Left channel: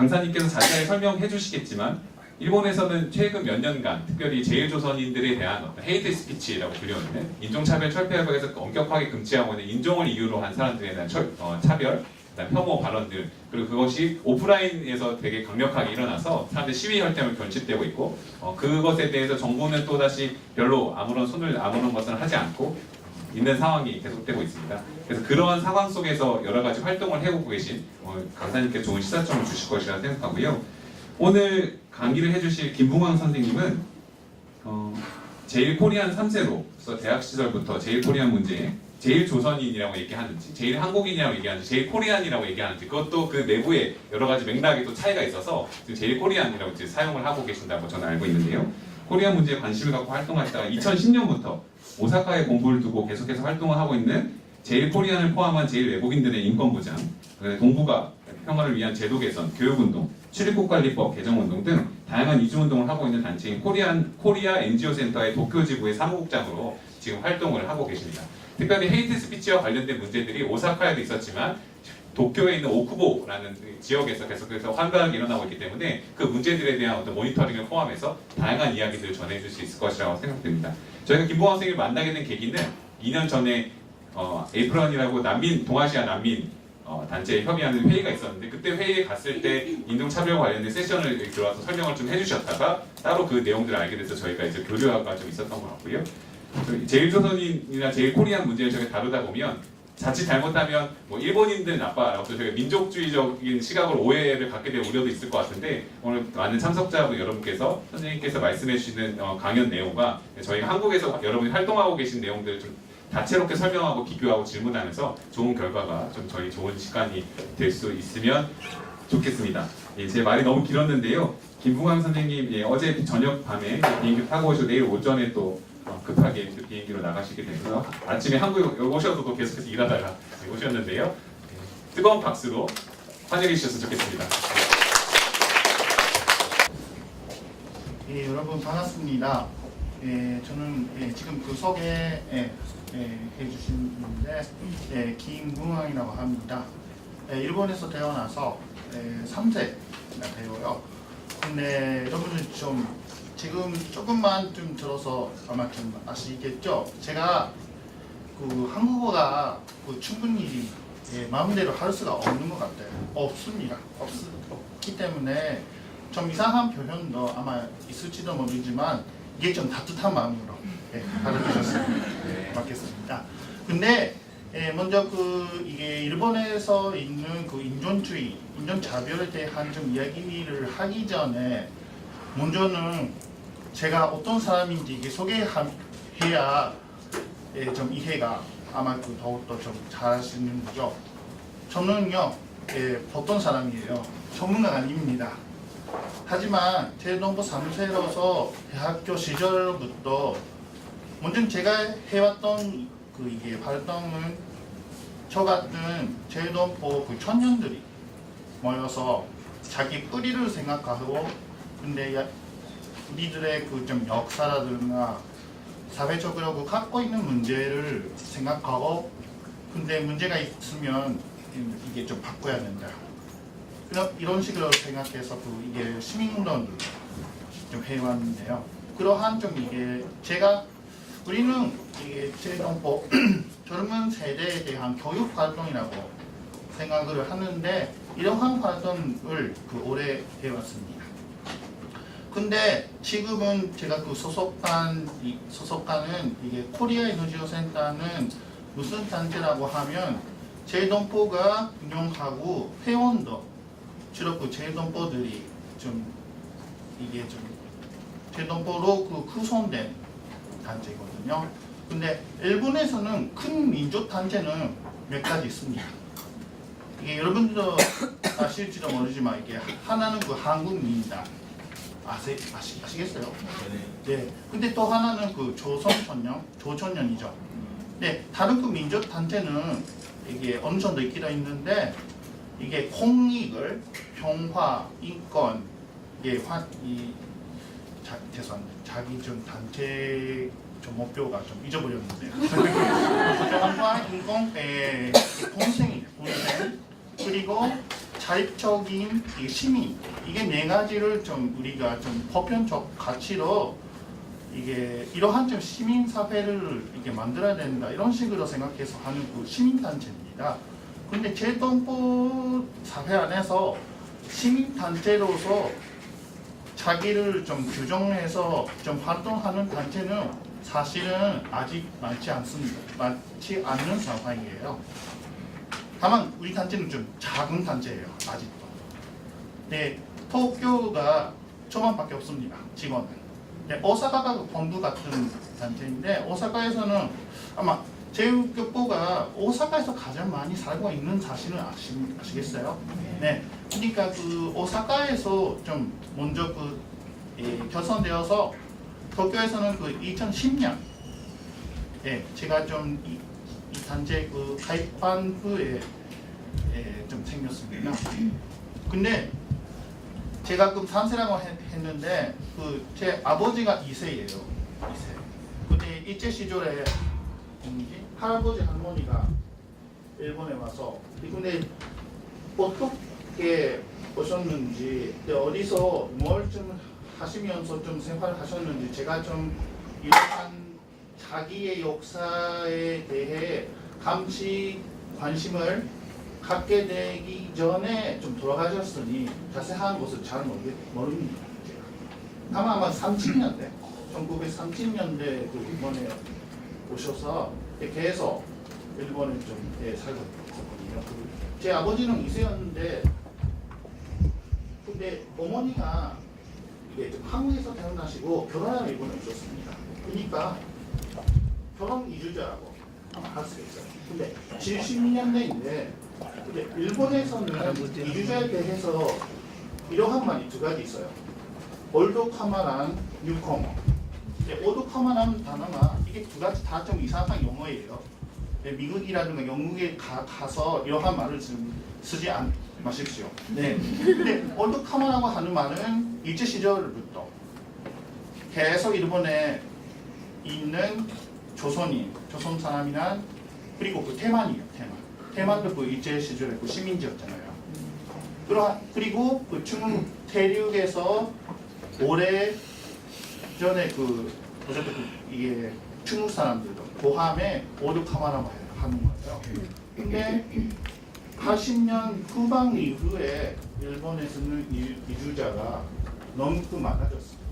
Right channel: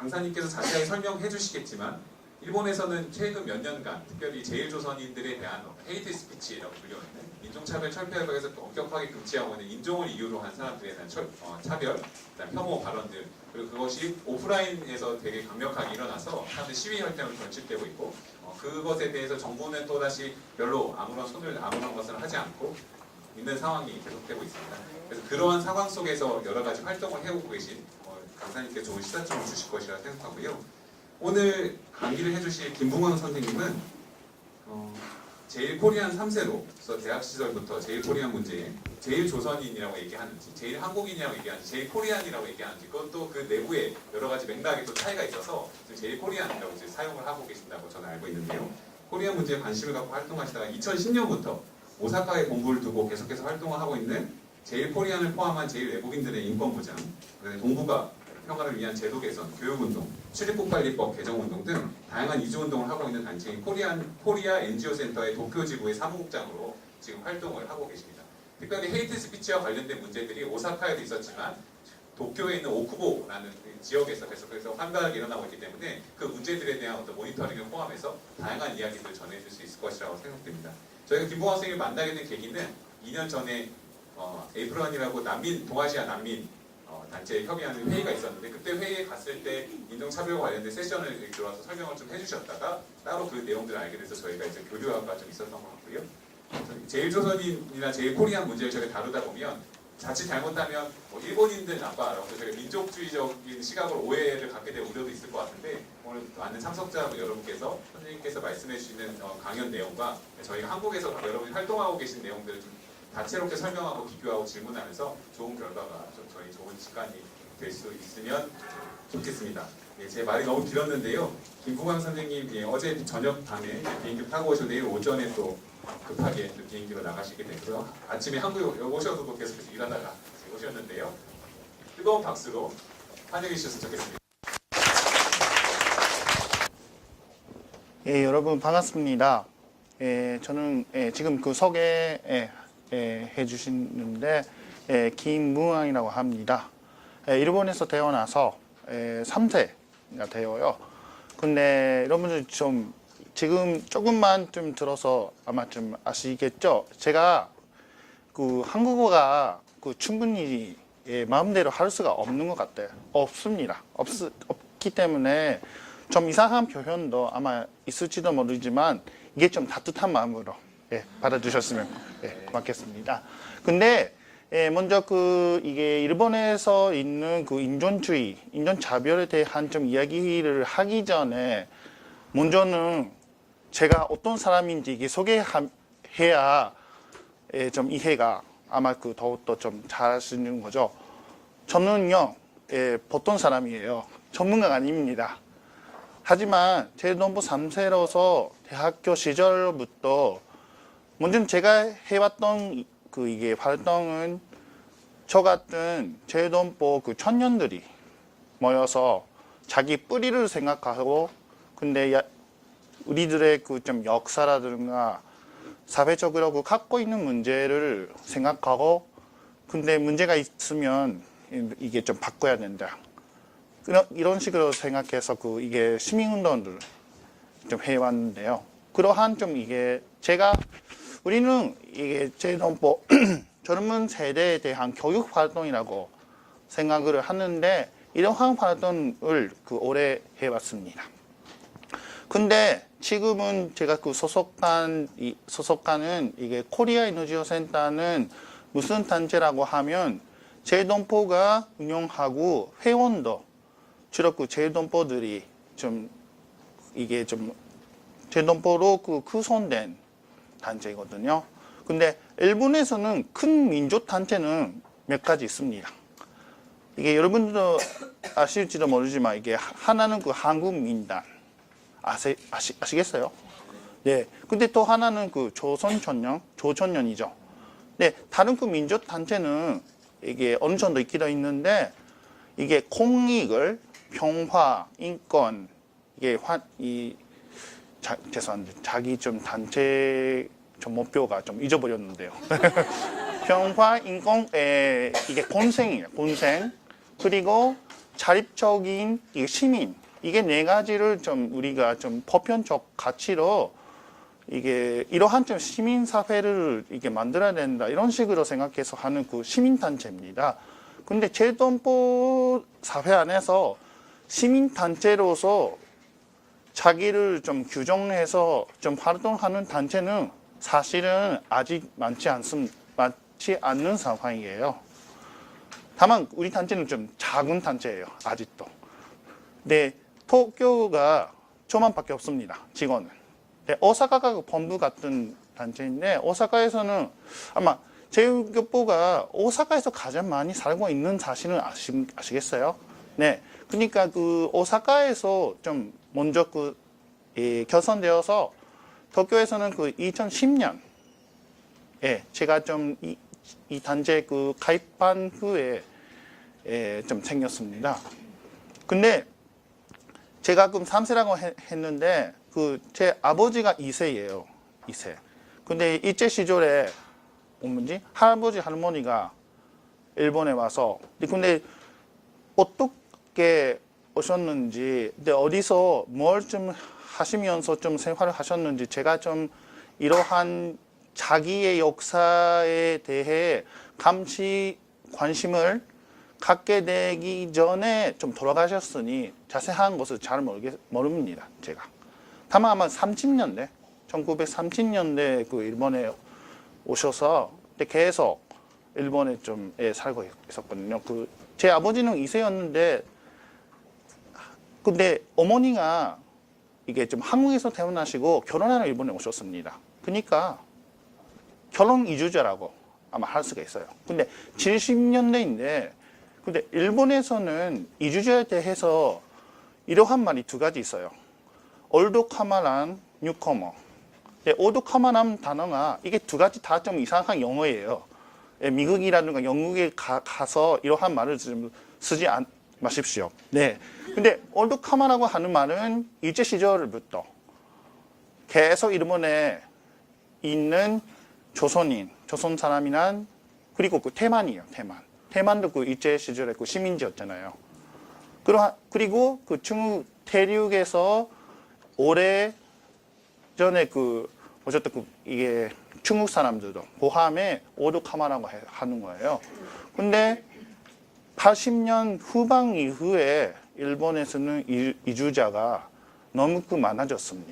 강사님께서 자세하게 설명해 주시겠지만 일본에서는 최근 몇 년간 특별히 제일조선인들에 대한 어떤 헤이트 스피치라고 불리우는 인종차별 철폐협약에서 엄격하게 금지하고 있는 인종을 이유로 한 사람들에 대한 차별, 혐오 발언들, 그리고 그것이 오프라인에서 되게 강력하게 일어나서 사람들 시위 혈tem을 결집되고 있고 그것에 대해서 정부는 또다시 별로 아무런 것을 하지 않고 있는 상황이 계속되고 있습니다. 그래서 그러한 상황 속에서 여러 가지 활동을 해오고 계신 강사님께 좋은 시사점을 주실 것이라 생각하고요. 오늘 강의를 해주실 김붕원 선생님은 제일 코리안 3세로서 대학 시절부터 제일 코리안 문제에 제일 조선인이라고 얘기하는지 제일 한국인이라고 얘기하는지 제일 코리안이라고 얘기하는지 그것도 그 내부에 여러 가지 맥락에 또 차이가 있어서 제일 코리안이라고 이제 사용을 하고 계신다고 저는 알고 있는데요. 코리안 문제에 관심을 갖고 활동하시다가 2010년부터 오사카에 본부를 두고 계속해서 활동을 하고 있는 제일 코리안을 포함한 제일 외국인들의 인권 보장, 동북아 평화를 위한 제도 개선, 교육운동, 출입국관리법 개정운동 등 다양한 이주운동을 하고 있는 단체인 코리아 NGO 센터의 도쿄 지부의 사무국장으로 지금 활동을 하고 계십니다. 특별히 헤이트 스피치와 관련된 문제들이 오사카에도 있었지만 도쿄에 있는 오쿠보라는 지역에서 계속해서 활발하게 일어나고 있기 때문에 그 문제들에 대한 어떤 모니터링을 포함해서 다양한 이야기들을 전해줄 수 있을 것이라고 생각됩니다. 저희가 김봉환 선생님을 만나게 된 계기는 2년 전에 에이프런이라고 동아시아 난민 단체에 협의하는 회의가 있었는데 그때 회의에 갔을 때 인종차별과 관련된 세션을 들어와서 설명을 좀 해주셨다가 따로 그 내용들을 알게 돼서 저희가 이제 교류가 좀 있었던 것 같고요. 제일조선인이나 제일코리안 문제를 저희가 다루다 보면 자칫 잘못하면 일본인들 나빠라고 저희가 민족주의적인 시각으로 오해를 갖게 될 우려도 있을 것 같은데 오늘 많은 참석자분 여러분께서 선생님께서 말씀해 주시는 강연 내용과 저희가 한국에서 여러분이 활동하고 계신 내용들을 좀 다채롭게 설명하고 비교하고 질문하면서 좋은 결과가 좀 저희 좋은 시간이 될 수 있으면 좋겠습니다. 제 말이 너무 길었는데요. 김붕환 선생님 어제 저녁 밤에 비행기 타고 오셔서 내일 오전에 또 급하게 그 비행기로 나가시게 되고요. 아침에 한국에 오셔서 또 계속해서 일하다가 오셨는데요. 뜨거운 박수로 환영해 주셔서 좋겠습니다. 여러분 반갑습니다. 저는 지금 그 소개 해주시는데 김붕환이라고 합니다. 일본에서 태어나서 3세가 되어요. 근데 여러분들 좀 지금 조금만 좀 들어서 아마 좀 아시겠죠? 제가 그 한국어가 충분히 마음대로 할 수가 없는 것 같아요. 없습니다. 없기 때문에 좀 이상한 표현도 아마 있을지도 모르지만 이게 좀 따뜻한 마음으로 받아주셨으면 고맙겠습니다. 근데 먼저 이게 일본에서 있는 그 인종주의, 인종차별에 대한 좀 이야기를 하기 전에 먼저는 제가 어떤 사람인지 이게 소개해야 좀 이해가 아마 더욱더 좀 잘하시는 거죠. 저는요 보통 사람이에요. 전문가가 아닙니다. 하지만 제일동부 3세로서 대학교 시절부터 먼저 제가 해왔던 이게 활동은 저 같은 제일동부 청년들이 모여서 자기 뿌리를 생각하고 근데 우리들의 좀 역사라든가 사회적으로 갖고 있는 문제를 생각하고 근데 문제가 있으면 이게 좀 바꿔야 된다. 이런 식으로 생각해서 이게 시민운동을 좀 해왔는데요. 그러한 좀 이게 우리는 이게 제일동부 젊은 세대에 대한 교육 활동이라고 생각을 하는데 이러한 활동을 오래 해왔습니다. 근데 지금은 제가 소속하는 이게 코리아 NGO 센터는 무슨 단체라고 하면 제일동포가 운영하고 회원도 주로 제일동포들이 좀 이게 좀 제일동포로 구성된 단체거든요. 근데 일본에서는 큰 민족 단체는 몇 가지 있습니다. 이게 여러분도 아실지도 모르지만 이게 하나는 한국민단 아시겠어요? 네. 근데 또 하나는 조선천년이죠. 네. 다른 민족 단체는 이게 어느 정도 있기도 있는데 이게 공익을 평화, 인권, 죄송합니다. 자기 좀 단체 좀 목표가 좀 잊어버렸는데요. 평화, 인권, 이게 본생이에요. 본생. 그리고 사립적인 이 시민 이게 네 가지를 좀 우리가 좀 보편적 가치로 이게 이러한 좀 시민 사회를 이게 만들어야 된다 이런 식으로 생각해서 하는 그 시민 단체입니다. 근데 제도헌법 사회 안에서 시민 단체로서 자기를 좀 규정해서 좀 활동하는 단체는 사실은 아직 많지 않는 상황이에요. 다만 우리 단체는 좀 작은 단체예요. 아직도. 네, 도쿄가 저만밖에 없습니다. 직원은. 네, 오사카가 본부 같은 단체인데 오사카에서는 아마 제일교포가 오사카에서 가장 많이 살고 있는 사실은 아시겠어요? 네, 그러니까 그 오사카에서 좀 먼저 결성되어서 도쿄에서는 그 2010년 제가 좀 이 단체 그 가입한 후에 좀 생겼습니다. 근데 제가 그 3세라고 했는데 그 제 아버지가 2세예요. 2세. 근데 일제 시절에 할아버지 할머니가 일본에 와서 근데 어떻게 오셨는지 어디서 뭘 좀 하시면서 좀 생활을 하셨는지 제가 좀 이러한 자기의 역사에 대해 관심을 갖게 되기 전에 좀 돌아가셨으니 자세한 것을 잘 모릅니다. 제가 다만 아마 30년대 1930년대 그 일본에 오셔서 계속 일본에 좀 살고 있었거든요. 제 아버지는 2세였는데 근데 어머니가 이게 좀 한국에서 태어나시고 결혼하러 일본에 오셨습니다. 그러니까 결혼 이주자라고 아마 할 수가 있어요. 근데 70년대인데 근데 일본에서는 이주자에 대해서 이러한 말이 두 가지 있어요. 올드카마란 뉴커머. 올드카마란 단어가 이게 두 가지 다 좀 이상한 영어예요. 미국이라든가 영국에 가서 이러한 말을 쓰지 마십시오. 네. 근데 올드카마라고 하는 말은 일제 시절부터 계속 일본에 있는 조선 사람이나 그리고 그 대만이에요. 대만도 그 일제 시절에 그 시민지였잖아요. 그리고 그 중국 대륙에서 오래 전에 어쨌든 이게 중국 사람들도 포함해 올드카마라고 하는 거예요. 근데 80년 후반 이후에 일본에서는 이주자가 너무 많아졌습니다.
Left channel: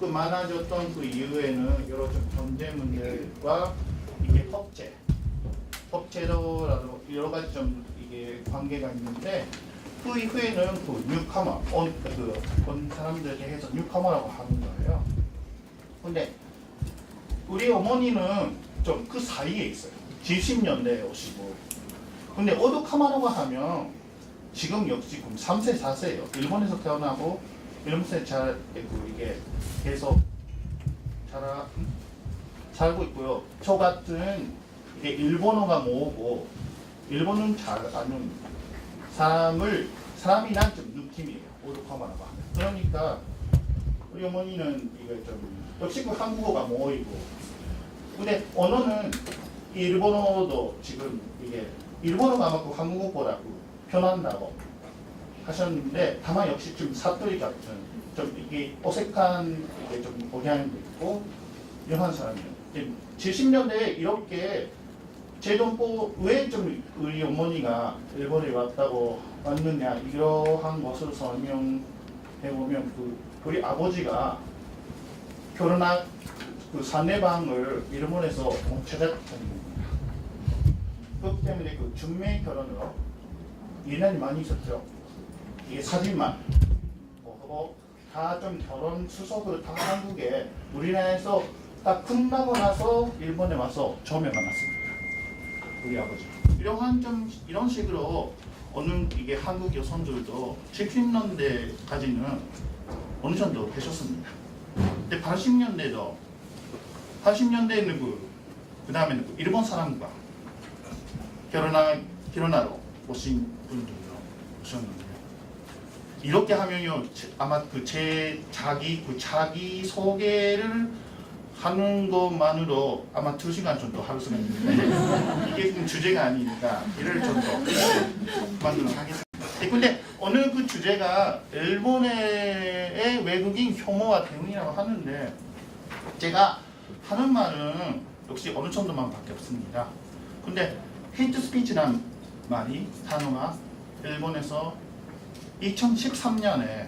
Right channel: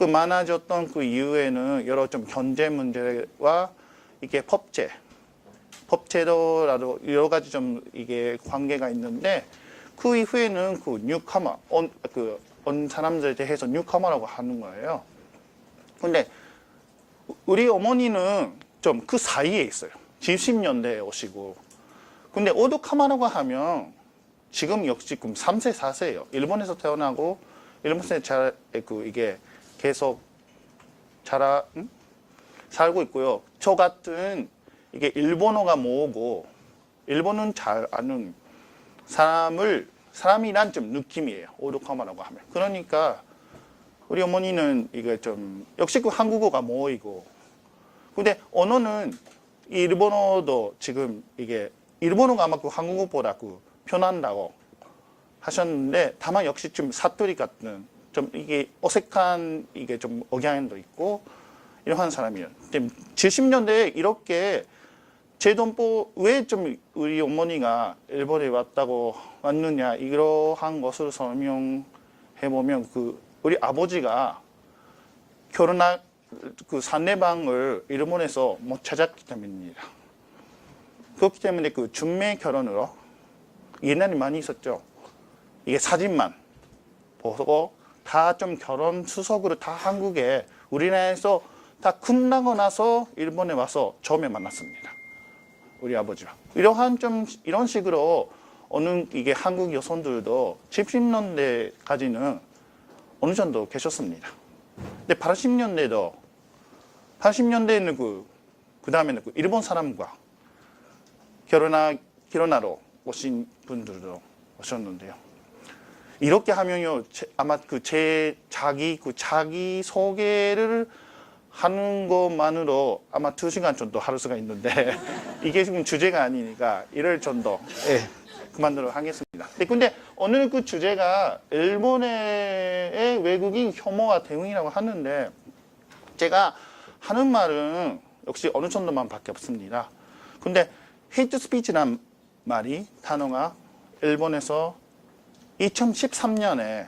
많아졌던 그 이후에는 여러 좀 경제 문제와 이게 법제도라도 여러 가지 좀 이게 관계가 있는데 그 이후에는 그 뉴카머 온 사람들에 대해서 뉴카머라고 하는 거예요. 근데 우리 어머니는 좀 그 사이에 있어요. 70년대에 오시고. 근데 올드카마라고 하면 지금 역시 3세, 4세예요. 일본에서 태어나고 일본에서 이게 계속 살고 있고요. 저 같은 이게 일본어가 뭐고 일본은 잘 아는 사람이란 좀 느낌이에요. 올드카마라고 하면. 그러니까 우리 어머니는 이게 좀 역시 그 한국어가 뭐이고 근데 언어는 일본어도 지금 이게 일본어가 아마 그 한국어보다 편한다고 하셨는데 다만 역시 좀 사투리 같은 좀 이게 어색한 이게 좀 억양도 있고 이러한 사람이에요. 70년대에 이렇게 제도헌법 왜 좀 우리 어머니가 일본에 왔느냐 이러한 것을 설명해 보면 우리 아버지가 결혼한 상대방을 일본에서 못 찾았기 때문입니다. 그렇기 때문에 중매 결혼으로 옛날에 많이 있었죠. 이게 사진만 보고 다 좀 결혼 수속으로 다 한국에 우리나라에서 다 끝나고 나서 일본에 와서 처음에 만났습니다. 우리 아버지가 이런 식으로 어느 이게 한국 여성들도 70년대까지는 어느 정도 계셨습니다. 근데 80년대에는 그 다음에는 일본 사람과 결혼하러 오신 분들도 오셨는데요. 이렇게 하면요 아마 자기 소개를 하는 것만으로 아마 2시간 정도 할 수가 있는데 이게 지금 주제가 아니니까 이를 정도 그만두도록 하겠습니다. 근데 오늘 그 주제가 일본의 외국인 혐오와 대응이라고 하는데 제가 하는 말은 역시 어느 정도만 밖에 없습니다. 근데 헤이트 스피치란 말이 단어가 일본에서 2013년에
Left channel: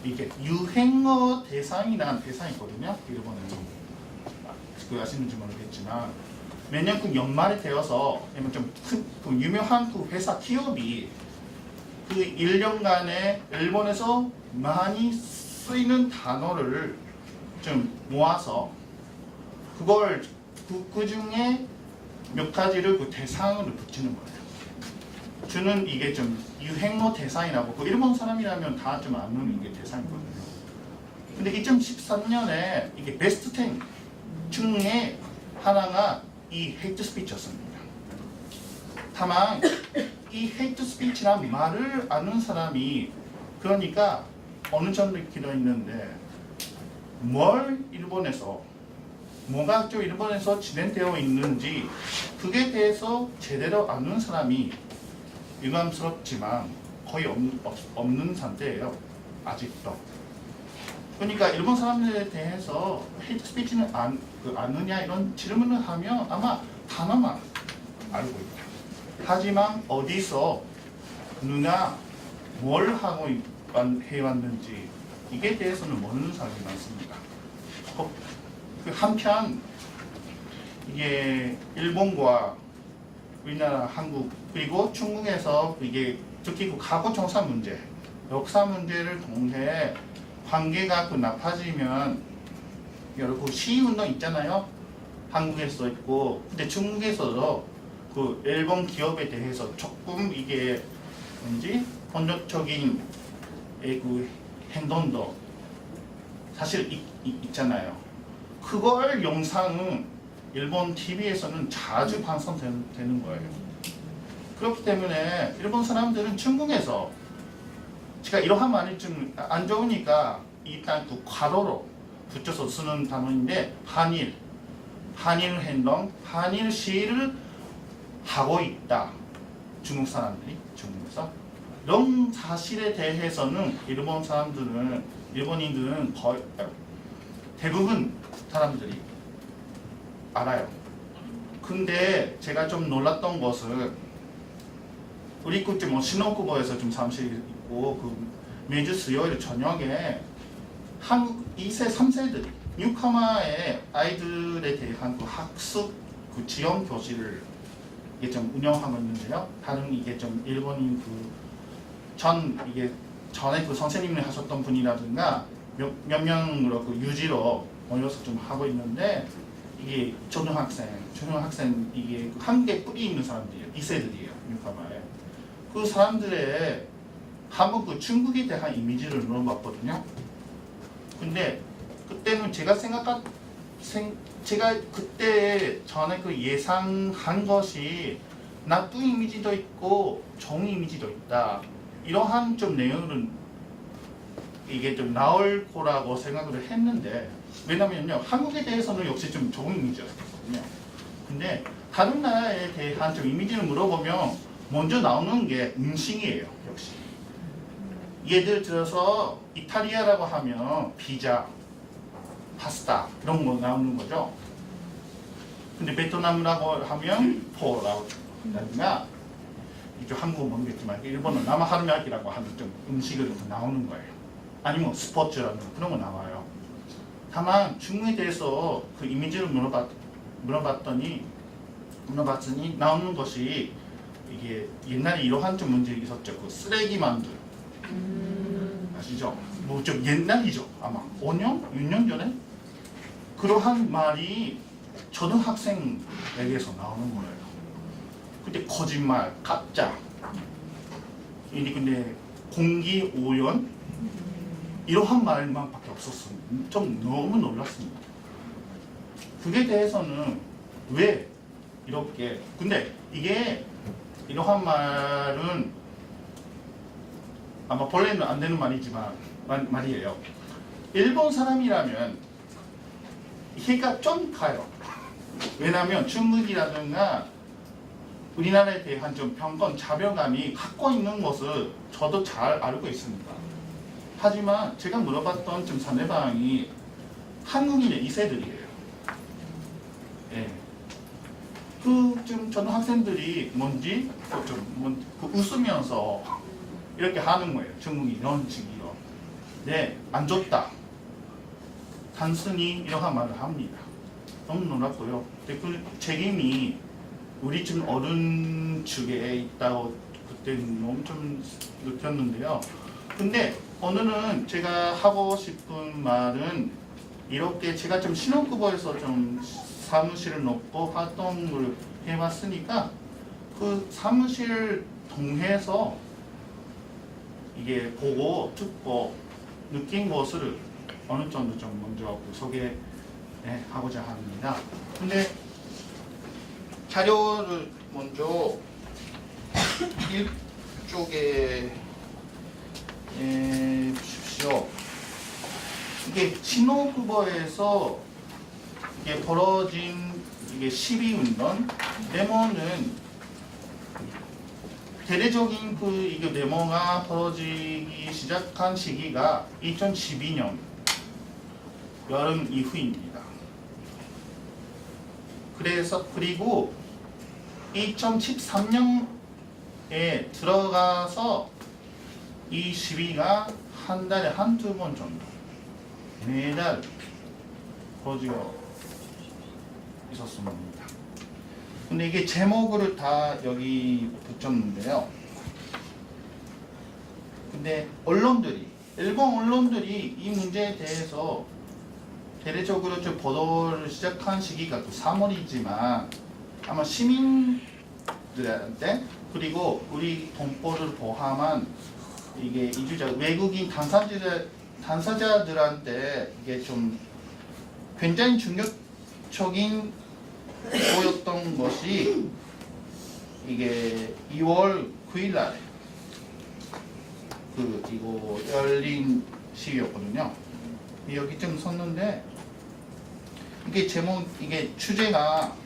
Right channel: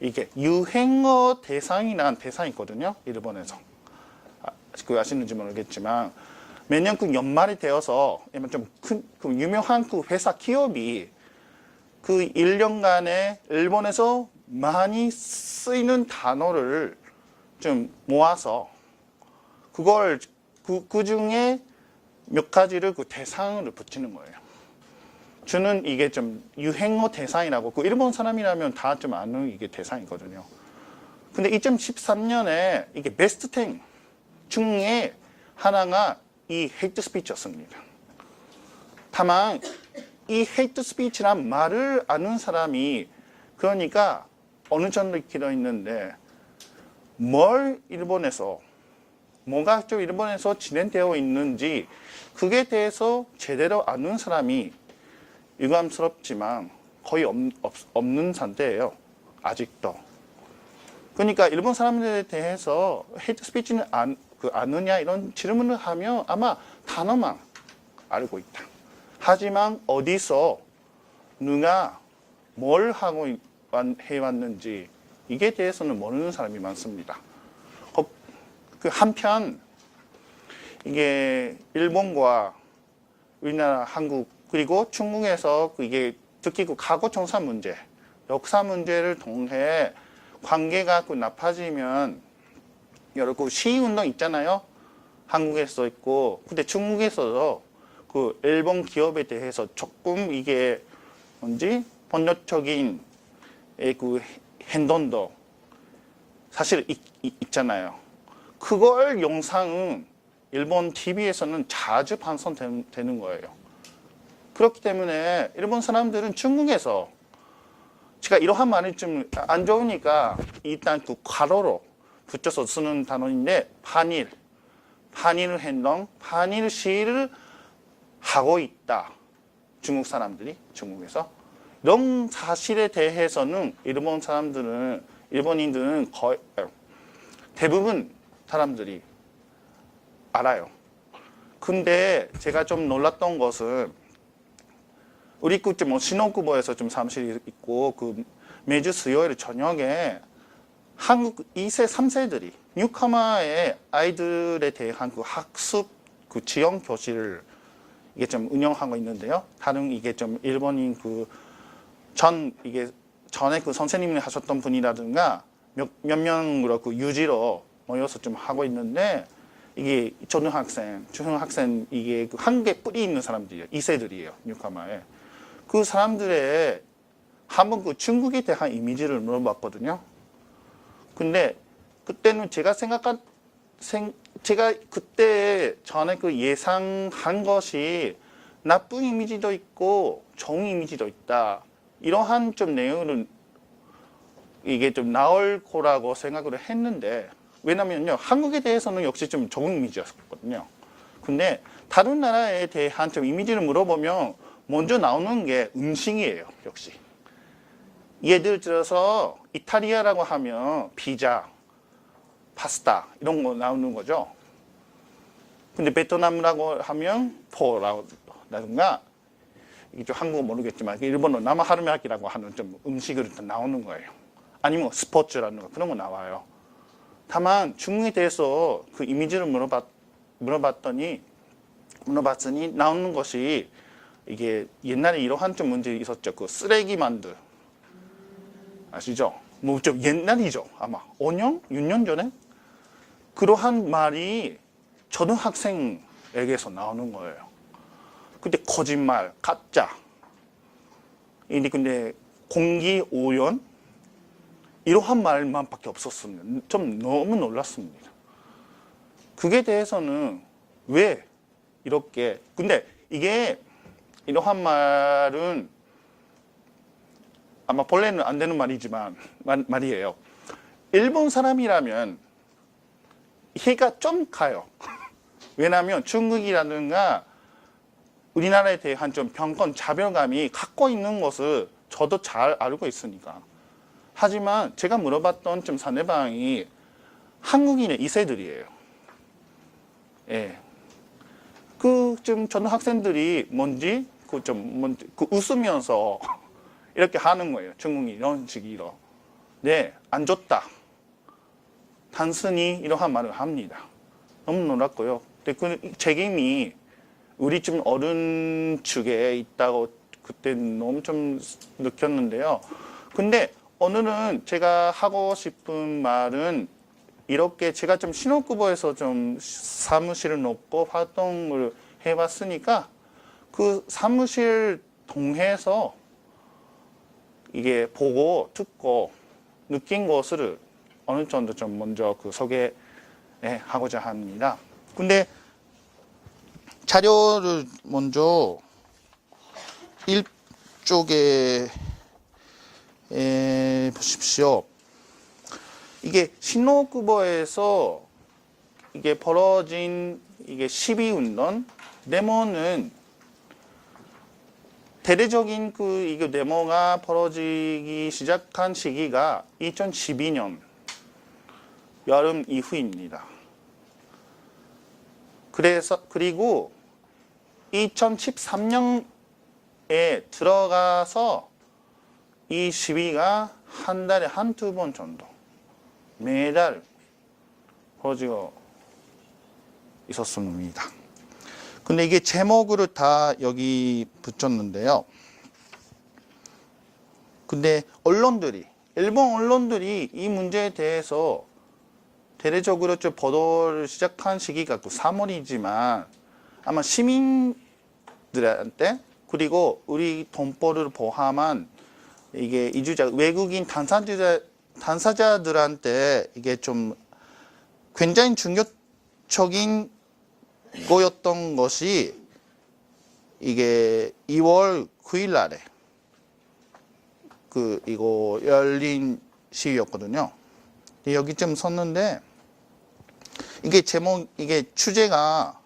이게 유행어 대상이라는 대상이 있거든요. 일본에서. 그 아시는지 모르겠지만 매년 그 연말이 되어서 좀 큰 유명한 그 회사 기업이 그 1년간에 일본에서 많이 쓰이는 단어를 좀 모아서 그걸 그 중에 몇 가지를 그 대상으로 붙이는 거예요. 저는 이게 좀 유행어 대상이라고 그 일본 사람이라면 다 좀 아는 이게 대상이거든요. 근데 2013년에 이게 베스트 10 중에 하나가 이 헤이트 스피치였습니다. 다만 이 헤이트 스피치란 말을 아는 사람이 그러니까 어느 정도 있기도 있는데 뭘 일본에서 뭐가 좀 일본에서 진행되어 있는지 그게 대해서 제대로 아는 사람이 유감스럽지만 거의 없는 상태예요. 아직도. 그러니까 일본 사람들에 대해서 헤이트 스피치는 아느냐 이런 질문을 하면 아마 단어만 알고 있다. 하지만 어디서 누가 뭘 하고 해왔는지 이게 대해서는 모르는 사람이 많습니다. 그 한편 이게 일본과 우리나라, 한국 그리고 중국에서 이게 특히 그 과거 정사 문제, 역사 문제를 통해 관계가 그 나빠지면 여러 그 시위운동 있잖아요. 한국에서 있고 근데 중국에서도 그 일본 기업에 대해서 조금 이게 뭔지 번역적인 그 행동도 사실 있잖아요. 그걸 영상은 일본 TV에서는 자주 방송되는 거예요. 그렇기 때문에 일본 사람들은 중국에서 제가 이러한 말이 좀 안 좋으니까 일단 그 괄호로 붙여서 쓰는 단어인데 한일 행동, 한일 시위를 하고 있다. 중국 사람들이 중국에서 이런 사실에 대해서는 일본인들은 거의 대부분 사람들이 알아요. 근데 제가 좀 놀랐던 것은 우리 뭐 신혼부부에서 좀 사무실이 있고 그 매주 수요일 저녁에 한국 2세, 3세들이 뉴카마의 아이들에 대한 그 학습 그 지원 교실을 이게 좀 운영하고 있는데요. 다른 이게 좀 일본인 이게 전에 그 선생님이 하셨던 분이라든가 몇 명으로 그 유지로 모여서 좀 하고 있는데 이게 중학생 이게 그 한국에 뿌리 있는 사람들이에요. 2세들이에요. 뉴카마에. 그 사람들의 한번 그 중국에 대한 이미지를 물어봤거든요. 근데 그때는 제가 그때 전에 그 예상한 것이 나쁜 이미지도 있고 좋은 이미지도 있다. 이러한 좀 내용은 이게 좀 나올 거라고 생각을 했는데 왜냐면요 한국에 대해서는 역시 좀 좋은 이미지였거든요. 근데 다른 나라에 대한 좀 이미지를 물어보면 먼저 나오는 게 음식이에요. 역시 예를 들어서 이탈리아라고 하면 피자, 파스타 이런 거 나오는 거죠. 근데 베트남이라고 하면 포라든가 이게 한국어 모르겠지만 일본은 나마하르미야키라고 하는 좀 음식을 나오는 거예요. 아니면 스포츠라는 거 그런 거 나와요. 다만 중국에 대해서 그 이미지를 물어봤더니 나오는 것이 이게 옛날에 이러한 좀 문제 있었죠. 그 쓰레기 만두 아시죠? 뭐 좀 옛날이죠. 아마 5년, 6년 전에 그러한 말이 초등학생에게서 나오는 거예요. 근데 거짓말, 가짜. 근데 공기 오염 이러한 말만밖에 없었습니다. 좀 너무 놀랐습니다. 그게 대해서는 왜 이렇게 근데 이게 이러한 말은 아마 본래는 안 되는 말이지만 말이에요. 일본 사람이라면 이해가 좀 가요. 왜냐하면 중국이라든가 우리나라에 대한 좀 편견, 자별감이 갖고 있는 것을 저도 잘 알고 있으니까. 하지만 제가 물어봤던 좀 상대방이 한국인의 2세들이에요. 예. 그 좀 초등학생들이 뭔지 웃으면서 이렇게 하는 거예요. 중국이 이런 식으로. 네, 안 좋다. 단순히 이러한 말을 합니다. 너무 놀랐고요. 근데 그 책임이 우리 좀 어른 측에 있다고 그때 너무 좀 느꼈는데요. 근데 오늘은 제가 하고 싶은 말은 이렇게 제가 좀 신혼부부에서 좀 사무실을 놓고 활동을 해봤으니까 그 사무실 통해서 이게 보고 듣고 느낀 것을 어느 정도 좀 먼저 그 소개하고자 합니다. 근데 자료를 먼저 이쪽에 보십시오. 이게 신호쿠버에서 이게 벌어진 이게 시위운동 데모는 대대적인 그 이게 데모가 벌어지기 시작한 시기가 2012년 여름 이후입니다. 그리고 2013년에 들어가서 이 시위가 한 달에 한두 번 정도 매달 벌어지고 있었습니다. 근데 이게 제목으로 다 여기 붙였는데요. 근데 일본 언론들이 이 문제에 대해서 대대적으로 좀 보도를 시작한 시기가 그 3월이지만 아마 시민들한테 그리고 우리 동포를 포함한 이게 이주자 외국인 당사자들한테 이게 좀 굉장히 충격적인 거였던 것이 이게 2월 9일 날에 이거 열린 시위였거든요. 여기 좀 썼는데 이게 제목 이게 주제가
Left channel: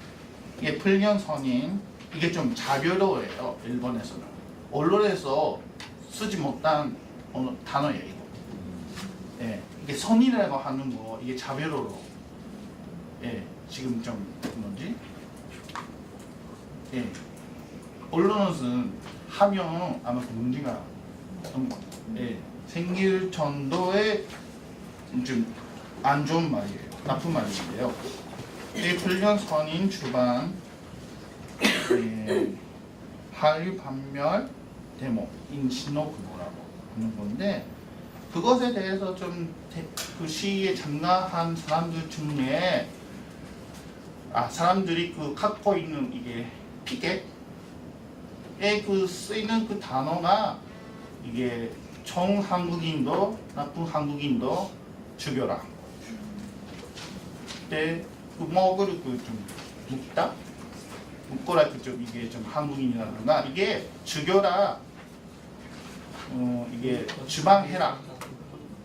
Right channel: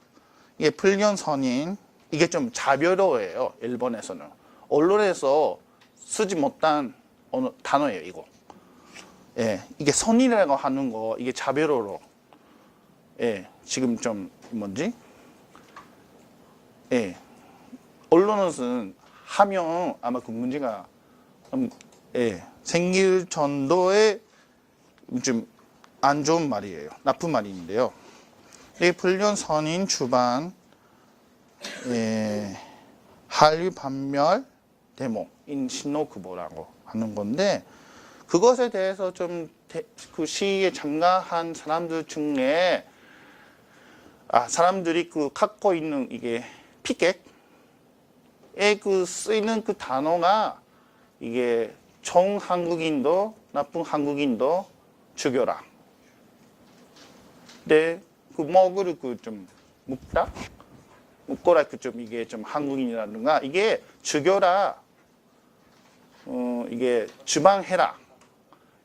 이게 불륜선인 이게 좀 자별어예요. 일본에서는 언론에서 쓰지 못한 단어예요. 이거. 예, 이게 선이라고 하는 거 이게 자별어로 예, 지금 좀 뭔지 예, 언론은 하면 아마 그 문제가 예, 생길 정도의 좀 안 좋은 말이에요. 나쁜 말인데요. 이 불륜 선인 주방 예, 한류 반멸 데모인 신호쿠보라고 하는 건데 그것에 대해서 좀 그 시위에 참가한 사람들 중에 사람들이 그 갖고 있는 이게 피켓에 그 쓰이는 그 단어가 이게 좋은 한국인도 나쁜 한국인도 죽여라. 근데 그 목을 좀 묶어라 좀 이게 좀 한국인이라든가 이게 죽여라. 이게 주방해라.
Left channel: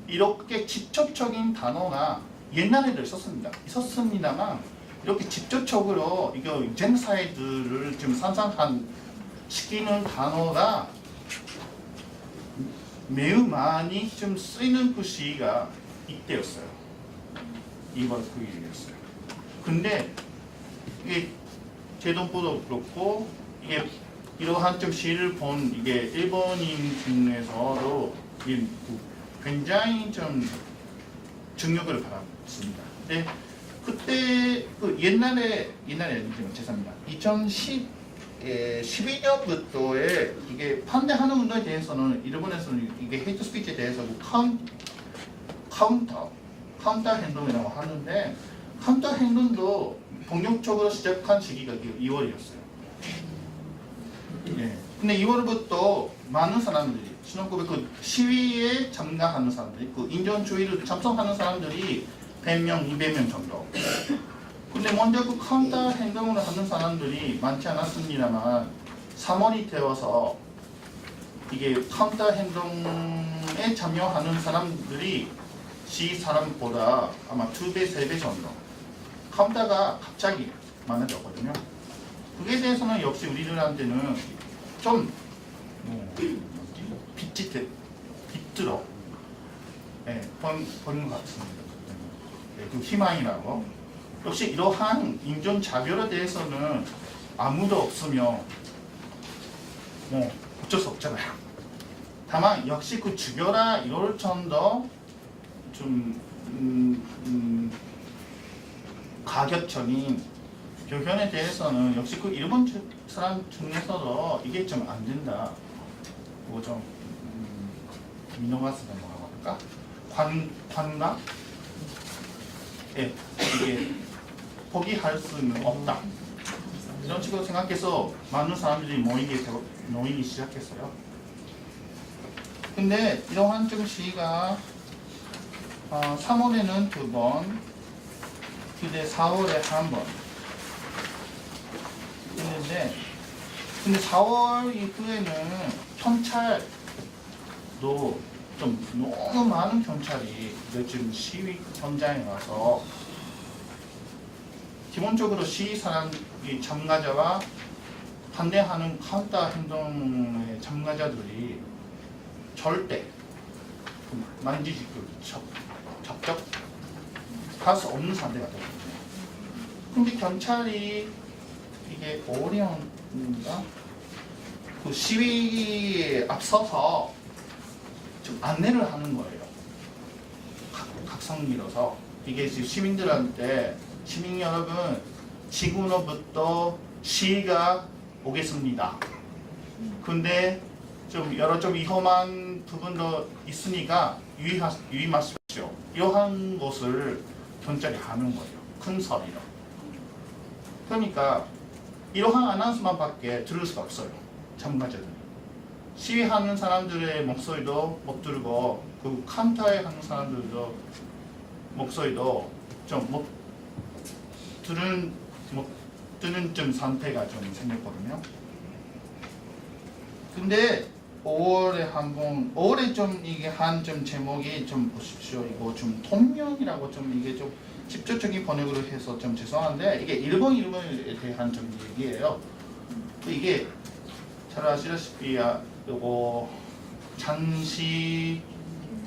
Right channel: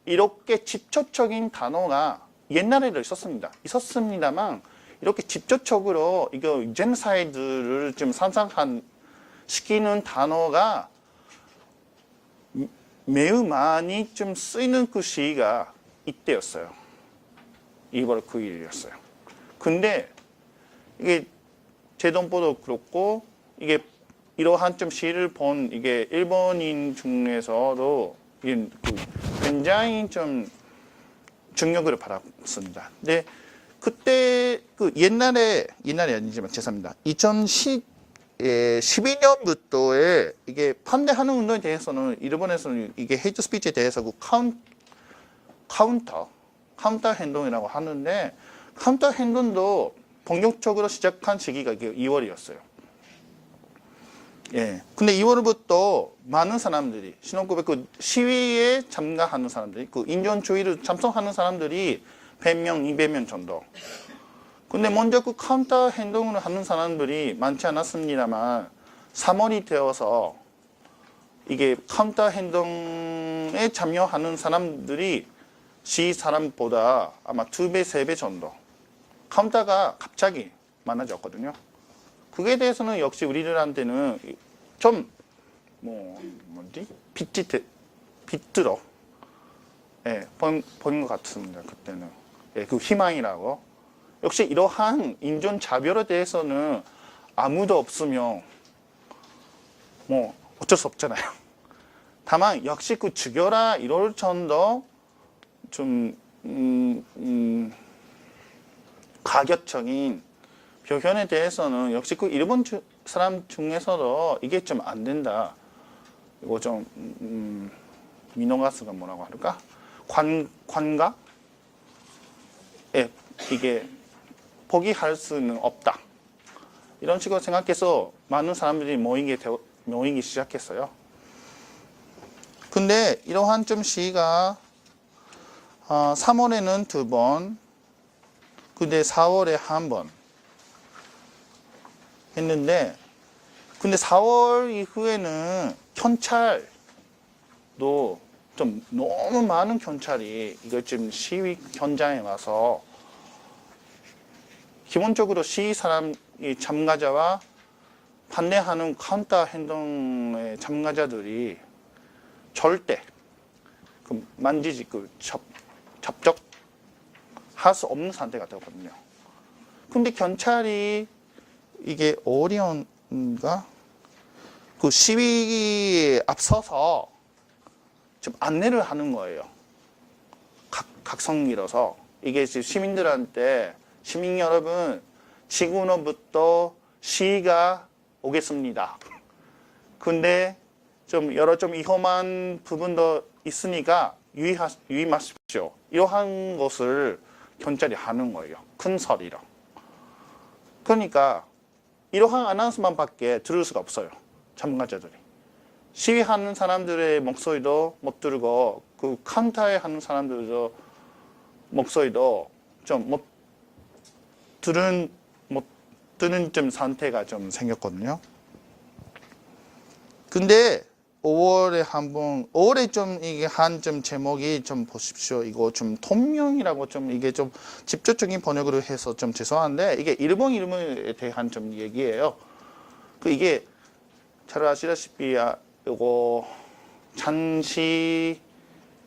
이렇게 직접적인 단어가 옛날에도 있었습니다만 이렇게 직접적으로 이거 젠사이드를 좀 시키는 단어가 매우 많이 좀 쓰이는 그 시기가 이때였어요. 2월 9일이었어요. 근데 이게 제동보도 그렇고 이게 이러한 좀 시를 본 이게 일본인 중에서도 굉장히 좀 중력을 받았습니다. 근데 그때 그 옛날에 아니지만 죄송합니다. 2012년부터의 이게 반대하는 운동에 대해서는 일본에서는 이게 헤이트 스피치에 대해서 그 카운터 행동이라고 하는데 카운터 행동도 본격적으로 시작한 시기가 이게 2월이었어요. 예. 근데 2월부터 많은 사람들이 신혼부부 그 시위에 참가하는 사람들이 그 인종주의를 참석하는 사람들이 100명, 200명 정도. 근데 먼저 그 카운터 행동을 하는 사람들이 많지 않았습니다만 3월이 되어서 이게 카운터 행동에 참여하는 사람들이 시위 사람보다 아마 2배, 3배 정도 카운터가 갑자기 많아졌거든요. 그게 대해서는 역시 우리들한테는 좀 빗들어 보는 것 같습니다. 그때는 그 희망이라고. 역시 이러한 인종 차별에 대해서는 아무도 없으면 어쩔 수 없잖아요. 다만 역시 그 죽여라 이럴 정도 좀 가격적인 표현에 대해서는 역시 그 일본 사람 중에서도 이게 좀 안 된다. 이거 좀 미노가스가 뭐라고 할까? 관각? 이게 포기할 수는 없다. 이런 식으로 생각해서 많은 사람들이 모이기 시작했어요. 근데 이러한 좀 시위가 3월에는 2번, 근데 4월에 1번 했는데, 근데 4월 이후에는 경찰도 좀 너무 많은 경찰이 이제 지금 시위 현장에 와서 기본적으로 시위 사람이 참가자와 반대하는 카운터 행동의 참가자들이 절대 만지지 접촉할 수 없는 상태가 되거든요. 근데 경찰이 이게 어려운가? 그 시위에 앞서서 좀 안내를 하는 거예요. 각성기로서 이게 이제 시민들한테 시민 여러분 지금으로부터 시위가 오겠습니다. 근데 좀 여러 좀 위험한 부분도 있으니까 유의하십시오. 이러한 것을 경찰이 하는 거예요. 큰 소리로. 그러니까 이러한 아나운스만밖에 들을 수가 없어요. 참가자들이. 시위하는 사람들의 목소리도 못 들고 그 카운터에 하는 사람들도 목소리도 좀 못 들은 좀 상태가 좀 생겼거든요. 근데 5월에 한번 5월에 좀 이게 한 좀 제목이 좀 보십시오. 이거 좀 통명이라고 좀 이게 좀 직접적인 번역으로 해서 좀 죄송한데 이게 일본 이름에 대한 좀 얘기예요. 그 이게 잘 아시다시피 이거 장시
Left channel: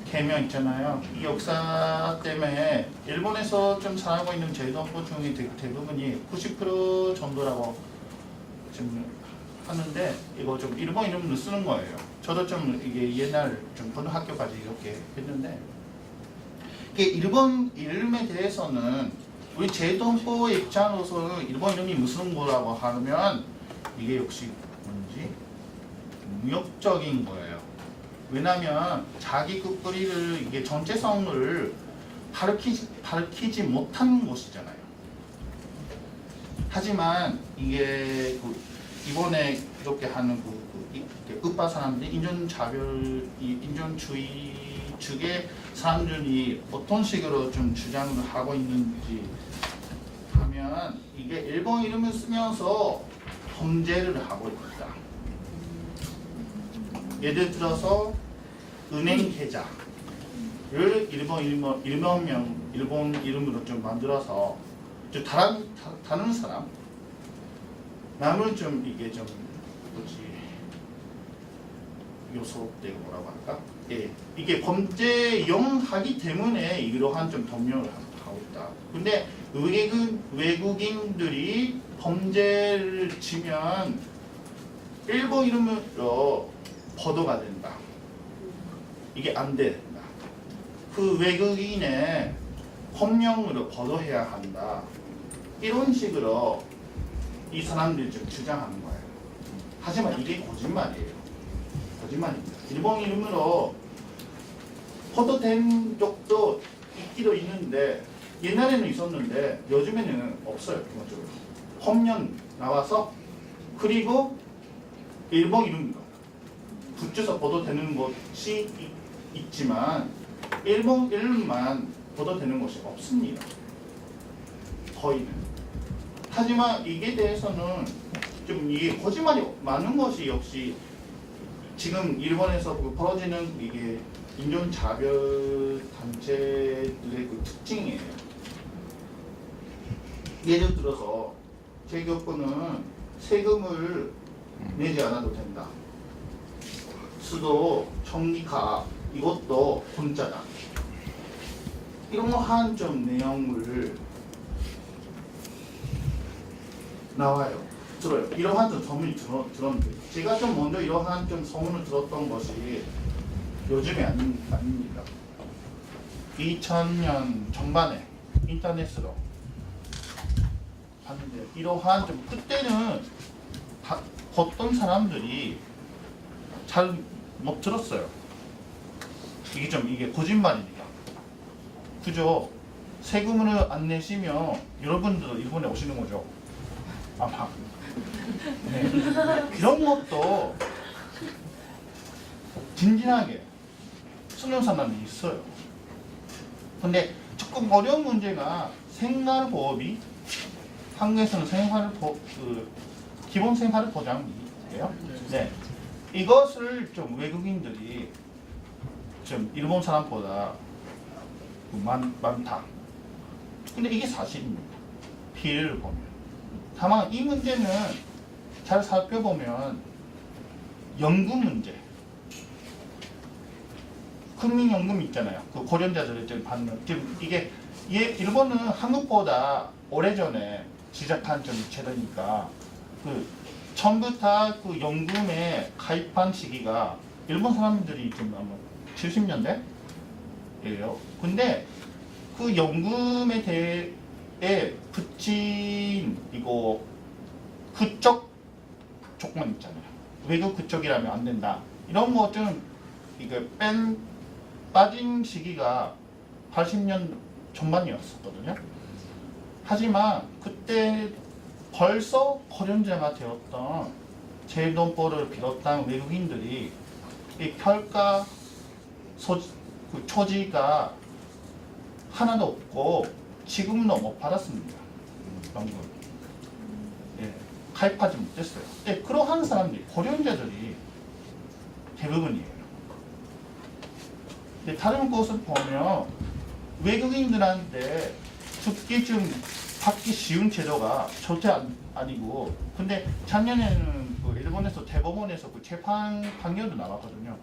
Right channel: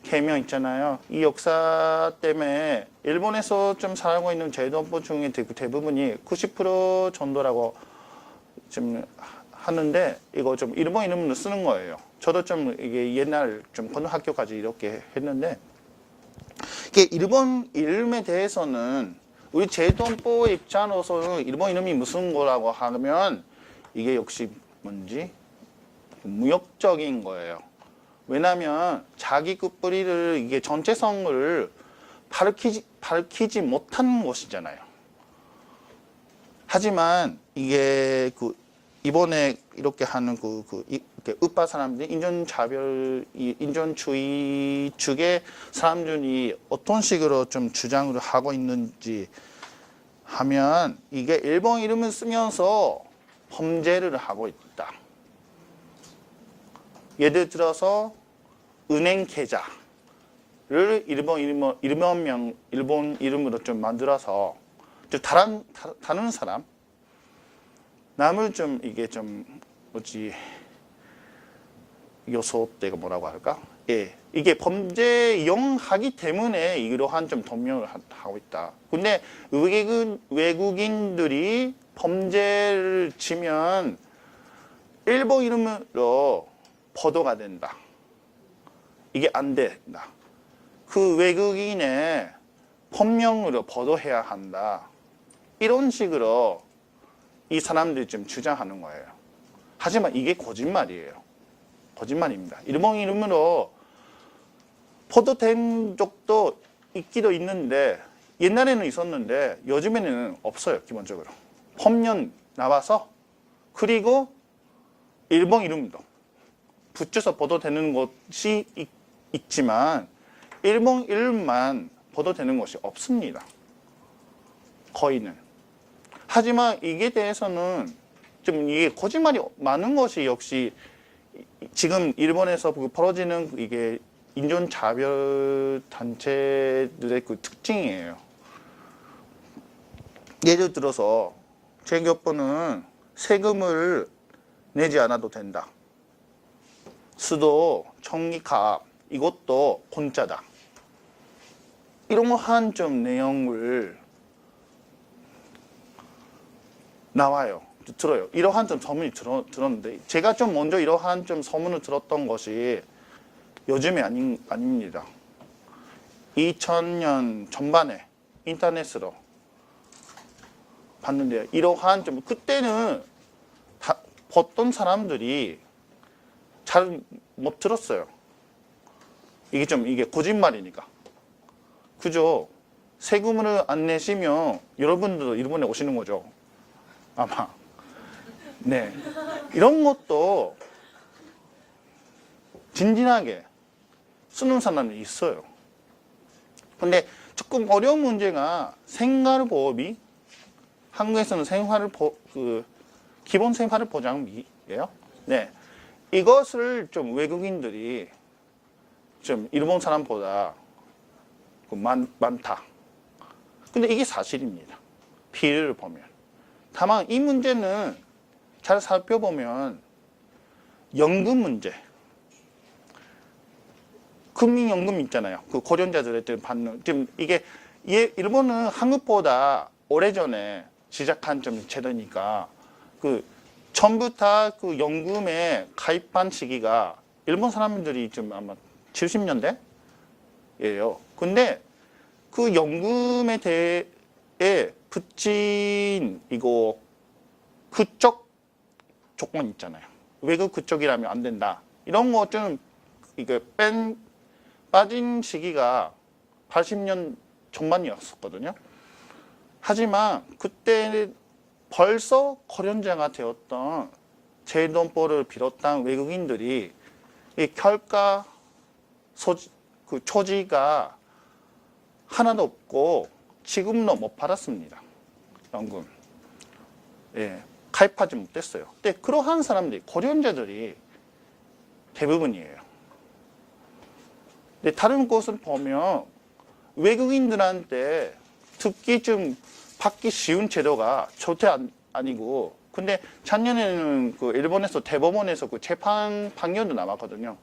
개명 있잖아요. 이 역사 때문에 일본에서 좀 살고 있는 제도법 중에 대부분이 90% 정도라고 좀 하는데 이거 좀 일본 이름을 쓰는 거예요. 저도 좀 이게 옛날 좀 고등학교까지 이렇게 했는데 이게 일본 이름에 대해서는 우리 제도법 입장으로서는 일본 이름이 무슨 거라고 하면 이게 역시 뭔지 무역적인 거예요. 왜냐하면 자기 그 뿌리를 이게 정체성을 밝히지 못하는 것이잖아요. 하지만 이게 이번에 이렇게 하는 우파 사람들이 인종주의 측의 사람들이 어떤 식으로 좀 주장을 하고 있는지 하면 이게 일본 이름을 쓰면서 범죄를 하고 있다. 예를 들어서 은행 계좌를 일본 이름으로 좀 만들어서 다른 사람 남을 좀 이게 좀 뭐지 요소대가 뭐라고 할까? 예, 이게 범죄 이용하기 때문에 이러한 좀 동명을 하고 있다. 근데 외국인들이 범죄를 치면 일본 이름으로 보도가 된다. 이게 안 된다. 그 외국인의 본명으로 보도해야 한다. 이런 식으로 이 사람들이 좀 주장하는 거예요. 하지만 이게 거짓말이에요. 거짓말입니다. 일본 이름으로 보도된 적도 있기도 있는데 옛날에는 있었는데 요즘에는 없어요. 기본적으로. 본명 나와서 그리고 일본 이름으로 붙여서 보도되는 것이 있지만 일본 이름만 보도되는 것이 없습니다. 거의는. 하지만 이게 대해서는 좀 이게 거짓말이 많은 것이 역시 지금 일본에서 벌어지는 이게 인종차별 단체들의 그 특징이에요. 예를 들어서 재교권은 세금을 내지 않아도 된다. 수도, 청기가 이것도 공짜다. 이런 거 한 좀 내용을 나와요. 들어요. 이러한 좀 소문이 들었는데 제가 좀 먼저 이러한 좀 소문을 들었던 것이 요즘에 아닙니다. 2000년 전반에 인터넷으로 봤는데요. 이러한 좀 그때는 어떤 사람들이 잘 못 들었어요. 이게 거짓말이니까. 그죠? 세금을 안 내시면 여러분들도 일본에 오시는 거죠. 아마. 네. 이런 것도 진진하게 쓰는 사람이 있어요. 근데 조금 어려운 문제가 생활보험이 한국에서는 기본 생활보장비예요. 네. 이것을 좀 외국인들이 좀 일본 사람보다 많다. 근데 이게 사실입니다. 비율을 보면. 다만 이 문제는 잘 살펴보면 연금 문제. 국민연금 있잖아요. 그 고령자들을 좀 받는. 지금 이게 일본은 한국보다 오래전에 시작한 좀 제도니까 전부 다 그 연금에 가입한 시기가 일본 사람들이 좀 아마 70년대예요. 근데 그 연금에 대해 붙인 그쪽 조건 있잖아요. 외국 그쪽이라면 안 된다. 이런 거 좀 이게 빠진 시기가 80년 전반이었었거든요. 하지만 그때 벌써 고령자가 되었던 제돈벌을 비롯한 외국인들이 이 결가 초지가 하나도 없고 지금도 못 받았습니다. 연금. 예, 가입하지 못했어요. 근데 그러한 사람들이 고령자들이 대부분이에요. 근데 다른 곳을 보면 외국인들한테 특히 좀 받기 쉬운 제도가 절대 아니고, 근데 작년에는 그 일본에서 대법원에서 그 재판 판결도 나왔거든요.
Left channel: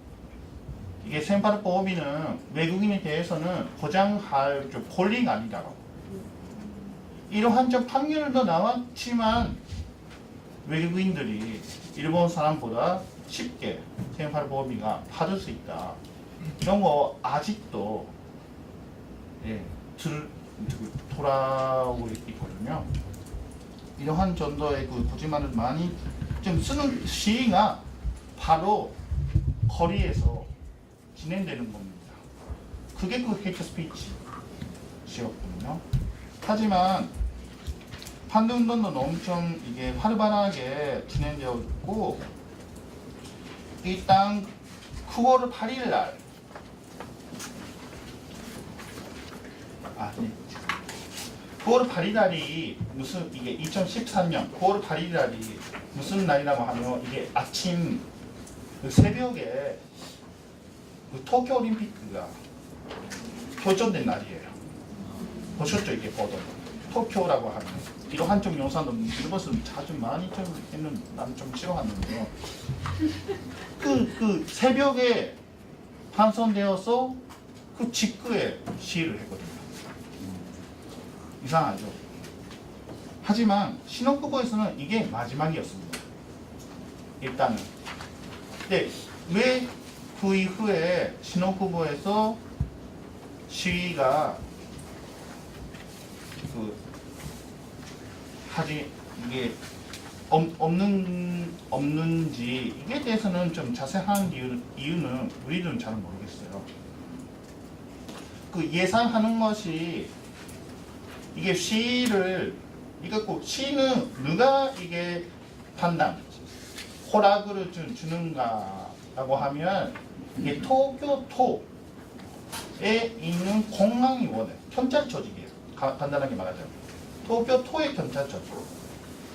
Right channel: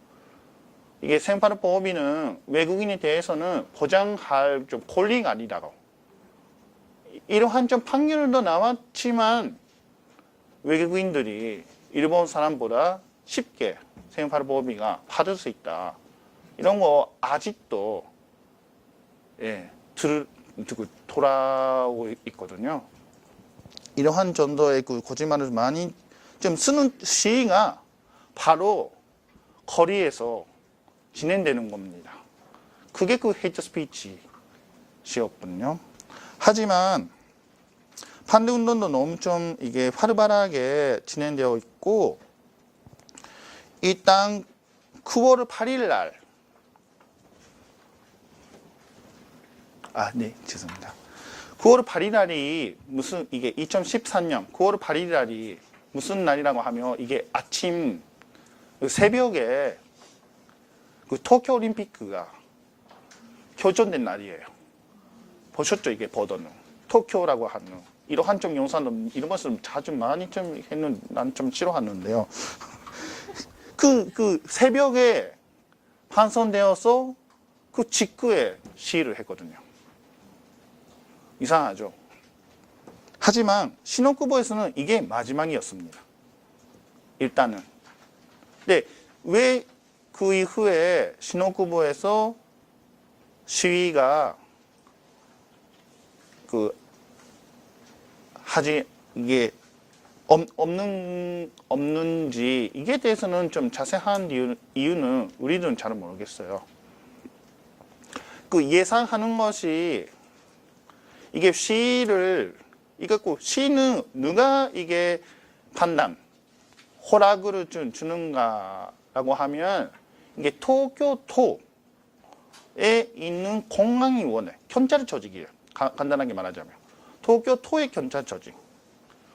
이게 생활보험비는 외국인에 대해서는 보장할 좀 권리가 아니다라고. 이러한 좀 판결도 나왔지만 외국인들이 일본 사람보다 쉽게 생활보험비가 받을 수 있다. 이런 거 아직도 돌아오고 있거든요. 이러한 정도의 그 거짓말을 많이 좀 쓰는 시위가 바로 거리에서 진행되는 겁니다. 그게 그 헤이트 스피치였거든요. 하지만 반대 운동도 엄청 이게 활발하게 진행되어 있고, 일단 9월 8일 날 네, 죄송합니다. 9월 8일 날이 무슨 이게 2013년 9월 8일 날이 무슨 날이라고 하면 이게 아침 새벽에 그 도쿄 올림픽가 표전된 날이에요. 보셨죠? 이게 보던 도쿄라고 하는 이러한 좀 영상도 이런 것을 자주 많이 좀 했는 난 좀 싫어하는데요. 그 새벽에 환선되어서 그 직후에 시위를 했거든요. 이상하죠. 하지만 신혼쿠보에서는 이게 마지막이었습니다. 일단은. 근데 왜 그 이후에 신혼쿠보에서 시위가 이게 없는지 이게 대해서는 좀 자세한 이유는 우리는 잘 모르겠어요. 그 예상하는 것이 이게 시위는 누가 이게 허락을 주는가라고 하면 이게 도쿄도에 있는 공항위원회, 경찰 조직이에요. 간단하게 말하자면 도쿄도의 경찰 조직,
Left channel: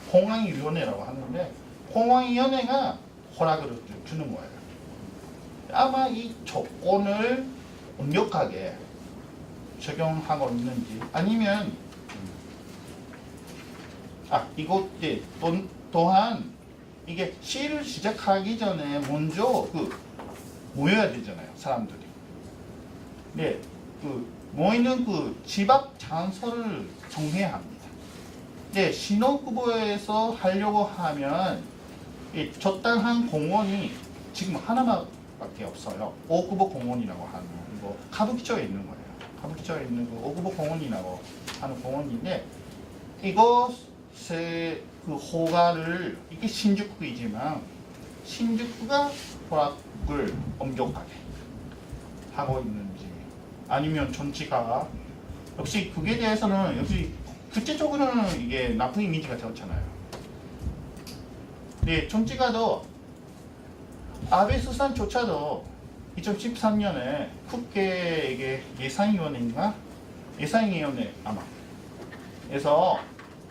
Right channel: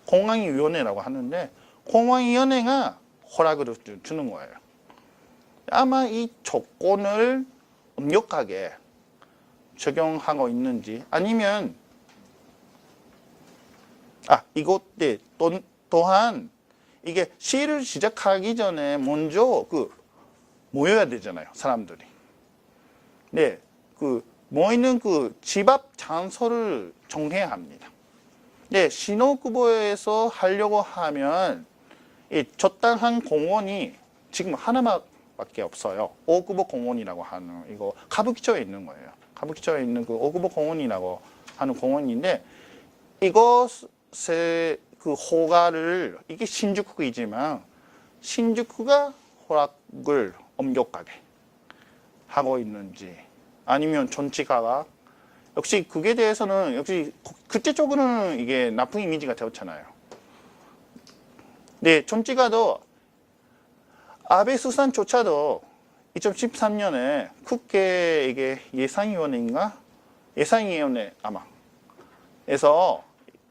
공항위원회라고 하는데 공항위원회가 허락을 주는 거예요. 아마 이 조건을 엄격하게 적용하고 있는지 아니면 이거 또한 이게 시위를 시작하기 전에 먼저 모여야 되잖아요, 사람들이. 네, 모이는 집 앞 장소를 정해야 합니다. 네, 신호쿠보에서 하려고 하면 이 적당한 공원이 지금 하나밖에 없어요. 오쿠보 공원이라고 하는 이거 가부키초에 있는 거예요. 가부키초에 있는 오쿠보 공원이라고 하는 공원인데 이것의 호가를 이게 신주쿠이지만 신주쿠가 허락을 엄격하게 하고 있는지 아니면 전치가와 역시 그게 대해서는 역시 국제적으로는 이게 나쁜 이미지가 되었잖아요. 네, 전치가도 아베 수산조차도 2013년에 국회 이게 예산위원회인가 예산위원회 아마에서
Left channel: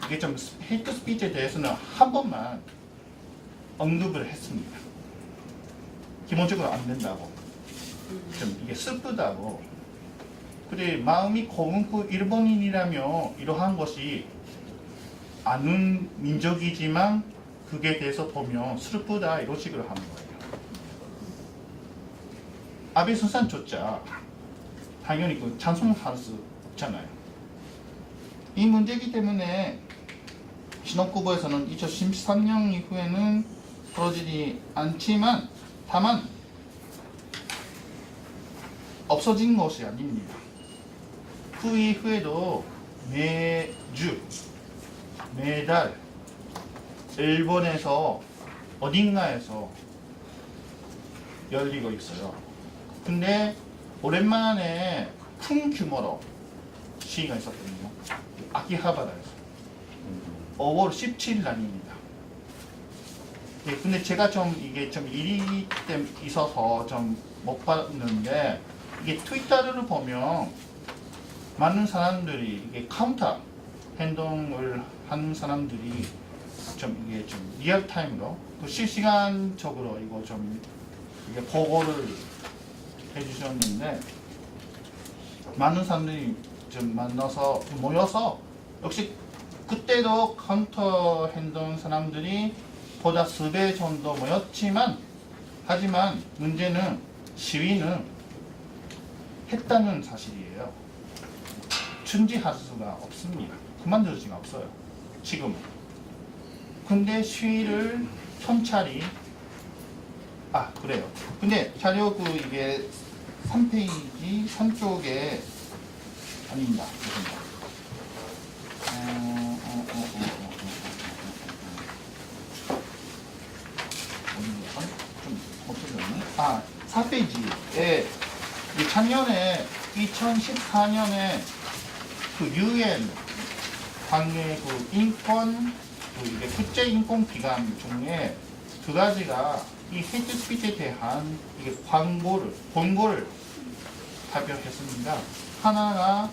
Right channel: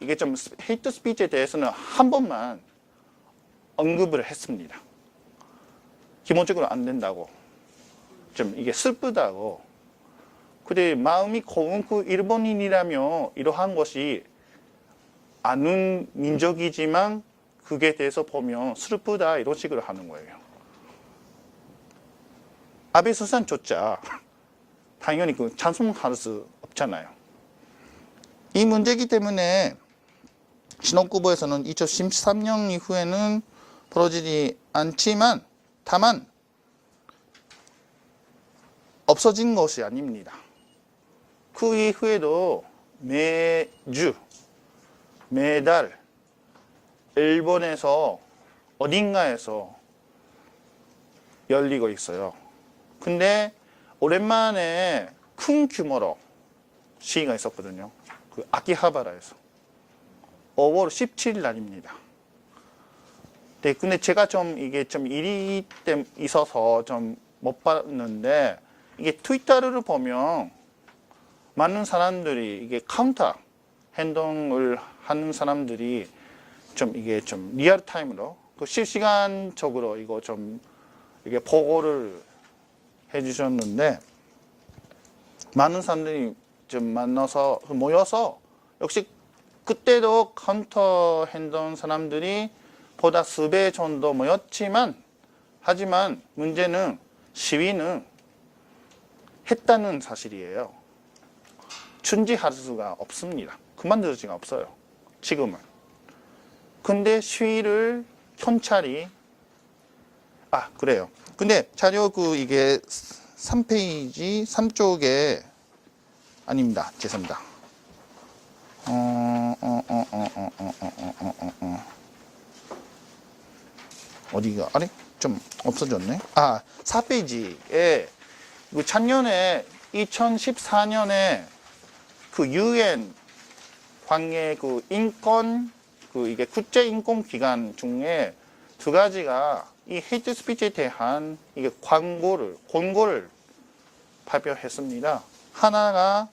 이게 좀 헤이트 스피치에 대해서는 한 번만 언급을 했습니다. 기본적으로 안 된다고, 좀 이게 슬프다고. 그래 마음이 고운 일본인이라면 이러한 것이 아는 민족이지만 그게 대해서 보면 슬프다 이런 식으로 하는 거예요. 아베 수산조차 당연히 찬송할 수 없잖아요. 이 문제이기 때문에 신호쿠보에서는 2013년 이후에는 벌어지지 않지만 다만 없어진 것이 아닙니다. 그 이후에도 매달 일본에서 어딘가에서 열리고 있어요. 근데 오랜만에 큰 규모로 시위가 있었거든요. 아키하바라에서 5월 17일 날입니다. 네, 근데 제가 이게 일이 있어서 못 봤는데 이게 트위터를 보면 많은 사람들이 이게 카운터 행동을 하는 사람들이 이게 리얼 타임으로 실시간적으로 이거 이게 보고를 해주셨는데 많은 사람들이 모여서 역시 그때도 카운터 행동 사람들이 보다 수배 정도 모였지만 하지만 문제는 시위는 했다는 사실이에요. 중지할 수가 없습니다. 그만둘 수가 없어요. 지금은. 근데 시위를 경찰이 그래요. 근데 자료 이게 3페이지 3쪽에 아닙니다. 죄송합니다. 어디가? 아니 좀 없어졌네. 4페이지에 작년에 2014년에 UN 관계 인권 이게 국제 인권 기관 중에 두 가지가 이 헤이트 스피치에 대한 이게 권고를 발표했습니다. 하나가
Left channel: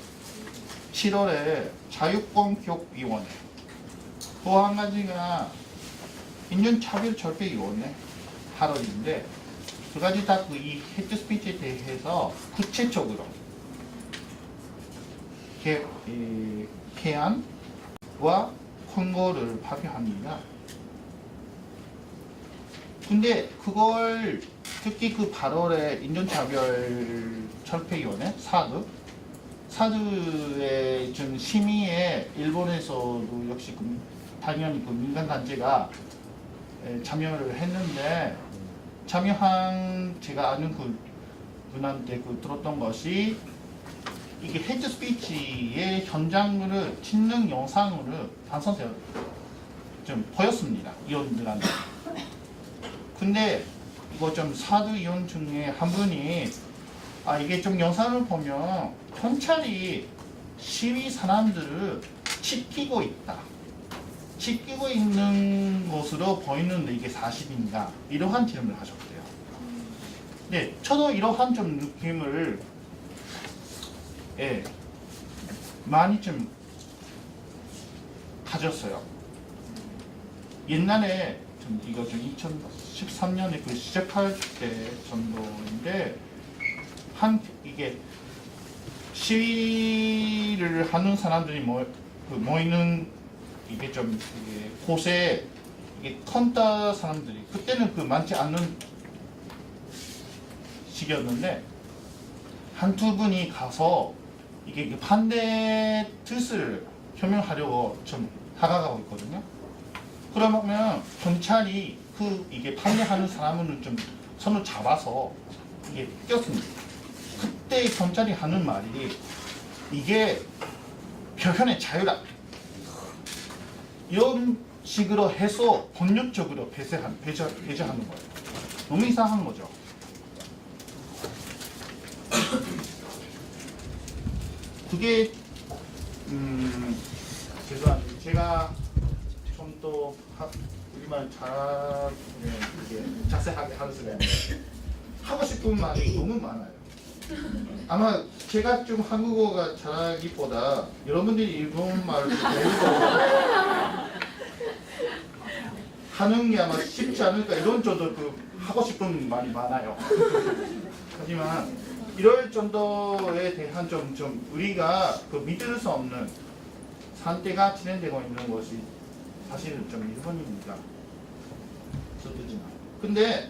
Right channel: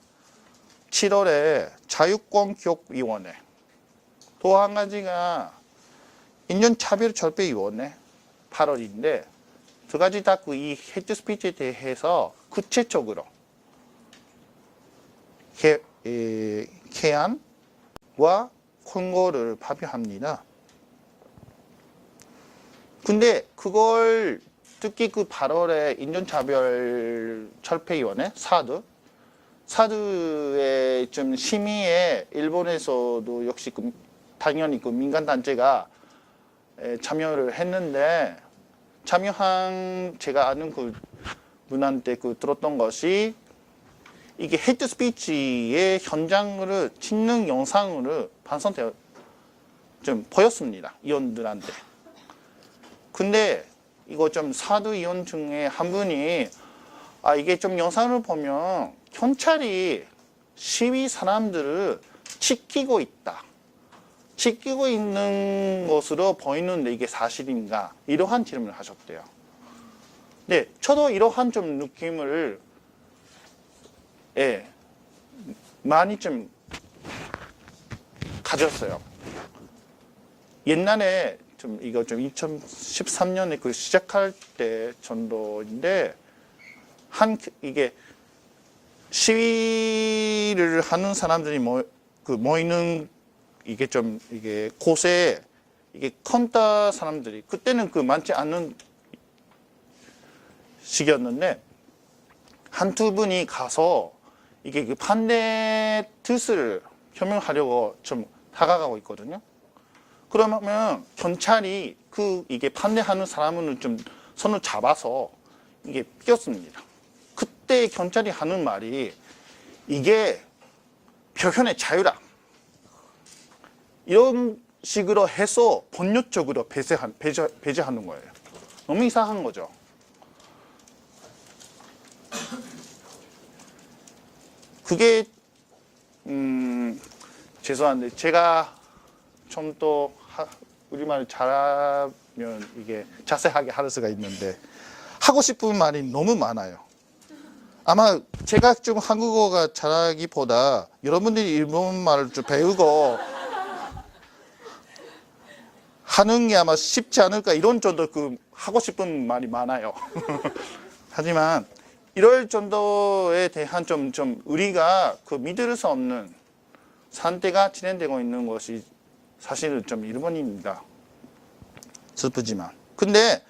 7월에 자유권교육위원회, 또 한 가지가 인종차별절대위원회 8월인데 두 가지 다 이 헤이트 스피치에 대해서 구체적으로 개안과 권고를 발표합니다. 근데 그걸 특히 8월에 인종차별철폐위원회 사드의 심의에 일본에서도 역시 당연히 민간단체가 참여를 했는데 참여한 제가 아는 분한테 들었던 것이 이게 헤이트 스피치의 현장을 찍는 영상으로 방송되어 보였습니다. 의원들한테. 근데 이거 사드 의원 중에 한 분이 이게 영상을 보면 경찰이 시위 사람들을 지키고 있는 것으로 보이는데 이게 사실인가? 이러한 질문을 하셨대요. 네, 저도 이러한 느낌을 많이 가졌어요. 옛날에 이거 2013년에 시작할 때 정도인데 이게 시위를 하는 사람들이 모이는 이게 좀 이게 곳에 이게 컴퓨터 사람들이 그때는 그 많지 않는 시기였는데 한두 분이 가서 이게 그 반대 뜻을 표명하려고 좀 다가가고 있거든요. 그러면 경찰이 그 이게 반대하는 사람을 좀 손을 잡아서 이게 꼈습니다. 그때 경찰이 하는 말이 이게 표현의 자유다. 이런 식으로 해서 본능적으로 배제하는 거예요. 너무 이상한 거죠. 그게 죄송한데 제가 좀 더 우리말 잘하면 이게 자세하게 할 수가 있는데 하고 싶은 말이 너무 많아요. 아마 제가 좀 한국어가 잘하기보다 여러분들이 일본말을 좀 배우고 하는 게 아마 쉽지 않을까 이런 정도 그 하고 싶은 말이 많아요. 하지만 이럴 정도에 대한 좀 우리가 그 믿을 수 없는 상태가 진행되고 있는 것이 사실은 좀 일본입니다. 슬프지만. 근데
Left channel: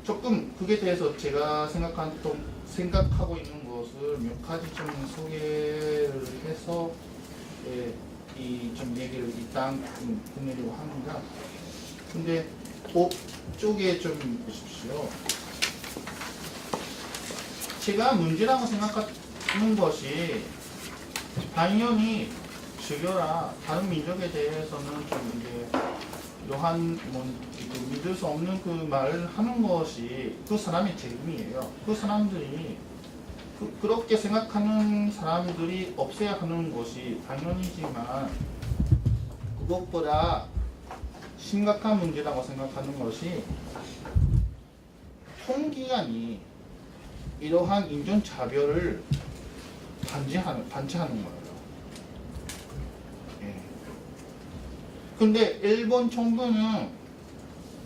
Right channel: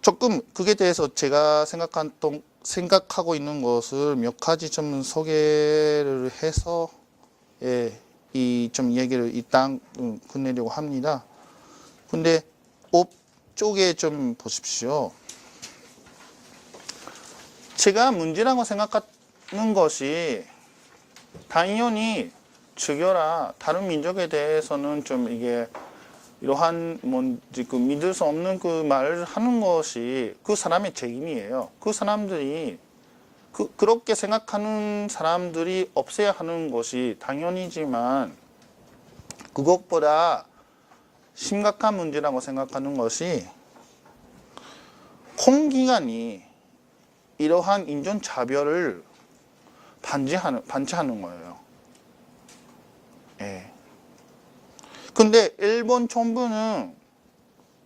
조금 그게 대해서 제가 생각하고 있는 것을 몇 가지 좀 소개를 해서 이 좀 얘기를 일단 끝내려고 합니다. 근데 업 쪽에 좀 보십시오. 제가 문제라고 생각하는 것이 당연히 죽여라 다른 민족에 대해서는 좀 이게 이러한 그 믿을 수 없는 그 말을 하는 것이 그 사람의 책임이에요. 그 사람들이 그렇게 생각하는 사람들이 없애야 하는 것이 당연이지만 그것보다 심각한 문제라고 생각하는 것이 공기관이 이러한 인종차별을 반지하는 거예요. 예. 근데 일본 정부는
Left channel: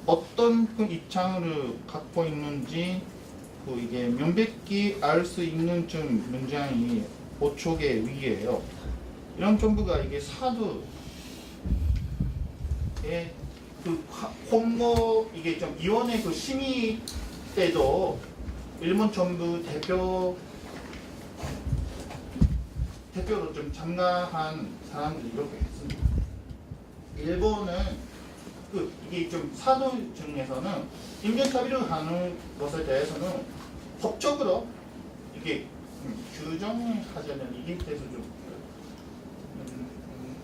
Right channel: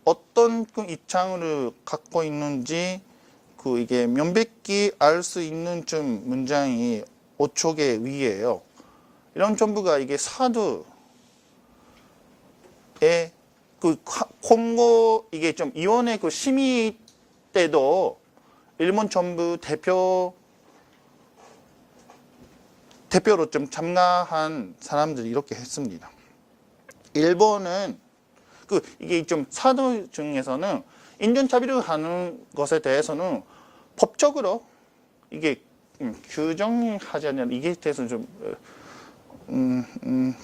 어떤 그 입장을 갖고 있는지 그 이게 명백히 알 수 있는 좀 문장이 5촉의 위에요. 이런 정부가 이게 사두에 그 홍보 이게 좀 위원회 그 심의 때도 일본 정부 대표로 좀 참가한 사람들이 이렇게 했습니다. 일본은 그 이게 좀 사도 중에서는 인종차별을 하는 것에 대해서는 법적으로 이게 규정하지 않냐 이게 대해서 좀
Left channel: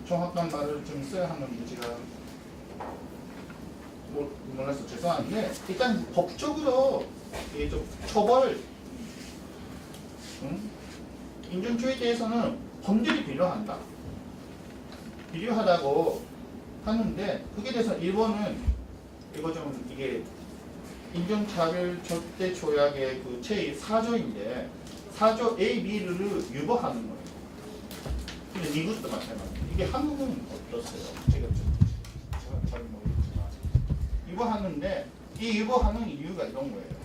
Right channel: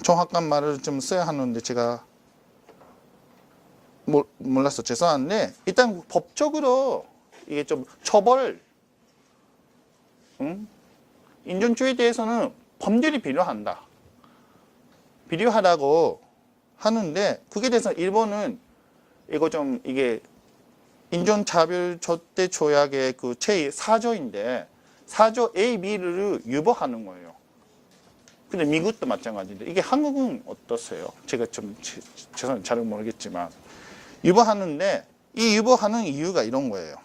정확한 말을 좀 써야 하는데 제가 몰라서 죄송한데 일단 법적으로 이게 좀 처벌 인종주의에 대해서는 법률이 필요하다고 하는데 그게 대해서 일본은 이거 좀 이게 인종차별 절대 조약의 그 제4조인데 4조 A, B를 유보하는 거예요. 근데 미국도 마찬가지인데 이게 한국은 어떻어요? 제가 좀 죄송해요. 잘 모르겠지만 유보하는데 이 유보하는 이유가 이런 거예요.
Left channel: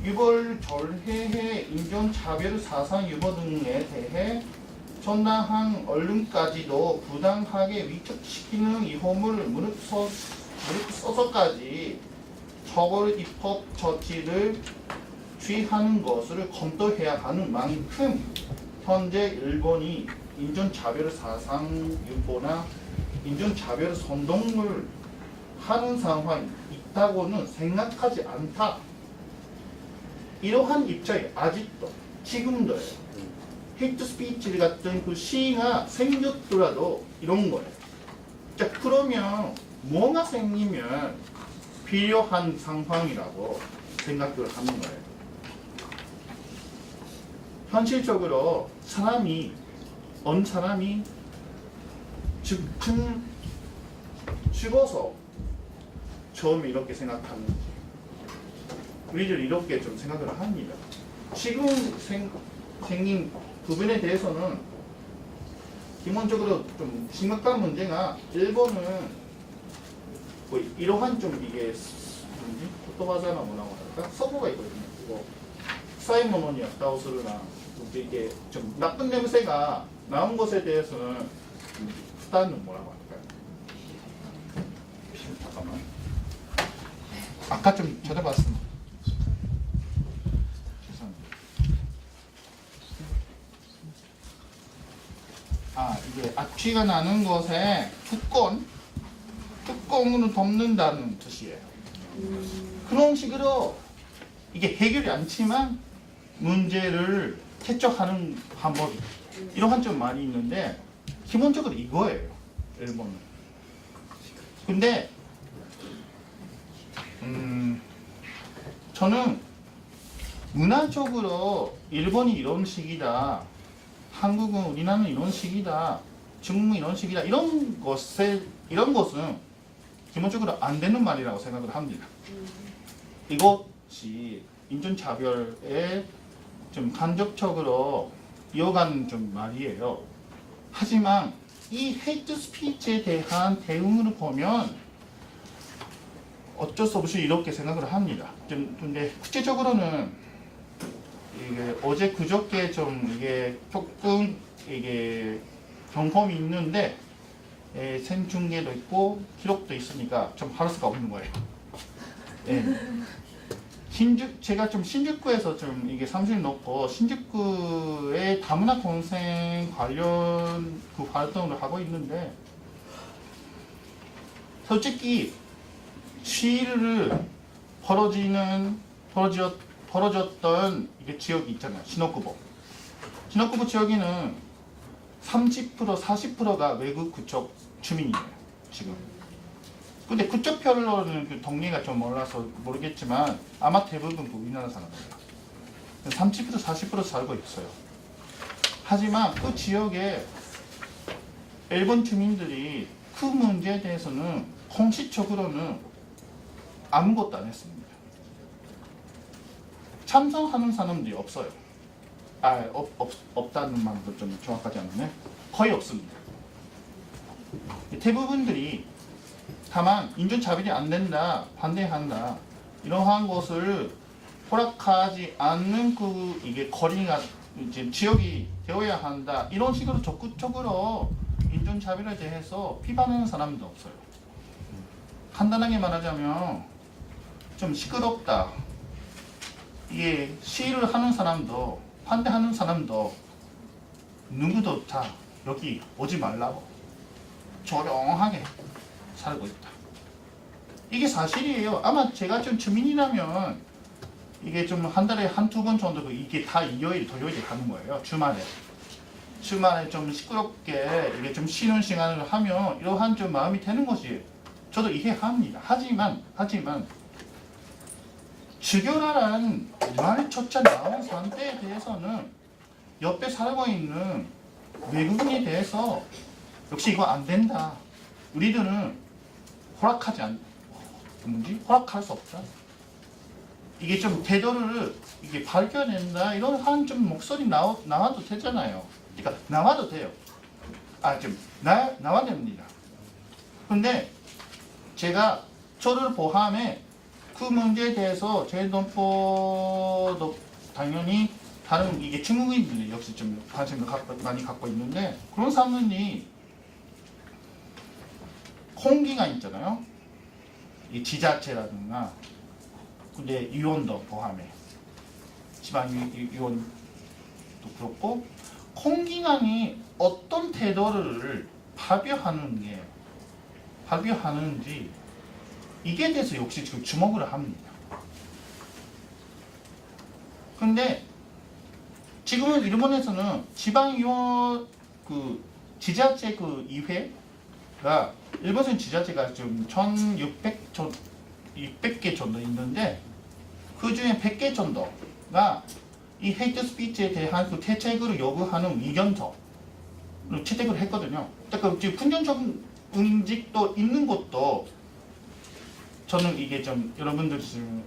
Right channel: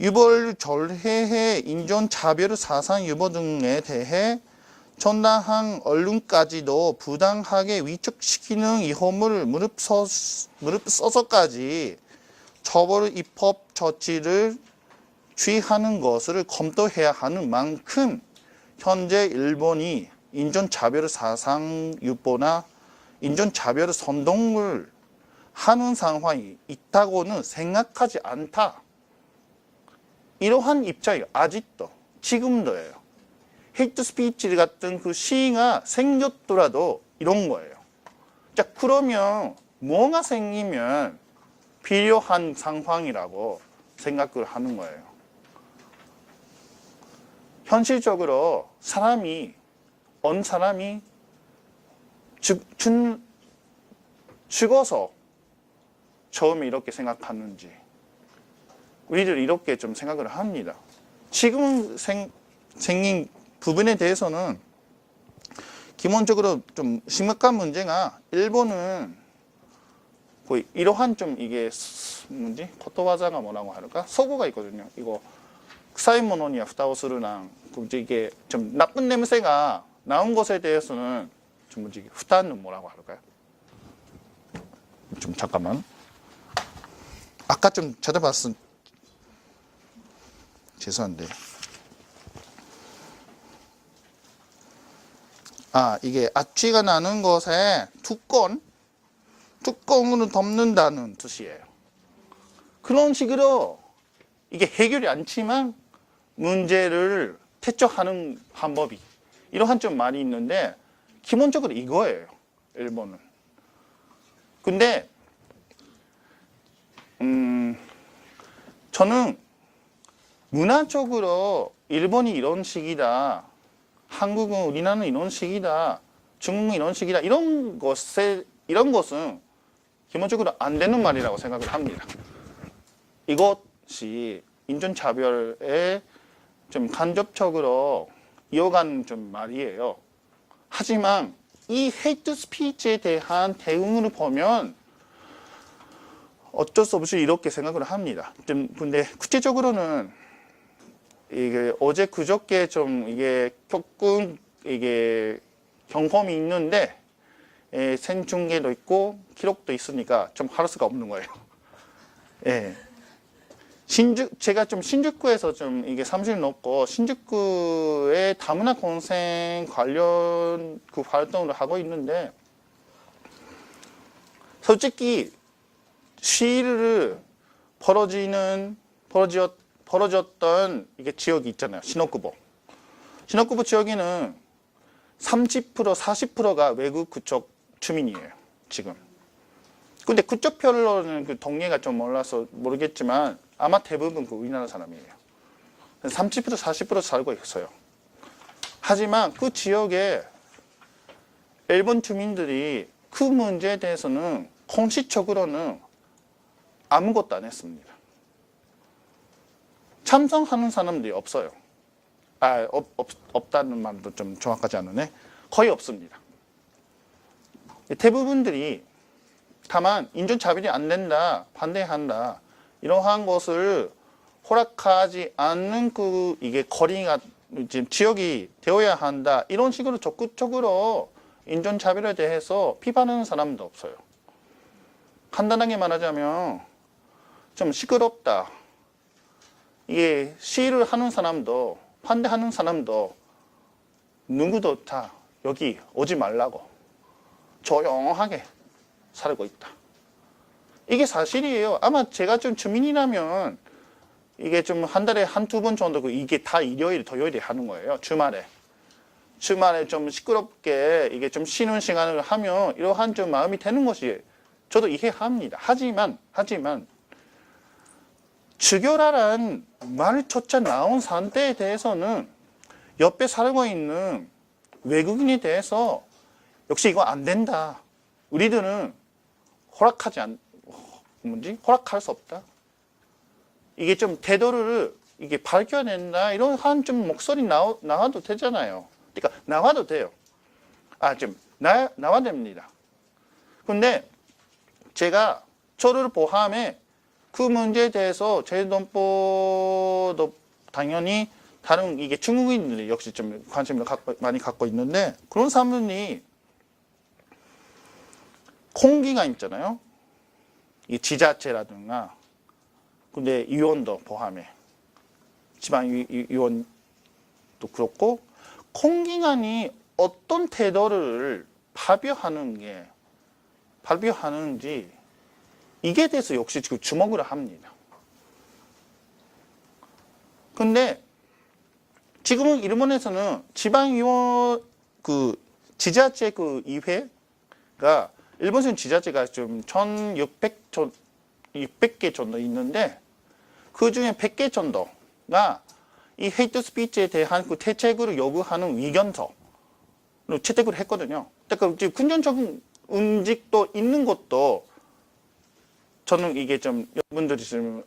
유보를 절해해 인종차별 사상 유보 등에 대해 정당한 언론까지도 부당하게 위축시키는 위험을 무릅써서까지 처벌 입법 조치를 취하는 것을 검토해야 하는 만큼 현재 일본이 인종차별 사상 유보나 인종차별 선동을 하는 상황이 있다고는 생각하지 않다. 이러한 입장이 아직도 지금도예요. 헤이트 스피치 같은 그 시위가 생겼더라도 이런 거예요. 자, 그러면 뭐가 생기면 필요한 상황이라고 생각을 하는 거예요. 현실적으로 어느 사람이 죽어서 처음에 이렇게 생각하는지 우리들 이렇게 좀 생각을 합니다. 지금 생긴 부분에 대해서는 기본적으로 좀 심각한 문제가 일본은 거의 이러한 좀 이게 뭐지? 코토와자가 뭐라고 할까? 서구가 있거든요. 이거 사이모노니아 부타오스루나 이게 좀 나쁜 냄새가 나온 것에 대해서는 좀 뭐지 후단은 뭐라고 할까요? 좀 잠깐만. 아까 좀 찾아봤음. 죄송한데. 이게 악취가 나는 것에 뚜껑으로 덮는다는 뜻이에요. 그런 식으로 이게 해결이 않지만 문제를 퇴적하는 방법이 이러한 좀 많이 있는데 기본적으로 이거예요. 일본은. 근데 저는 문화적으로 일본이 이런 식이다, 한국은 우리나라는 이런 식이다, 중국은 이런 식이다 이런 것은 기본적으로 안 되는 말이라고 생각을 합니다. 이것이 인종차별에 좀 간접적으로 이어가는 좀 말이에요. 하지만 이 헤이트 스피치에 대한 대응을 보면 어쩔 수 없이 이렇게 생각을 합니다. 근데 구체적으로는 이게 어제 그저께 좀 이게 조금 이게 경험이 있는데 생중계도 있고 기록도 있으니까 좀 할 수가 없는 거예요. 예. 제가 좀 신주쿠에서 좀 이게 사무실 넣고 신주쿠의 다문화 공생 관련 그 활동을 하고 있는데 솔직히 시위를 벌어졌던 이게 지역이 있잖아요. 시노쿠보 지역에는 30% 40%가 외국 그쪽 주민이에요. 지금. 근데 그쪽 별로는 그 동네가 좀 몰라서 모르겠지만 아마 대부분 그 우리나라 사람이에요. 30% 40% 살고 있어요. 하지만 그 지역에 일본 주민들이 그 문제에 대해서는 공식적으로는 아무것도 안 했습니다. 찬성하는 사람들이 없어요. 없다는 말도 좀 정확하지 않으네. 거의 없습니다. 대부분들이 다만 인종차별이 안 된다, 반대한다 이러한 것을 허락하지 않는 그 이게 거리가 이제 지역이 되어야 한다 이런 식으로 적극적으로 인종차별에 대해서 비판하는 사람도 없어요. 간단하게 말하자면 좀 시끄럽다. 이게 시위를 하는 사람도 반대하는 사람도 누구도 다 여기 오지 말라고 조용하게 살고 있다. 이게 사실이에요. 아마 제가 좀 주민이라면 이게 좀 한 달에 한두 번 정도 이게 다 일요일, 토요일에 하는 거예요. 주말에 좀 시끄럽게 이게 좀 쉬는 시간을 하면 이러한 좀 마음이 되는 것이 저도 이해합니다. 하지만 주교라는 말조차 나온 상태에 대해서는 옆에 살고 있는 외국인에 대해서 역시 이거 안 된다. 우리들은 허락할 수 없다. 이게 좀 태도를 이게 밝혀낸다. 이런 한 좀 목소리 나와도 되잖아요. 그러니까 나와도 돼요. 나와 됩니다. 근데 제가 저를 포함해 그 문제에 대해서 제동포도 당연히 다른 이게 중국인들이 역시 좀 관심을 많이 갖고 있는데 그런 사람들이 공기가 있잖아요. 이 지자체라든가 근데 위원도 포함해 지방위원도 그렇고 공기관이 어떤 태도를 발표하는지 이게 대해서 역시 지금 주목을 합니다. 근데 지금은 일본에서는 지방위원 그 지자체 그 이회가 일본에서는 지자체가 좀 1,600개 정도 있는데 그 중에 100개 정도가 이 헤이트 스피치에 대한 그 대책을 요구하는 의견서를 채택을 했거든요. 그러니까 긍정적인 움직도 있는 것도 저는 이게 좀 여러분들이 좀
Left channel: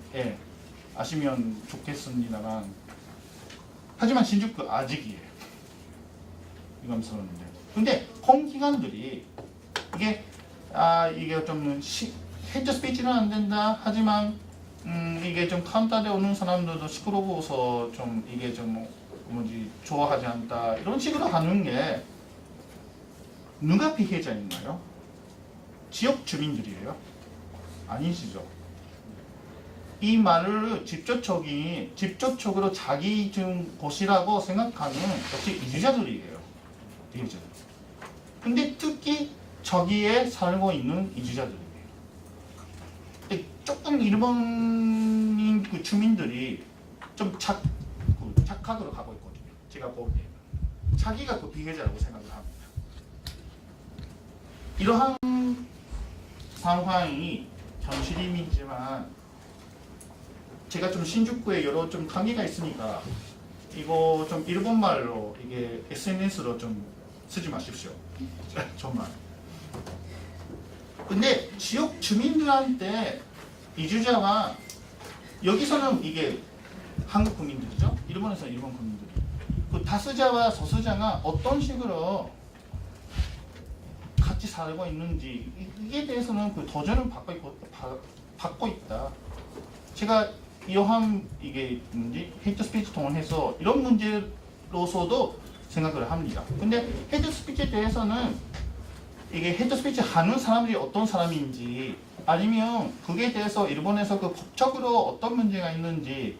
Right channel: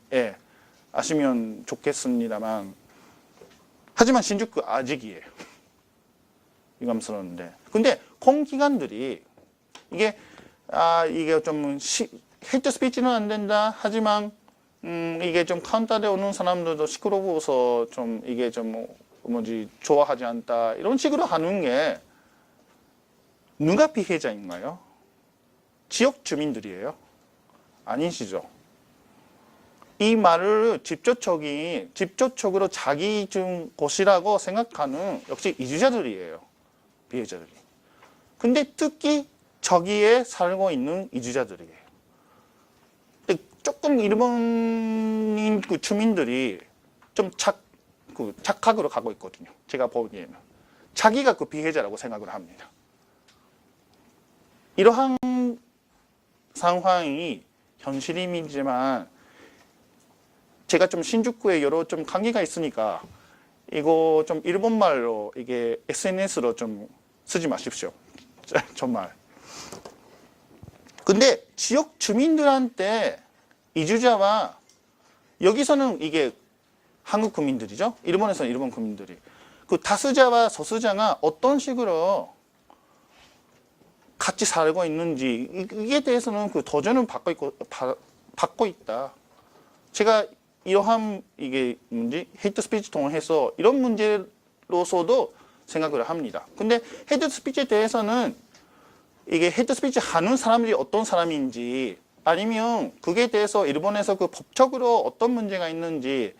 아시면 좋겠습니다만 하지만 신주쿠 아직이에요. 유감스러운데 근데 공기관들이 이게 좀 헤이트 스피치는 안 된다. 하지만 이게 좀 카운터에 오는 사람들도 시끄러워서 좀 이게 좀 좋아하지 않다. 이런 식으로 하는 게 누가 피해자인가요? 지역 주민들이에요. 아니시죠? 이 말을 직접적으로 자기 것이라고 생각하는 역시 이주자들이에요. 피해자들. 근데 특히 저기에 살고 있는 이주자들이에요. 근데 조금 일본인 그 주민들이 좀 착각으로 가고 있거든요. 제가 보기에는. 자기가 그 피해자라고 생각을 합니다. 이러한 상황이 현실이지만 제가 좀 신주쿠에 여러 좀 관계가 있으니까 이거 좀 일본말로 이게 SNS로 좀 쓰지 마십시오. 정말. 근데 지역 주민들한테 이주자와 여기서는 이게 한국 국민들이죠. 일본에서는 일본 국민들이. 그 다수자와 소수자가 어떤 식으로 같이 살고 있는지 이에 대해서는 그 도전을 받고 있다. 제가 이러한 이게 헤이트 스피치 통해서 이런 문제로서도 생각을 합니다. 근데 헤이트 스피치에 대해서는 이게 헤이트 스피치 하는 사람들이 어떤 사람인지 아니면 그게 대해서 일본에서 그 법적으로 어떤 문제가 있는지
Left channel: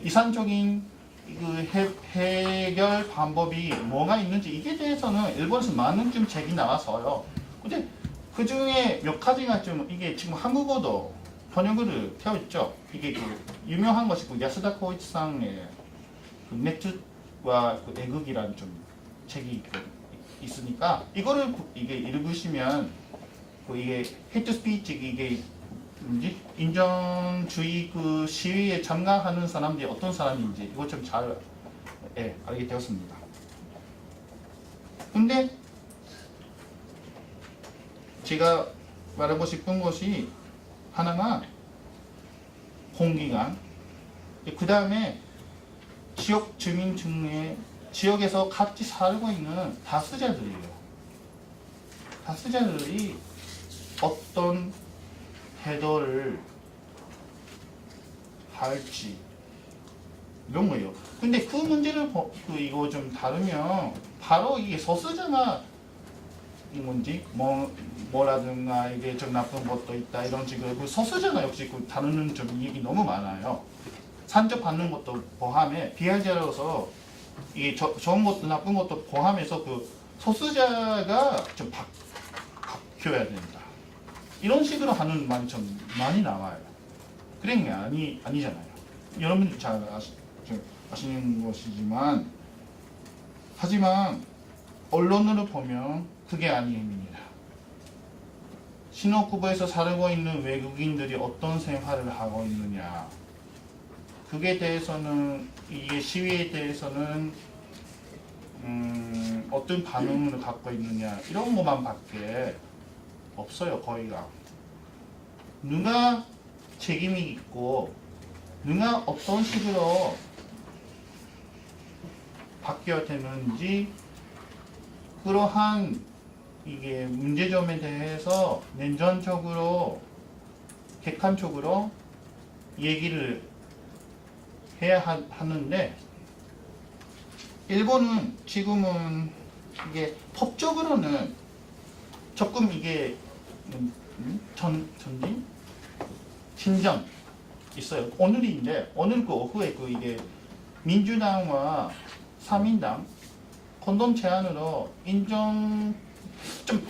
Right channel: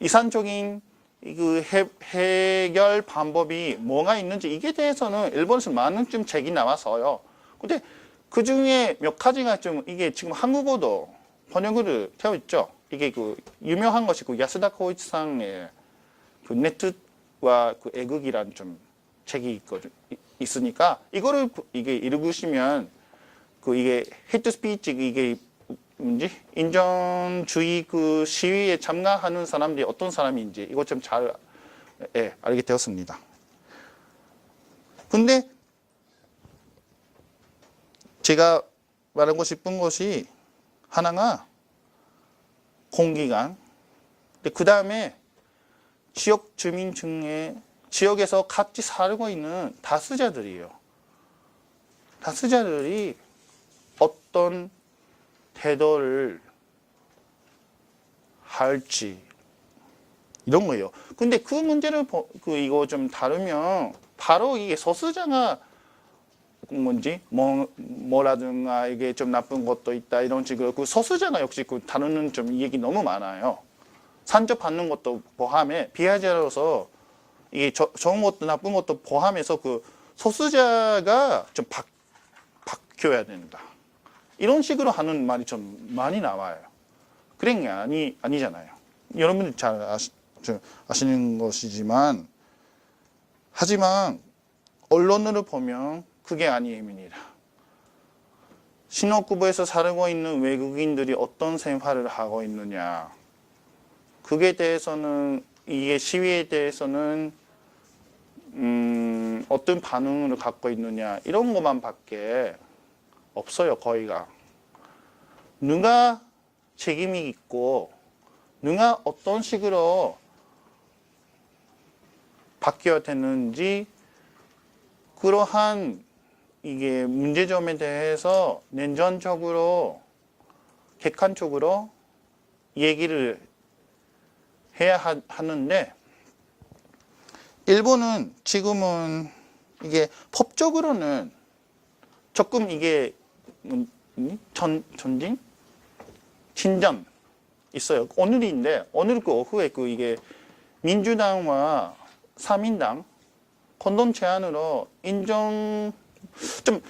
이산적인 그 해결 방법이 뭐가 있는지 이게 대해서는 일본에서 많은 좀 책이 나와서요. 근데 그 중에 몇 가지가 좀 이게 지금 한국어도 번역을 되어 있죠. 이게 그 유명한 것이 그 야스다 코이치상의 그 네트와 그 애국이라는 좀 책이 있으니까 이거를 이게 읽으시면 그 이게 헤이트 스피치 이게 인종주의 그 시위에 참가하는 사람들이 어떤 사람인지 이것 좀 잘 알게 되었습니다. 근데 제가 말하고 싶은 것이 하나가 공기관, 그 다음에 지역 주민 중에 지역에서 같이 살고 있는 다수자들이에요. 다수자들이 어떤 태도를 할지 이런 거예요. 근데 그 문제를 이거 좀 다루면 바로 이게 소수자가 뭐라든가 이게 좀 나쁜 것도 있다 이런 식으로 그 소수자가 역시 그 다루는 좀 얘기 너무 많아요. 산접받는 것도 포함해 피해자로서 이게 좋은 것도 나쁜 것도 포함해서 그 소수자가 좀 바뀌어야 된다. 이런 식으로 하는 말이 좀 많이 나와요. 그런 게 아니잖아요. 여러분들 잘 아시는 것이지만 하지만 언론으로 보면 그게 아닙니다. 신호쿠보에서 살고 있는 외국인들이 어떤 생활을 하고 있느냐 그게 대해서는 이게 시위에 대해서는 어떤 반응을 갖고 있느냐 이런 것만 밖에 없어요. 거의가. 누가 책임이 있고 누가 어떤 식으로 바뀌어야 되는지 그러한 이게 문제점에 대해서 냉정적으로 객관적으로 얘기를 해야 하는데 일본은 지금은 이게 법적으로는 조금 이게 전진? 진정 있어요. 오늘인데 오늘 그 오후에 그 이게 민주당과 사민당 공동 제안으로 인정 좀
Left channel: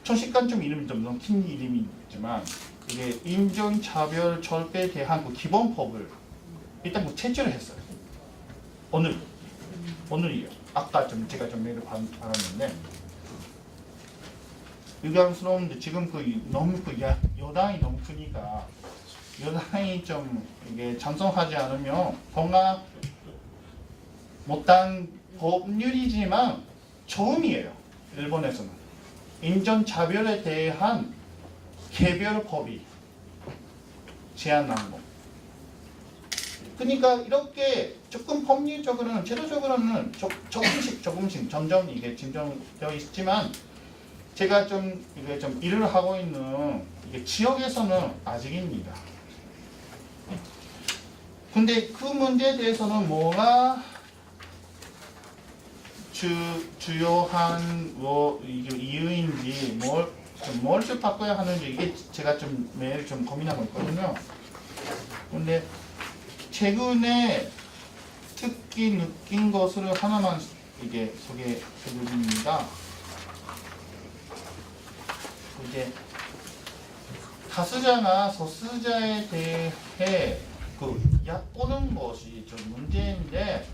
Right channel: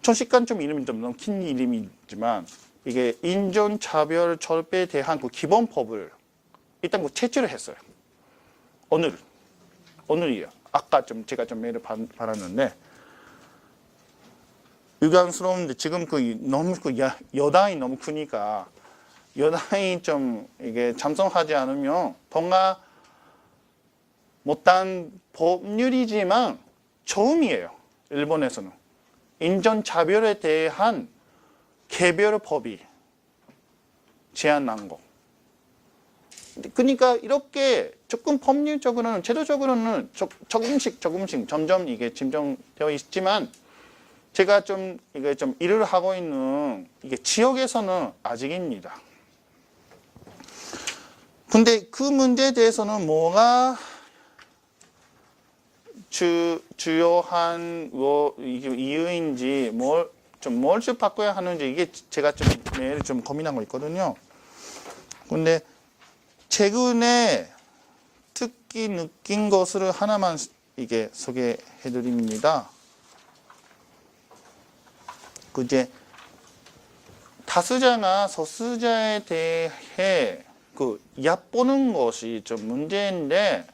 조식간 좀 이름이 좀 너무 긴 이름이지만 이게 인종차별 절배에 대한 그 기본법을 일단 그 채취를 했어요. 오늘이요. 아까 좀 제가 좀 메일을 받았는데 유감스러운데 지금 그 너무 그 여당이 너무 크니까 여당이 좀 이게 찬성하지 않으면 뭔가 못한 법률이지만 처음이에요. 일본에서는 인종차별에 대한 개별법이 제안한 거. 그러니까 이렇게 조금 법률적으로는 제도적으로는 조금씩 점점 이게 진정되어 있지만 제가 좀 이게 좀 일을 하고 있는 이게 지역에서는 아직입니다. 근데 그 문제에 대해서는 뭐가 주요한 이유인지 뭘 좀 바꿔야 하는지 이게 제가 좀 매일 좀 고민하고 있거든요. 근데 최근에 특히 느낀 것을 하나만 이게 소개해 드립니다. 그 이제 다수자나 소수자에 대해 그 얕보는 것이 좀 문제인데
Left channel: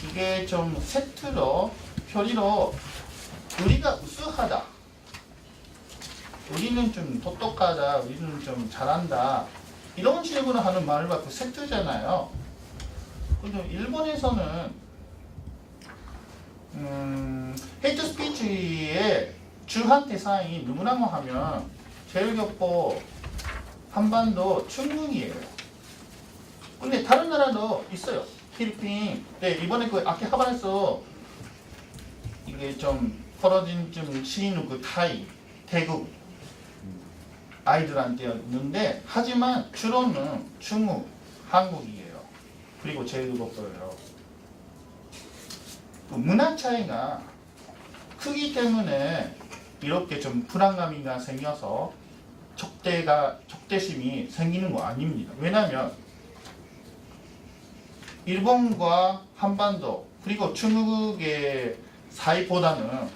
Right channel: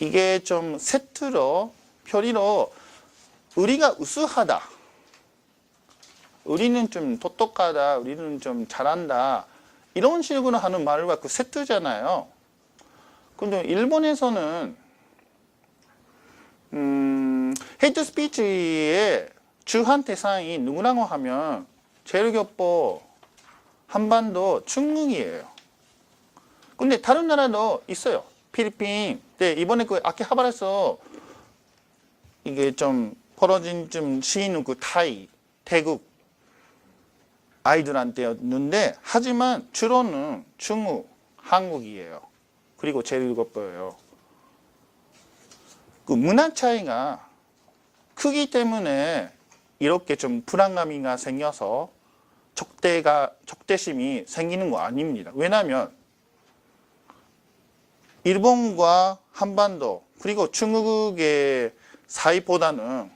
이게 좀 세트로 표리로 우리가 우수하다, 우리는 좀 똑똑하다, 우리는 좀 잘한다 이런 식으로 하는 말을 갖고 세트잖아요. 근데 일본에서는 헤이트 스피치의 주한 대상이 누구라고 하면 제일교포, 한반도, 중국이에요. 근데 다른 나라도 있어요. 필리핀. 네, 이번에 그 아키하바라에서 이게 좀 벌어진 좀 시인 그 타이, 태국 아이들한테였는데 하지만 주로는 중국, 한국이에요. 그리고 제일교포예요. 그 문화 차이가 크기 때문에 이렇게 좀 불안감이가 생겨서 적대심이 생기는 거 아닙니다. 왜냐하면 일본과 한반도 그리고 중국의 사이보다는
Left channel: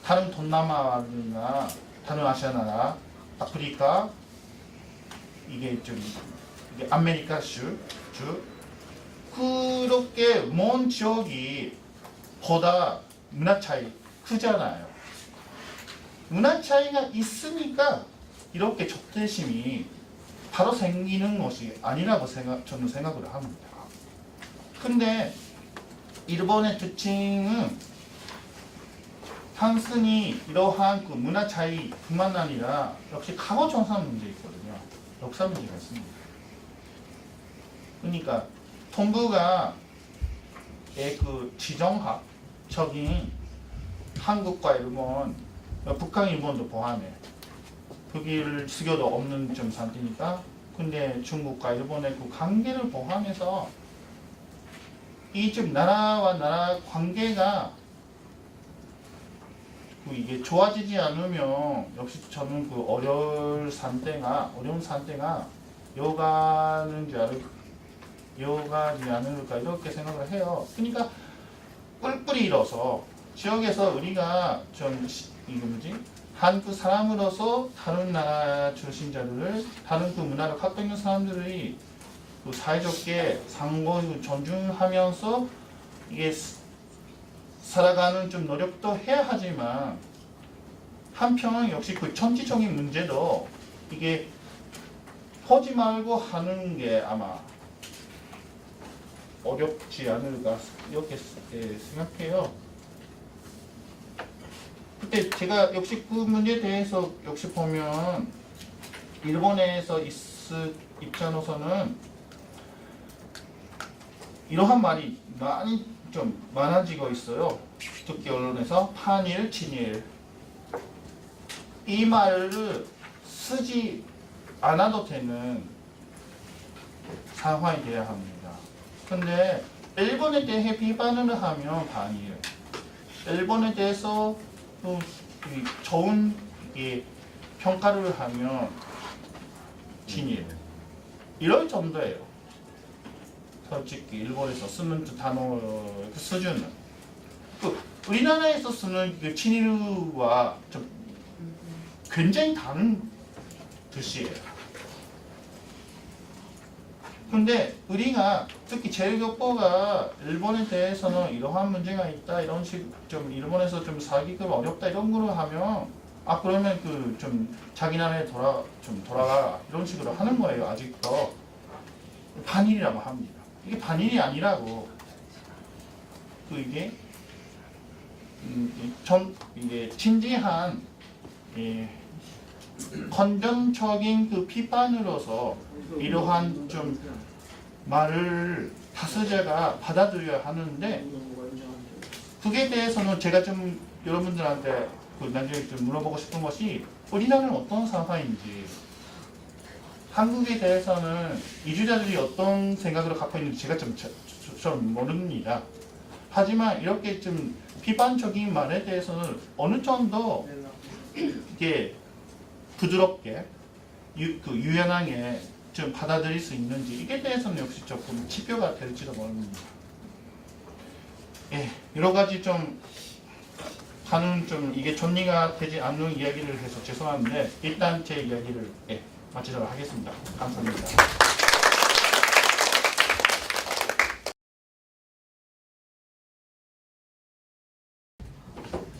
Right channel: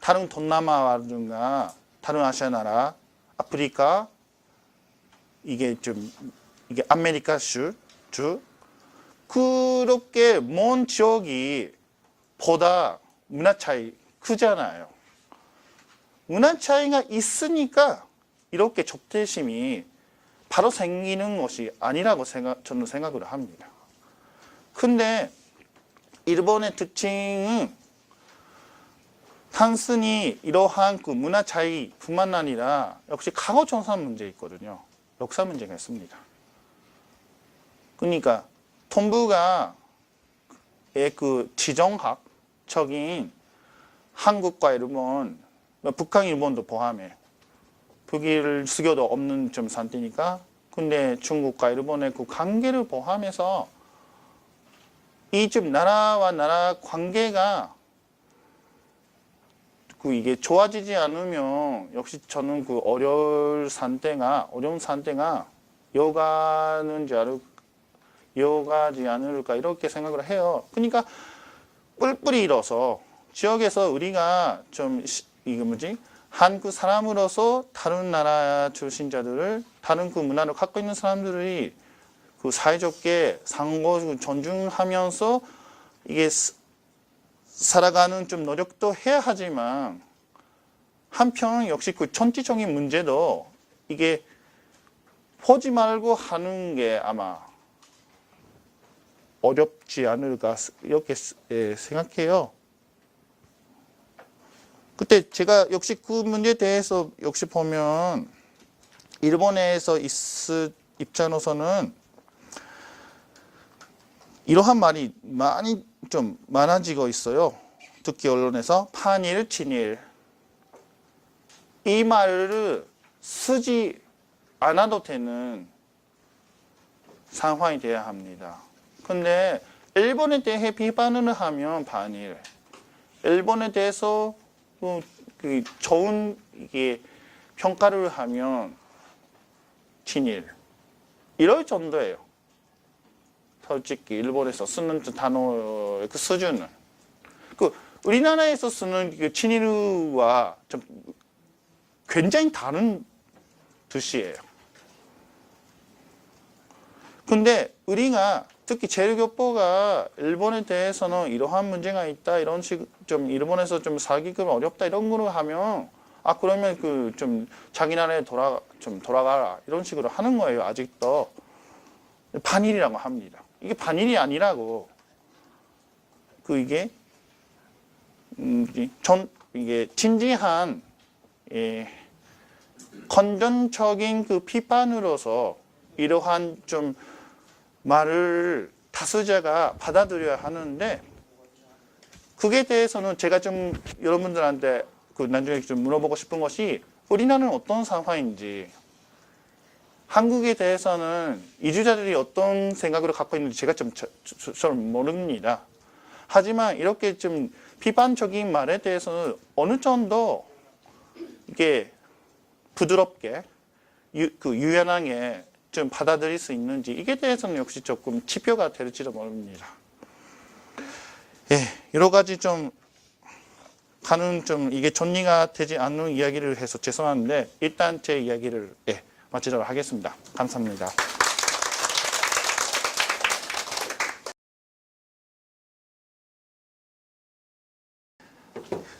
다른 동남아나 다른 아시아 나라, 아프리카 이게 아메리카주 그렇게 먼 지역이 보다 문화 차이 크잖아요. 문화 차이가 있으니까 이렇게 적대심이 바로 생기는 것이 아니라고 저는 생각을 합니다. 근데 일본의 특징은 단순히 이러한 그 문화 차이뿐만 아니라 역시 과거 전산 문제 있거든요. 역사 문제가 있습니다. 그러니까 통부가 그 지정학적인 한국과 일본, 북한, 일본도 포함해 북일 수교도 없는 좀 상태니까 근데 중국과 일본의 그 관계를 포함해서 이 좀 나라와 나라 관계가 그 이게 좋아지지 않으면 역시 저는 그 어려운 상태가 이어가지 않을까 이렇게 생각을 해요. 그러니까 뿔뿔이 일어서 지역에서 우리가 좀 한국 사람으로서 다른 나라 출신자들을 다른 그 문화를 갖고 있는 사람들이 그 사이좋게 상호 존중하면서 이게 살아가는 좀 노력도 해야 하지만 한편 역시 그 정치적인 문제도 이게 보지 말고 하는 게 아마 어렵지 않을까 이렇게 생각해요. 그때 제가 역시 그 문제에 대해서 역시 보면 일본에서 입장으로서는 이러한 말이 많이 좀 많아지고 있어요. 특히 언론에서 반일, 친일 이 말을 쓰지 않아도 되는 상황이 돼야 합니다. 근데 일본에 대해 비판을 하면 반일, 일본에 대해서 좋은 평가를 하면 친일 이럴 정도예요. 솔직히 일본에서 쓰는 단어의 그 수준은 그 우리나라에서 쓰는 그 친일과 좀 굉장히 다른 뜻이에요. 근데 우리가 특히 제일교포가 일본에 대해서는 이러한 문제가 있다 이런 좀 일본에서 좀 살기가 어렵다 이런 거로 하면 그러면 그 좀 자기 나라에 돌아가라 이런 식으로 하는 거예요. 아직도 반일이라고 합니다. 이게 반일이 아니라고 이게 진지한 건전적인 그 비판으로서 이러한 좀 말을 다수자가 받아들여야 하는데 그게 대해서는 제가 좀 여러분들한테 나중에 좀 물어보고 싶은 것이 우리나라는 어떤 상황인지 한국에 대해서는 이주자들이 어떤 생각을 갖고 있는지 제가 좀 모릅니다. 하지만 이렇게 좀 비판적인 말에 대해서는 어느 정도 이게 부드럽게 유연하게 좀 받아들일 수 있는지 이게 대해서는 역시 조금 지표가 될지도 모릅니다. 예, 여러 가지 좀 가는 좀 이게 정리가 되지 않는 이야기를 해서 죄송한데 일단 제 이야기를 마치도록 하겠습니다. 감사합니다.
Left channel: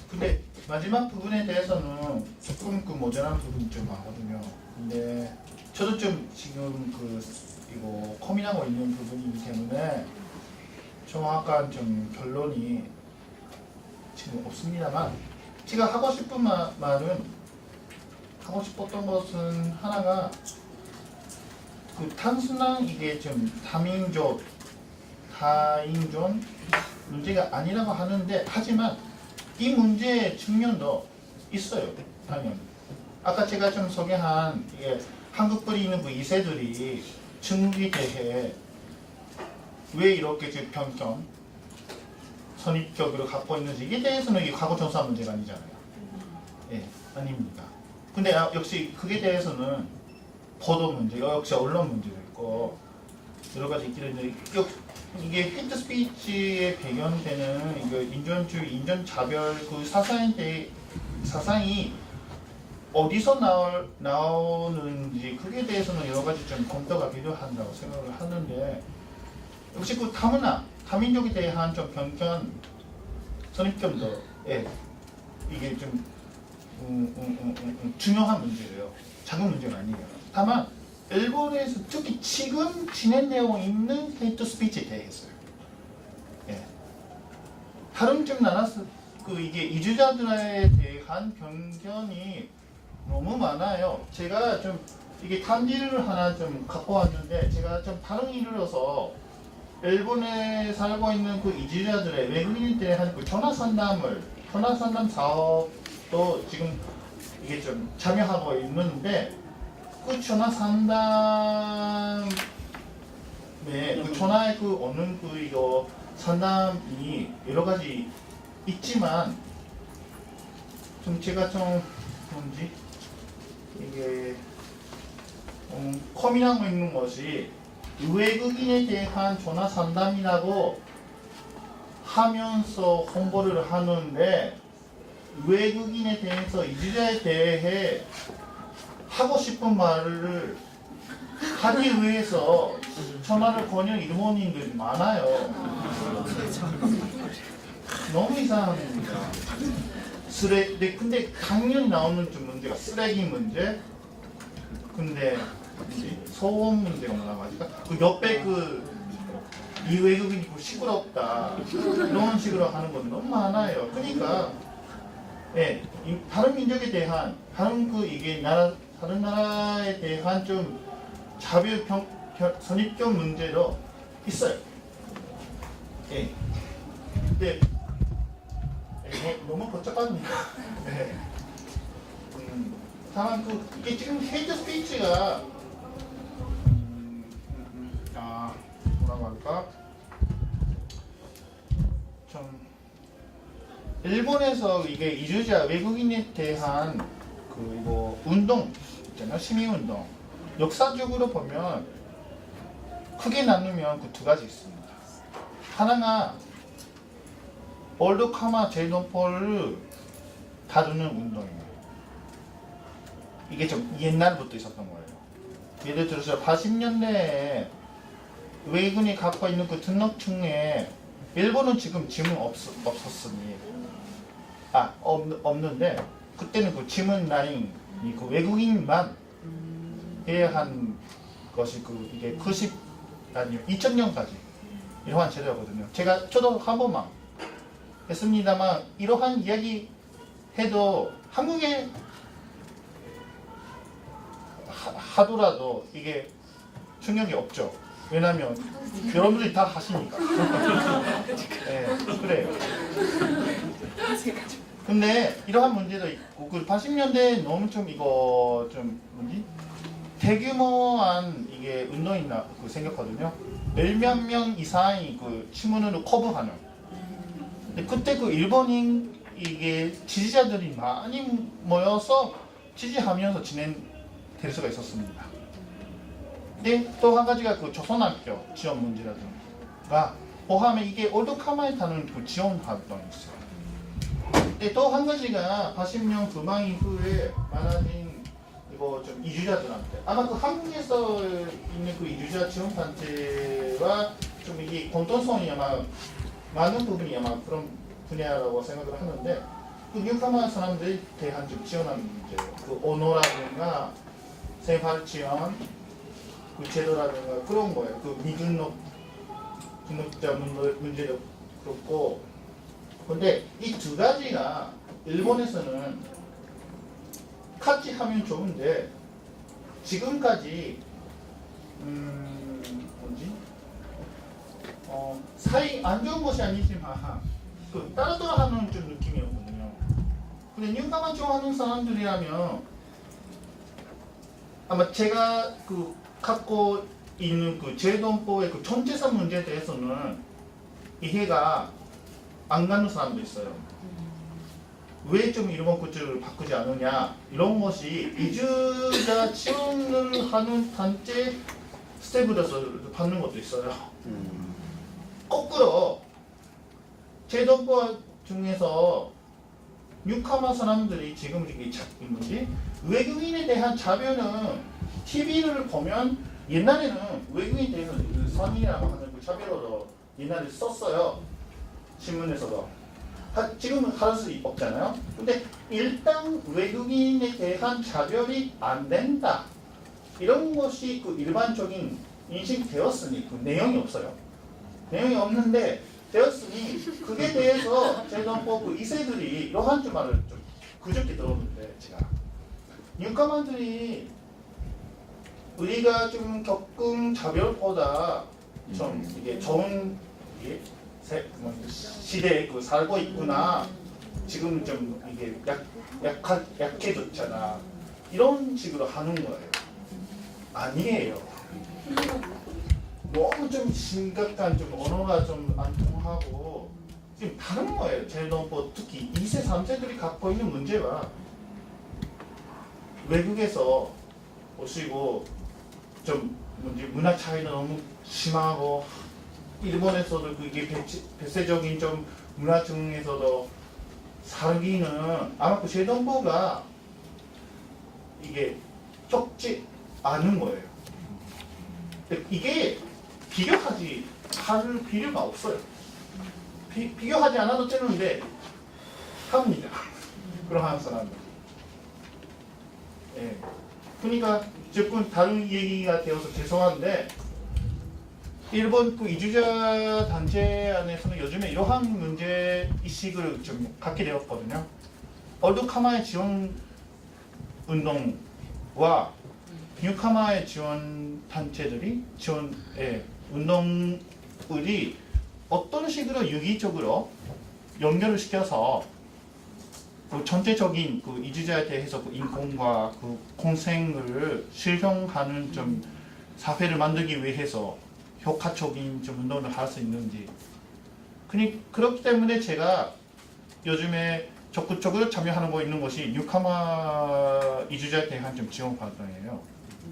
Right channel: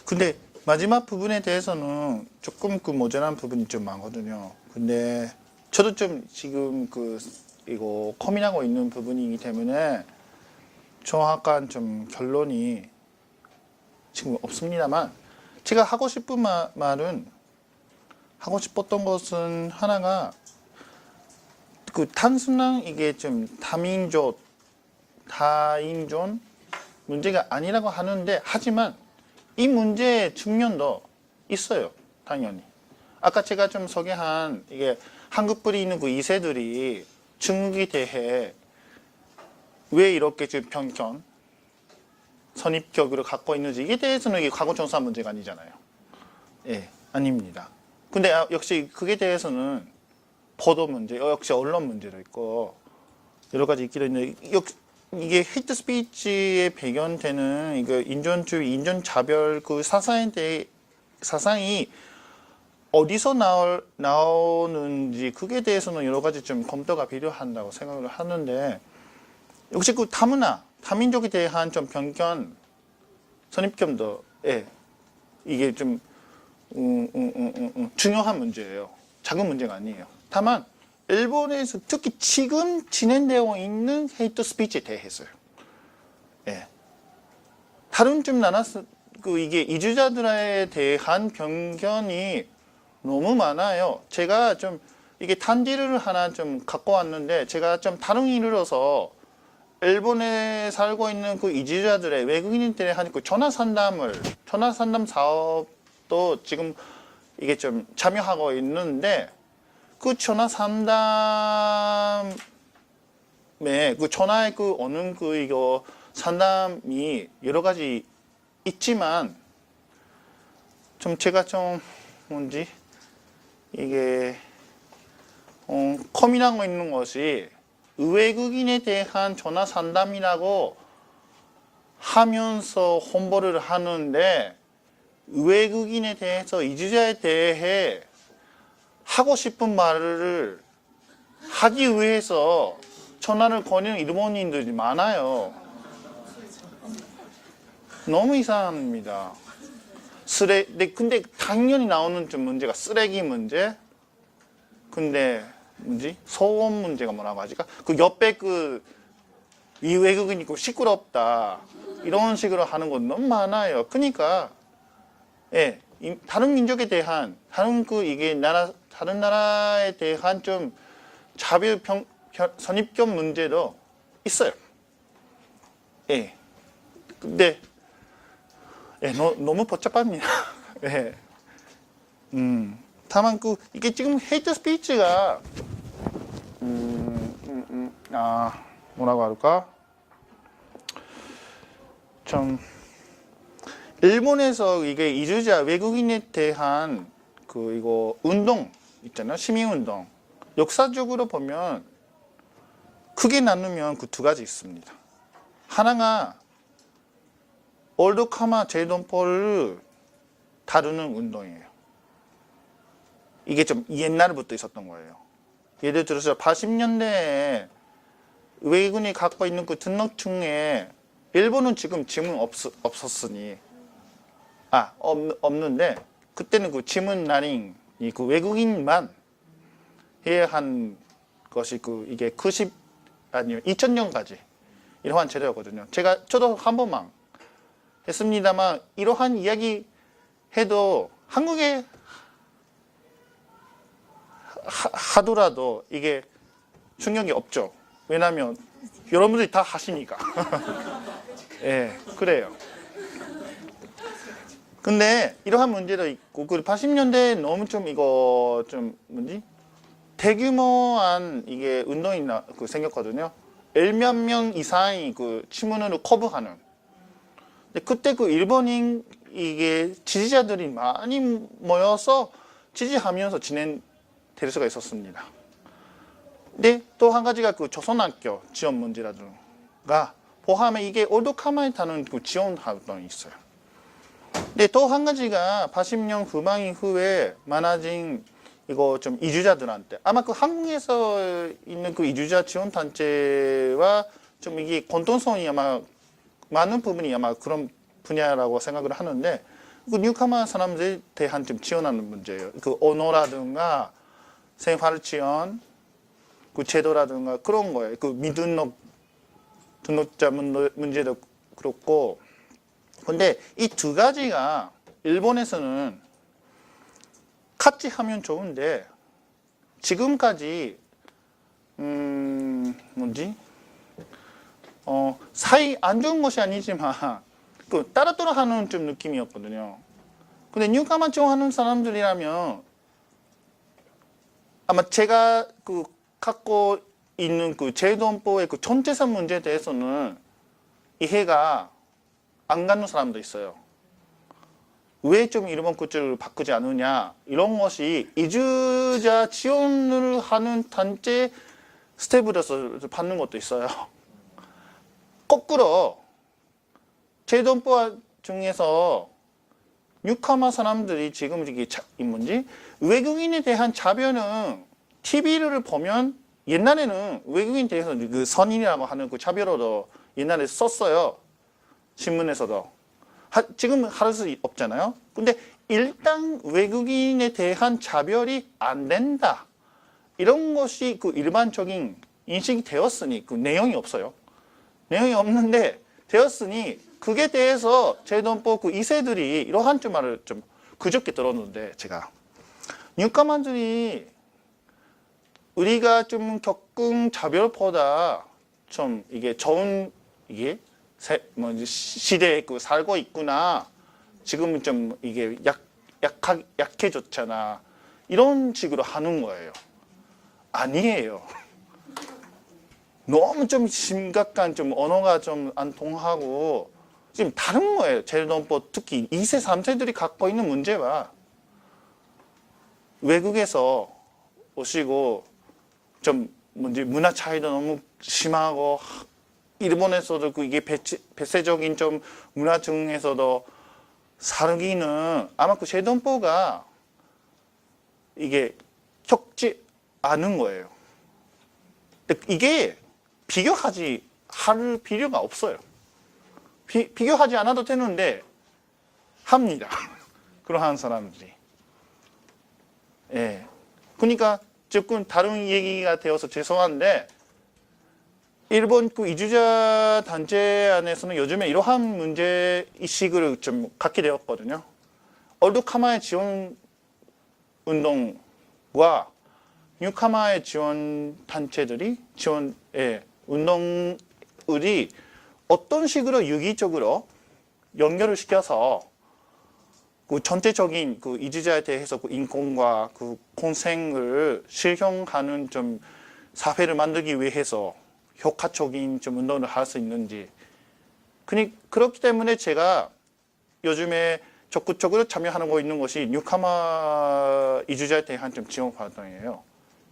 근데 마지막 부분에 대해서는 조금 모자란 부분이 좀 많거든요. 근데 저도 좀 지금 이거 고민하고 있는 부분이기 때문에 정확한 좀 결론이 지금 없습니다만 제가 하고 싶은 말은 하고 싶었던 것은 하나가 단순한 이게 좀 다인종 문제가 아니라고 하는데 하지만 이 문제의 측면도 있어요. 당연히. 아까 제가 좀 소개한 이게 한국 뿌리 있는 2세들이 중국에 대해 왜 이렇게 편견, 선입적으로 갖고 있는지 이게 대해서는 이게 과거 조사 문제가 아니잖아요. 예, 아닙니다. 근데 역시 그게 대해서는 보도 문제, 역시 언론 문제도 있고 여러 가지 있기도 있는데 이게 헤이트 스피치의 배경되는 이거 인종주의, 인종차별 사상이 어디서 나오는지 그게 대해서는 여러 가지 좀 검토가 필요한다고 생각을 하는데 역시 다문화, 다민족에 대한 좀 편견, 선입견도 이게 좀 중요한 문제예요. 작은 문제가 아니에요. 다만 일본에서 특히 지금 진행되고 있는 헤이트 스피치에 대해서요. 다른 좀 나라서 이게 이주자들에 대한 편견이 너무 많아요. 제가 좀 이게 단지를 하나 좀 갖고 왔는데 제가 좀 다른 일로서 일본에 살고 있는 이주자들의 외국인들에 한 전화 상담 사업도 지금 이게 좀 참여하고 있는데 전화 상담에 전화에 오는 이거 상담이 여러 가지 있지만 좀 제가 좀 이게 고민하고 있는 것이 외국인에 대한 전화 상담이라고 하면서 홍보를 하는데 외국인에 대해서 이주자에 대해 하고 싶은 말을 하기 위해서 전화를 거는 일본인들이 많아요. 너무 이상합니다. 근데 당연히 나오는 좀 문제가 쓰레기 문제. 근데 소음 문제가 뭐라고 하지까? 옆에 이 외국인이 시끄럽다 이런 식으로 하는 건 너무 많아요. 그러니까 다른 민족에 대한 다른 다른 나라에 대한 좀 차별 선입견 문제도 있어요. 근데 너무 복잡합니다. 다만 이게 지금 헤이트 스피치가 뭐라고 할까? 좀 일본에서 이게 이주자 외국인에 대한 이거 운동 있잖아요. 시민운동. 역사적으로 보면 크게 나누면 두 가지 있습니다. 하나가 올드카마 제도포를 다루는 운동이에요. 이게 좀 옛날부터 있었던 거예요. 예를 들어서 80년대에 외국인이 갖고 있는 등록증에 일본은 지금 지문 없었으니 없는데 그때는 지문란이 외국인만 해야 한 것이 이게 2000년까지 이러한 제도였거든요. 저도 한 번만 했습니다만 이러한 이야기 해도 한국에 하더라도 이게 충격이 없죠. 왜냐하면 여러분들이 다 하시니까. 그래요. 근데 이러한 문제도 있고 80년대에 너무 좀 이거 대규모한 이게 운동이 생겼거든요. 1만 명 이상이 지문으로 커버하는 근데 그때 그 일본인 이게 지지자들이 많이 모여서 지지하면서 진행될 수가 있었습니다. 근데 또 한 가지가 그 조선학교 지원 문제라든가 포함해 이게 올드카마에 타는 그 지원 활동이 있어요. 근데 또 한 가지가 80년 후반 이후에 많아진 이거 좀 이주자들한테 아마 그 한국에서 있는 그 이주자 지원 단체와 좀 이게 공통성이 아마 많은 부분이 아마 그런 분야라고 생각을 하는데 그 뉴카마 사람들에 대한 좀 지원하는 문제예요. 그 언어라든가 생활 지원, 그 제도라든가 그런 거예요. 그 등록자 문제도 그렇고. 근데 이 두 가지가 일본에서는 같이 하면 좋은데 지금까지 사이 안 좋은 것이 아니지만 그 따로따로 하는 좀 느낌이었거든요. 근데 뉴카마 지원하는 사람들이라면 아마 제가 그 갖고 있는 그 제도헌법의 그 전체성 문제에 대해서는 이해가 안 가는 사람도 있어요. 왜 좀 일본 구조를 바꾸지 않느냐 이런 것이 이주자 지원을 하는 단체 스텝으로서 받는 것도 있어요. 거꾸로 제도헌법 중에서 뉴카마 사람들이 지금 이 문제 외국인에 대한 자별은 TV를 보면 옛날에는 외국인에 대해서 그 선인이라고 하는 그 자별어도 옛날에 썼어요. 신문에서도. 지금은 할 수 없잖아요. 근데 일단 외국인에 대한 차별이 안 된다. 이런 것이 그 일반적인 인식이 되었으니 그 내용이 없어요. 내용이 없는데 되었으니 그게 대해서 제도헌법 그 2세들이 이러한 좀 말을 좀 그저께 들었는데 제가 뉴카마들이 우리가 좀 겪은 차별보다 좀 이게 좋은 이게 시대에 그 살고 있구나. 지금은 좀 이게 약해졌잖아. 이런 식으로 하는 거예요. 아니에요. 너무 좀 심각한 좀 언어가 좀 안 통하고 지금 다른 거예요. 제도헌법 특히 2세, 3세들이 갖고 있는 문제와 외국에서 오시고 좀 문화 차이도 너무 심하고 일본에서도 이게 배세적인 좀 문화 중에서도 살기는 아마 그 제도헌법가 이게 적지 않은 거예요. 근데 이게 비교하지 할 필요가 없어요. 비교하지 않아도 되는데 합니다. 그러한 사람들이. 예. 그러니까 조금 다른 얘기가 되어서 죄송한데 일본 그 이주자 단체 안에서는 요즘에 이러한 문제 의식을 좀 갖게 되었거든요. 올드카마의 지원 운동과 뉴카마의 지원 단체들이 운동들이 어떤 식으로 유기적으로 연결을 시켜서 그 전체적인 그 이주자에 대해서 그 인권과 그 공생을 실현하는 좀 사회를 만들기 위해서 효과적인 좀 운동을 할 수 있는지. 그렇기 때문에 제가 요즘에 적극적으로 참여하는 거 있는 것이 뉴카마 이주자에 대한 좀 지원 활동이에요.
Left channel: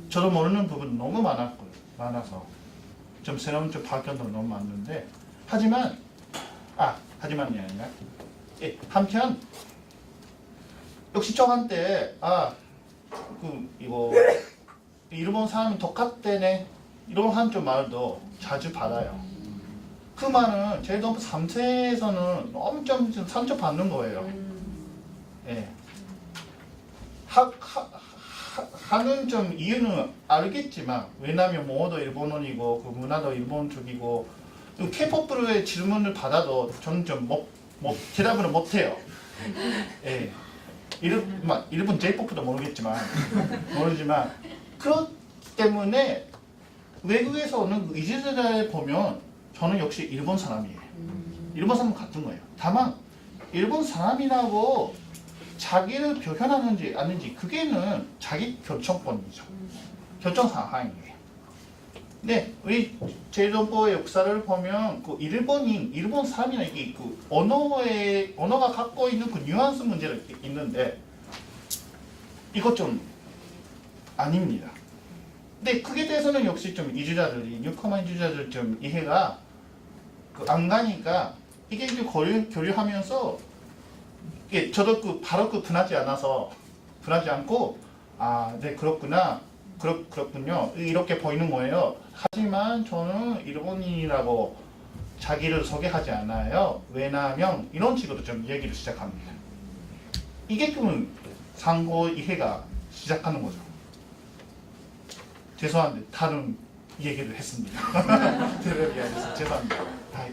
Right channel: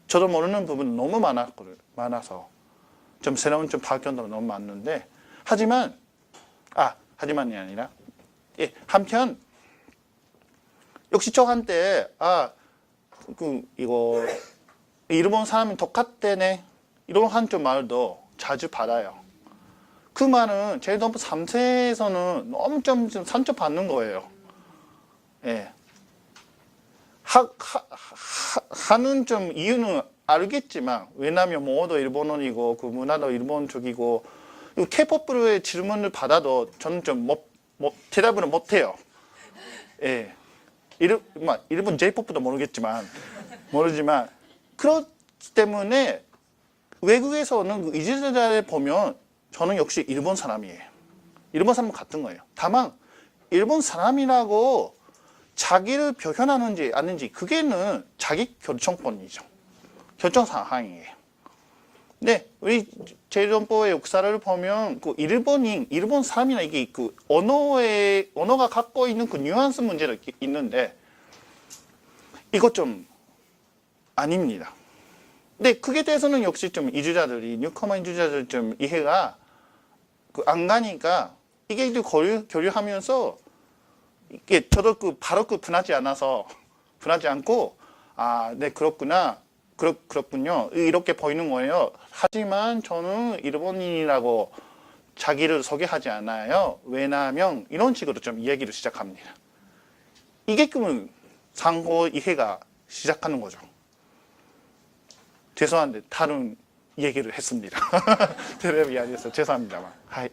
저도 모르는 부분 너무 많아서 좀 새로운 좀 발견도 너무 많은데 하지만이 아니라 한편 역시 저한테 이거 일본 사람이 똑같대네 이런 좀 말도 자주 받아요. 그 말은 제도헌법 3세에서는 너무 좀 상처받는 거예요. 예. 하는 좀 이유는 알겠지만 왜냐면 모두 일본어이고 그 문화도 일본 쪽이고 K-POP의 질문을 받아도 저는 좀 대답을 못해요. 예. 일본 J-POP도 모르지만 그렇기 때문에 외국에서 오는 이주자를 보면 저는 역시 일본 사람이에요. 일본 사람 같은 거예요. 다만 일본 사람이라고 자기를 표현하는지 아닌지 그게는 자기 결정권이죠. 결정 사항이에요. 네, 우리 제일정보의 역사를 보면 그 일본 사람이나 이게 그 언어가 갖고 있는 그 뉘앙스 문제가 있는데 이거 좀 아닙니다. 근데 그게 대해서는 역시 좀 뉴커머 이주자들 좀 이해가 그 안 가니까 이게 이제 교류하면서 이게 저도 바로 분하지 않고 아, 네 그렇구나. 그렇군요. 이렇게 보이는 거예요. 하지만 저는 일본인이라고 자기를 소개하지 않아요. 왜냐하면 이런 식으로 좀 이야기를 시작합니다. 이게 그러면 상호 이해가 시작하는 거죠. 죄송한데 다른 얘기를 했습니다. 테레비에서 죄송합니다. 하이.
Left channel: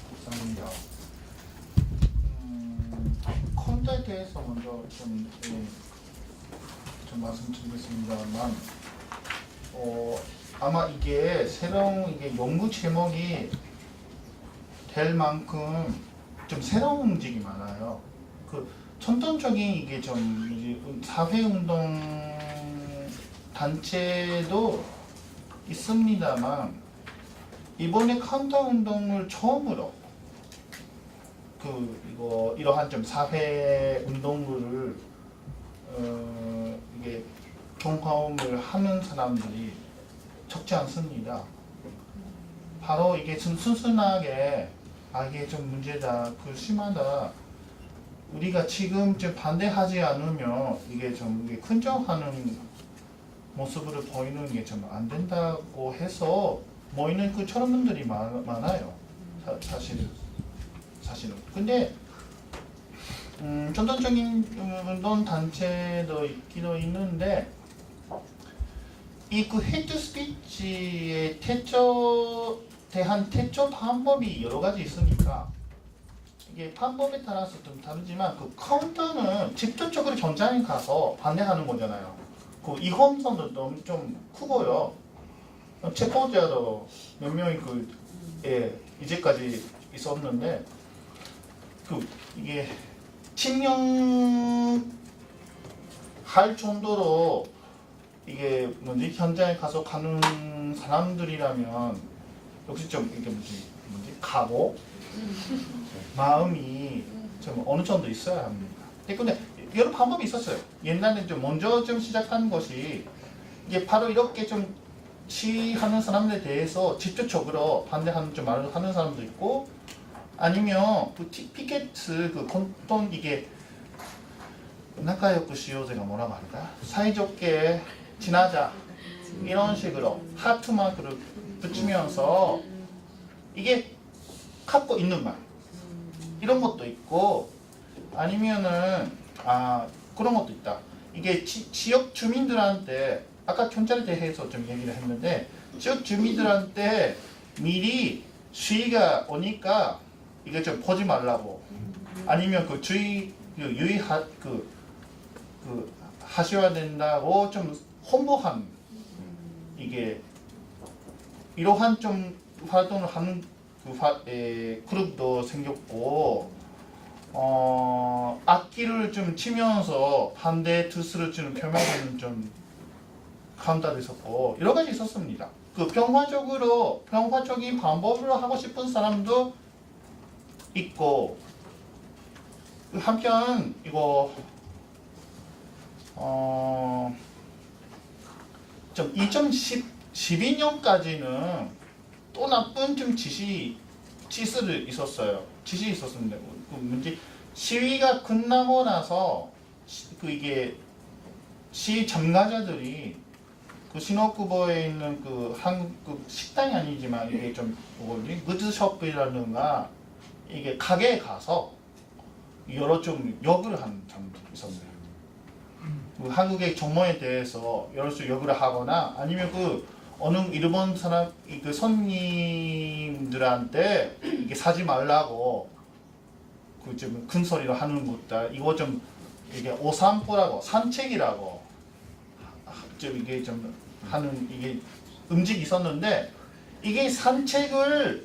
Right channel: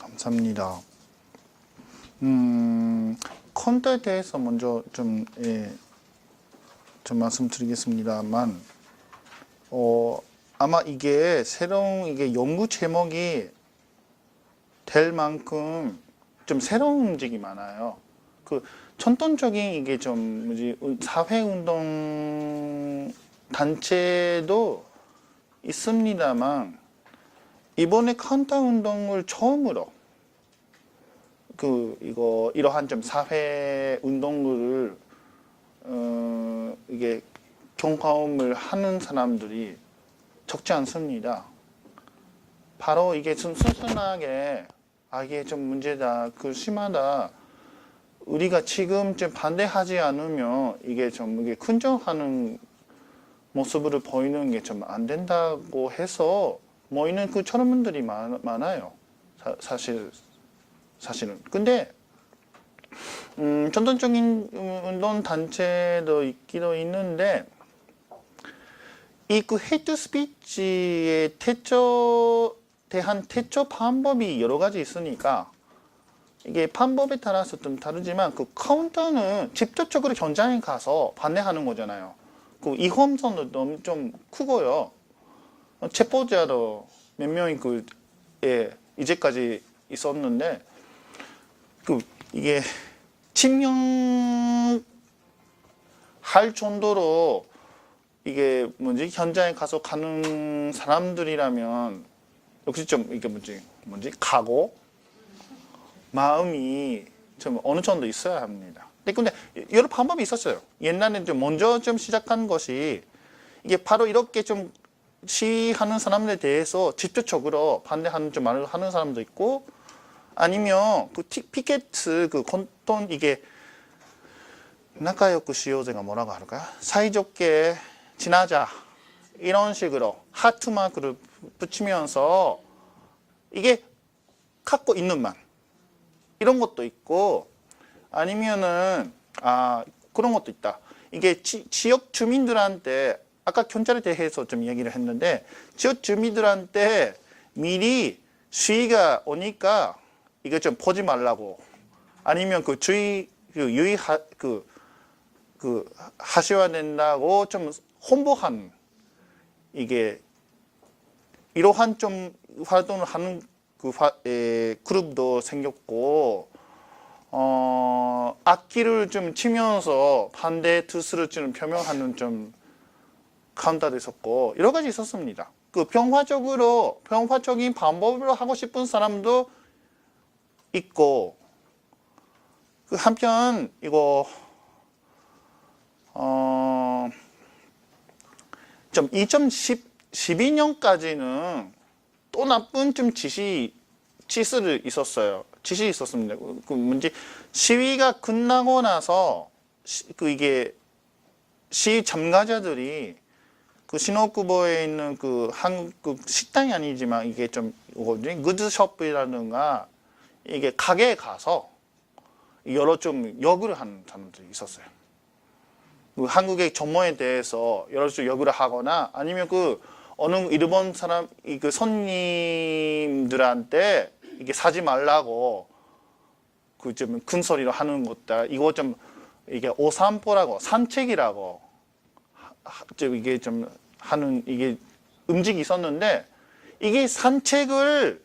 감사합니다. 콘텐츠에 대해서 먼저 좀 말씀드리겠습니다만, 아마 이게 새로운 이게 연구 제목이 될 만큼 좀 새로운 움직임이 많아요. 그 전통적인 이게 좀 사회운동 단체도 있습니다만, 이번에 카운터 운동을 처음으로 이러한 좀 사회 운동을 이게 경험을 하는 사람들이 적지 않습니다. 바로 이게 좀 순순하게 이게 좀 문제다, 심하다. 우리가 지금 좀 반대하지 않으면 이게 근정하는 모습을 보이는 게 좀 안 된다고 해서 모이는 저런 분들이 많아요. 사실은. 근데 전통적인 운동 단체도 있기도 있는데 이 헤이트 스피치의 대한 대처 방법이 여러 가지 있으니까 이게 방법에 따라서 좀 다르지만 카운터는 직접적으로 현장에 가서 반대하는 거잖아요. 이험선도 너무 좀 크고요. 체포자도 몇 명이 이제까지 있었는데 이게 칭령할 정도로 이게 현장에 가서 가는 사람들이라면 역시 좀 이게 각오 마음이 좀 어느 정도 있어야 합니다. 근데 여러 방법이 있었어요. 옛날에 좀 먼저 좀 시작한 것이 이게 바로 이렇게 좀 시위하는 사람들에 대해서 직접적으로 반대하는 좀 말을 하는 사람도 있고, 아니면 피켓 공통 이게 나카요쿠 시요제가 뭐라고 할까? 사이좋게 지나자 이런 식으로 하트 마크를 붙이면서 이게 갖고 있는 말 이런 것도 있고, 아니면은 그런 것도 있다. 이게 지역 주민들한테 아까 경찰에 대해서 좀 얘기를 했는데 지역 주민들한테 미리 시위가 오니까 이거 좀 보지 말라고, 아니면 하셔야 된다고 좀 홍보한 이게 이러한 좀 활동을 하는 그룹도 생겼고, 악기를 좀 치면서 반대 뜻을 좀 표명하는 좀 카운터도 있었고 여러 가지 있었습니다. 평화적인 방법으로 하고 싶은 사람도 있고, 한편 이거 좀 2012년까지는 또 나쁜 좀 지시 있었습니다. 시위가 끝나고 나서 이게 시위 참가자들이 신호쿠보에 있는 한국 식당이 아니지만 이게 좀 구즈숍이라든가 이게 가게에 가서 여러 좀 욕을 하는 사람들이 있었어요. 한국의 정모에 대해서 여러 좀 욕을 하거나, 아니면 어느 일본 사람 손님들한테 이게 사지 말라고 좀 큰 소리로 하는 것들, 이거 좀 이게 오산포라고 산책이라고 좀 이게 좀 하는 이게 움직이 있었는데, 이게 산책을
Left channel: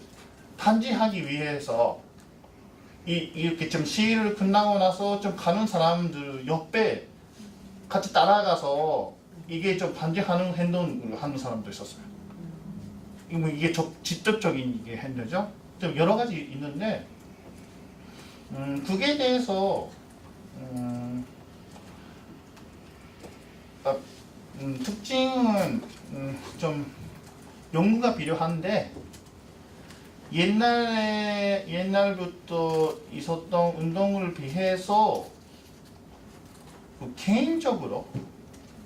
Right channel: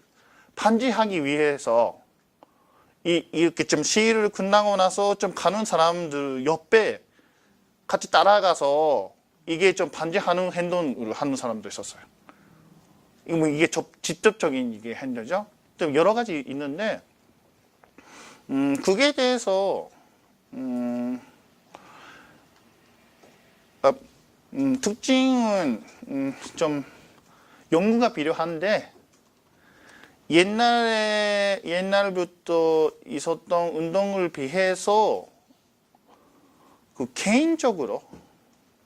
방지하기 위해서 이렇게 좀 시위를 끝나고 나서 좀 가는 사람들 옆에 같이 따라가서 이게 좀 반대하는 행동을 하는 사람도 있었어요. 뭐 이게 직접적인 이게 핸드죠. 좀 여러 가지 있는데 그게 대해서 특징은 좀 연구가 필요한데 옛날부터 있었던 운동을 비해서 그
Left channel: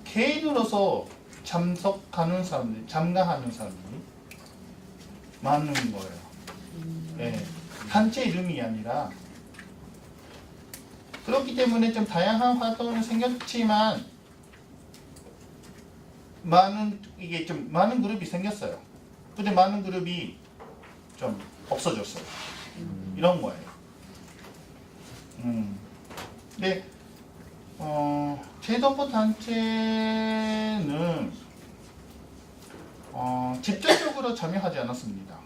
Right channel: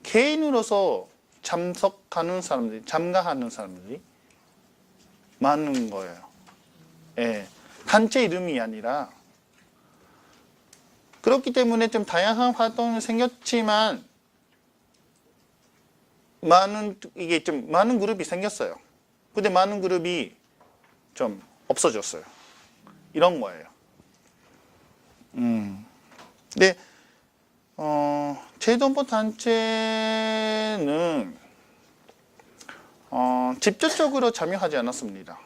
개인으로서 참가하는 사람들이 많은 거예요. 예, 단체 이름이 아니라 그렇기 때문에 좀 다양한 활동이 생겼지만 많은 그룹이 생겼어요. 근데 많은 그룹이 좀 없어졌어요. 이런 거예요. 근데 재정보 단체는 직접적으로 참여하지 않았습니다.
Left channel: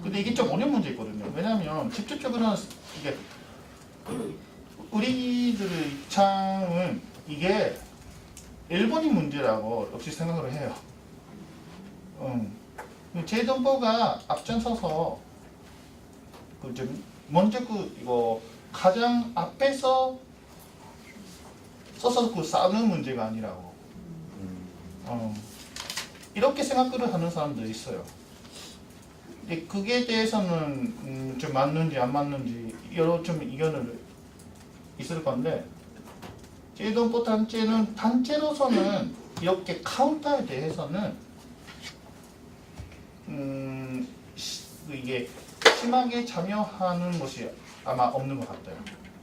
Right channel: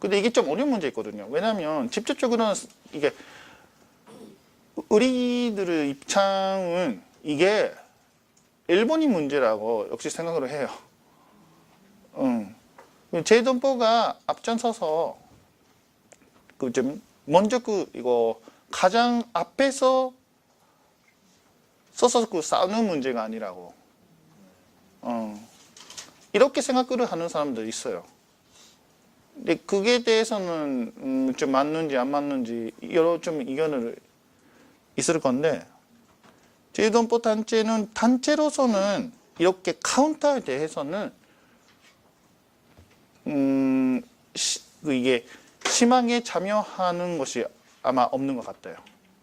근데 이게 좀 어려운 문제 있거든요. 왜냐하면 직접적으로는 이게 우리들의 입장은 이게 일본이 문제라고 역시 생각을 해요. 재정보가 앞장서서 먼저 이거 가장 앞에서 서서 싸우는 문제가 아니라고. 이렇게 생각을 하는 사람들이 있어요. 근데 그게 대해서는 좀 맞는지 안 맞는지 여러 좀 의견을 있을 건데 재정보 단체는 단체로서는 이렇게 카운터에 대해서는 이게 심하게 참여하는 것이 아마 없는 것 같아요.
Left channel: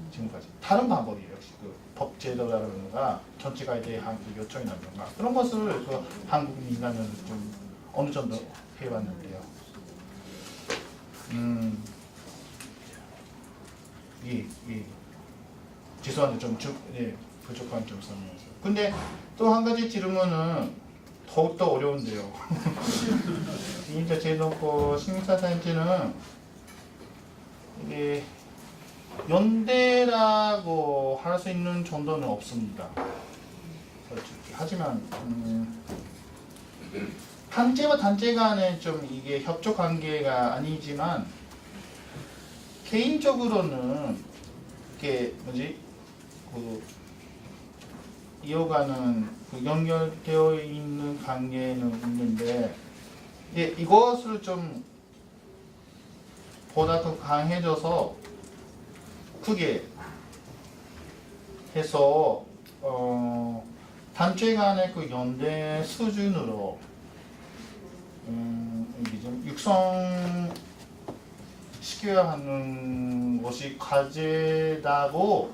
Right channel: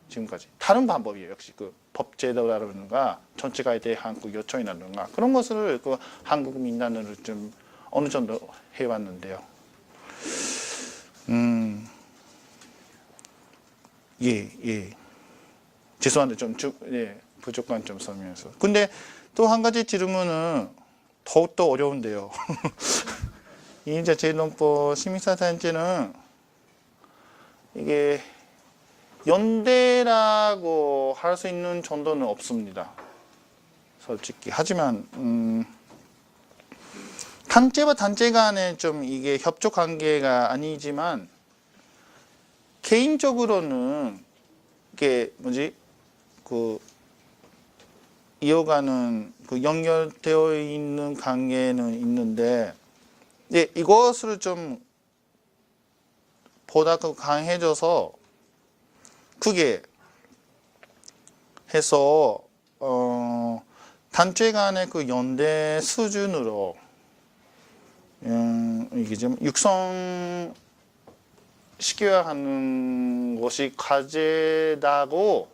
지금까지 다른 방법이에요. 역시 법제도라든가 정책에 대한 요청이라든가 그런 것을 한국 민단으로 좀 어느 정도 해왔는데요. 예. 죄송한데 좀 부족한 점 설명해서. 근데 또 한 가지 질문은 더욱더 어려운데요. 이제 재정보 시민사단체는 이게 연대라고 할 수 있는 정도는 없습니다. 솔직히. 하지만 단체와 단체 간에 좀 이게 협조 관계가 아니지만 개인적으로는 이게 이어가는 연결되어 있는 관계는 있는데 이것을 좀 보다 더 강해져서 크게 해서 단체 간의 연대 수준으로 이게 좀 육성시켜야 하는 것이 과제다고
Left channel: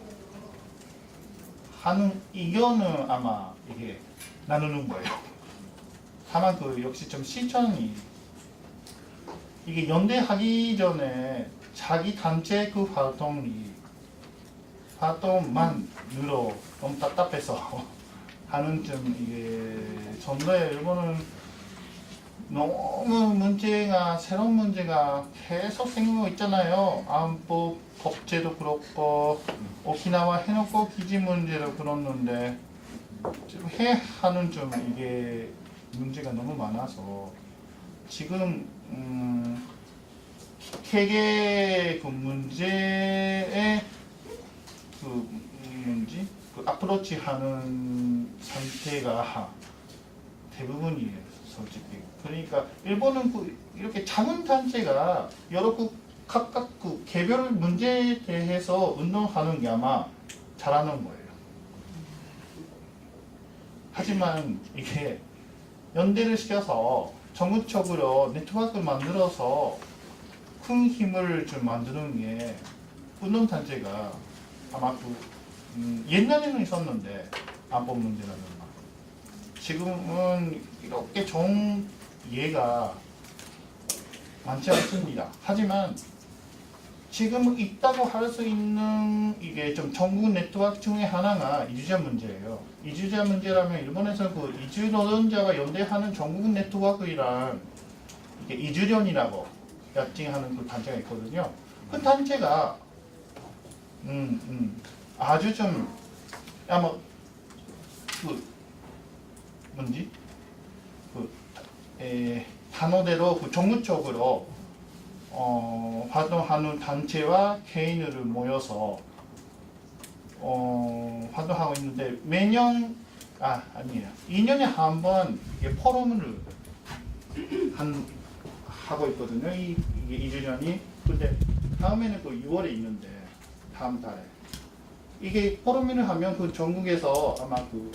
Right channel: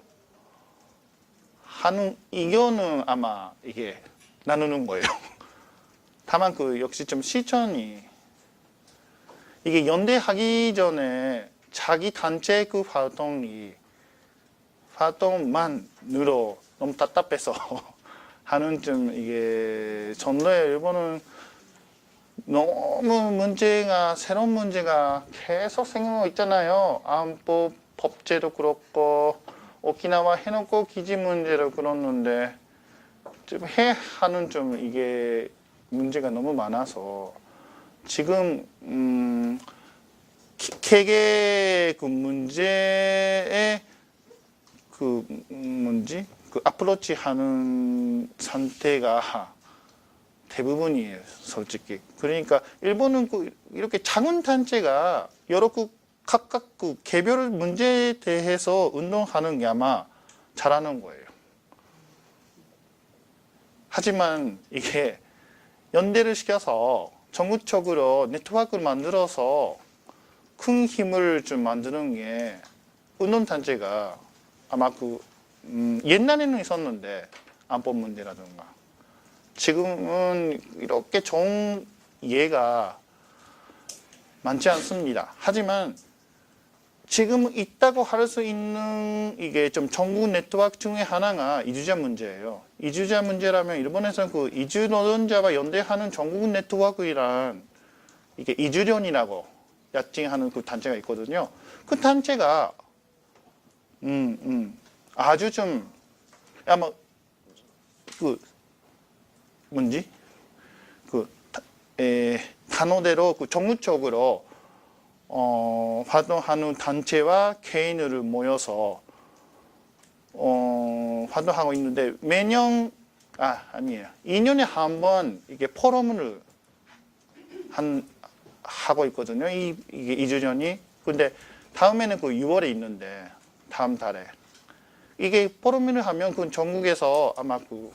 하는 의견은 아마 이게 나누는 거예요. 다만 역시 좀 실천이 이게 연대하기 전에 자기 단체 활동만으로 너무 답답해서 하는 좀 이게 전례 이거는 너무 새로운 문제가 계속 생기고 있잖아요. 안보 법제도 그렇고 오키나와 해놓고 기지 문제도 그렇는데 좀 하는 좀 이게 문제가 너무 많아서 지금 개개 문제에 어프로치 하는 상태가 대부분이에요, 솔직히. 그러니까 일본은 이렇게 작은 단체가 여러 각각 개별 문제에 대해서 운동하는 게 아마 잘하는 거예요. 하지만 이게 연대를 시켜서 전국적으로 네트워크를 만들어서 큰 힘을 좀 만드는 게 운동단체가 아마 옛날에는 있었는데 안보 문제라든가 지금은 이렇게 좋은 예가 많지 않습니다. 하지만 지금 있다고 할 수 있는 이게 좀 전국 네트워크 중에 하나가 이주자 문제예요. 이주자 문제라면 일본에서 이주 노동자와 연대하는 전국 네트워크이란 이게 이주련이라고 약칭하는 단체가 있거든요. 그 단체가 아주 좀 아마 단어대로 그 전국적으로 활동하는 단체와 개인을 모여서 활동하고 있는데 매년 아니에요. 2년에 한 번 이게 포럼을 하고 있거든요. 이게 2주 전이. 근데 다음에는 그 6월에 있는데 다음 달에 이게 포럼을 하면 그 전국에서 아마 그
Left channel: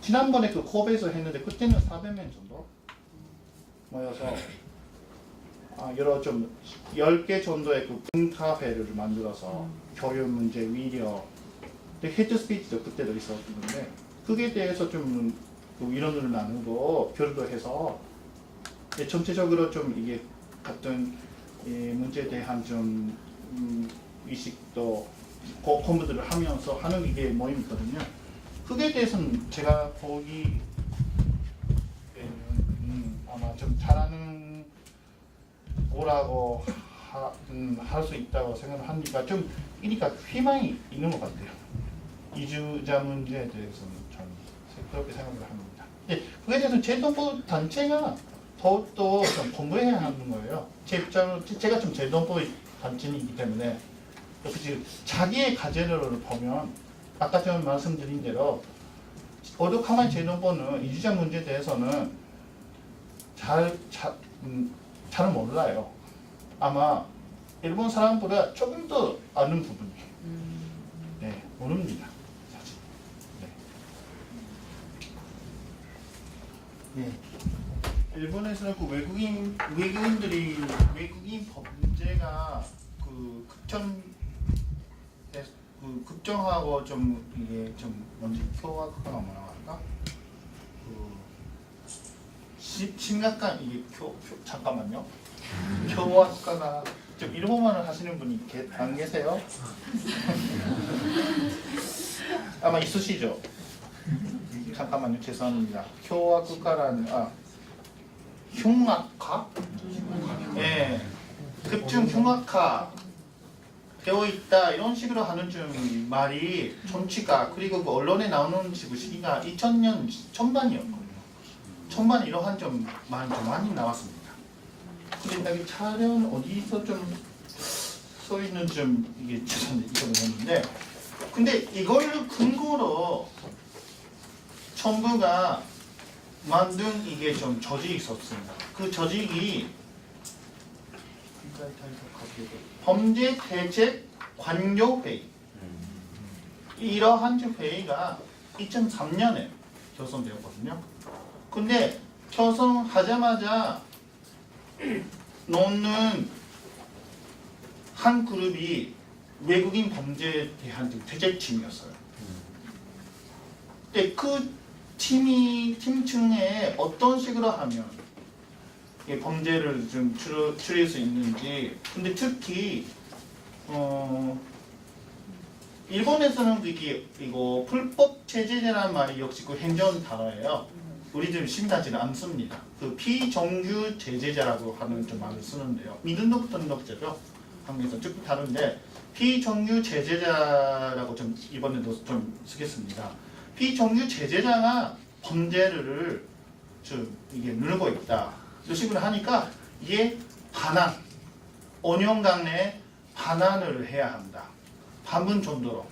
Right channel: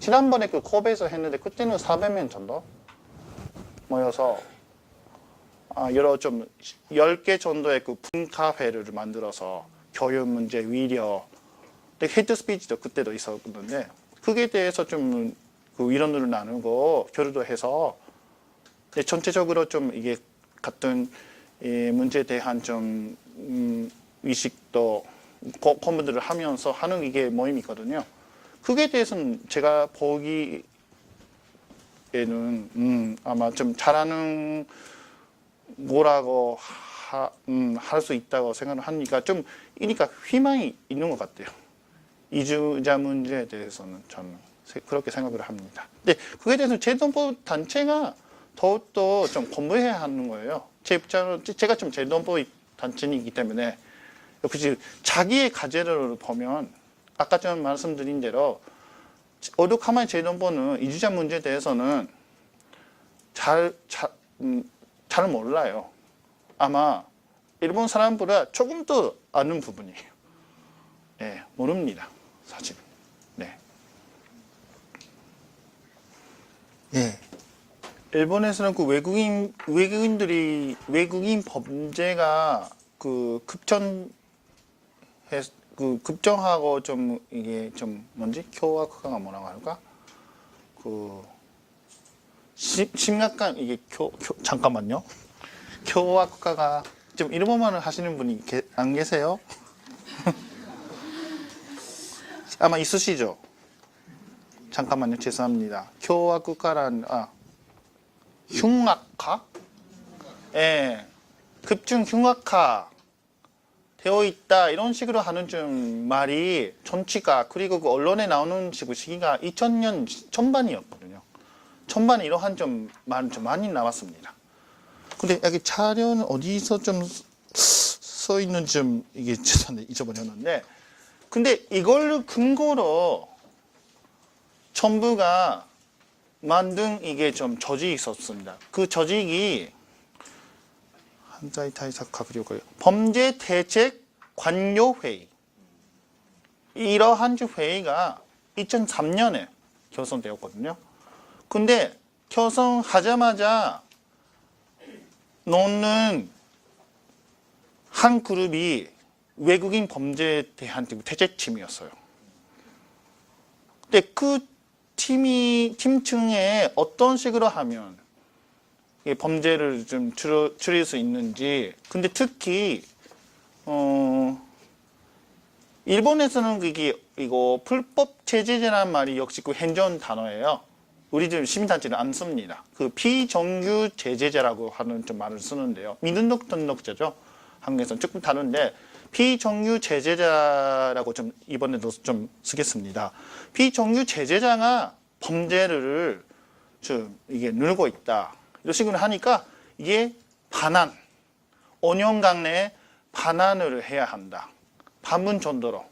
지난번에 그 컵에서 했는데 그때는 400명 정도 모여서 여러 좀 10개 정도의 그 분카회를 만들어서 교육 문제, 위력, 근데 헤드 스피치도 그때도 있었는데 그게 대해서 좀 그 의견을 나누고 교류도 해서 전체적으로 좀 이게 같은 문제에 대한 좀 의식도 공부들을 하면서 하는 이게 모임이거든요. 그게 대해서는 제가 보기에는 아마 좀 잘하는 뭐라고 할 수 있다고 생각을 하니까 좀 이니까 희망이 있는 것 같아요. 이주자 문제에 대해서는 참 그렇게 생각을 합니다. 근데 그에 대해서 제도부 단체가 더욱더 좀 공부해야 하는 거예요. 제 입장으로 제가 좀 제도부 단체이기 때문에 역시 자기의 과제를 보면 아까 좀 말씀드린 대로 오죽하면 제도부는 이주자 문제에 대해서는 잘 몰라요. 아마 일본 사람보다 조금 더 아는 부분이에요. 네, 모릅니다, 사실. 네. 네. 일본에서는 그 외국인 범죄가 그 급정하고 좀 이게 좀 뭔지 교화가 뭐라고 할까? 그 심각한 이게 잠깐만요. 교학과가 좀 일본말을 하시는 분이 안 계세요? 아마 있으시죠? 잠깐만요. 죄송합니다. 교학과란 흉악화? 예. 급증 흉악화 되어 있다 이런 식으로 하는 좀 말이 정치가 그리고 그 언론에 나오는 시기가 2000년 전반이었거든요. 전반 이러한 좀 많이 나왔습니다. 근데 여기 자료는 어디서 좀 써 있는지 좀 이게 잊어버렸는데, 근데 이걸 근거로 정부가 만든 이게 좀 조직이 있었습니다. 그 조직이 한자의 타이사카브리오가 범죄 대책 관료회의. 이러한 회의가 2003년에 결성되었거든요. 근데 결성하자마자 놓는 한 그룹이 외국인 범죄에 대한 대책팀이었어요. 근데 그 팀층에 어떤 식으로 하면 이 범죄를 좀 줄일 수 있는지. 근데 특히 일본에서는 이거 불법 체제제라는 말이 역시 그 행정 단어예요. 우리 지금 시민단체는 안 씁니다. 그 비정규 제재자라고 하는 좀 말을 쓰는데요. 미등록 등록자죠. 한국에서는 조금 다른데 비정규 제재자라고 좀 이번에도 좀 쓰겠습니다. 비정규 제재자가 범죄를 좀 이게 늘고 있다. 이런 식으로 하니까 이게 반환, 5년간 내에 반환을 해야 한다. 반분 정도로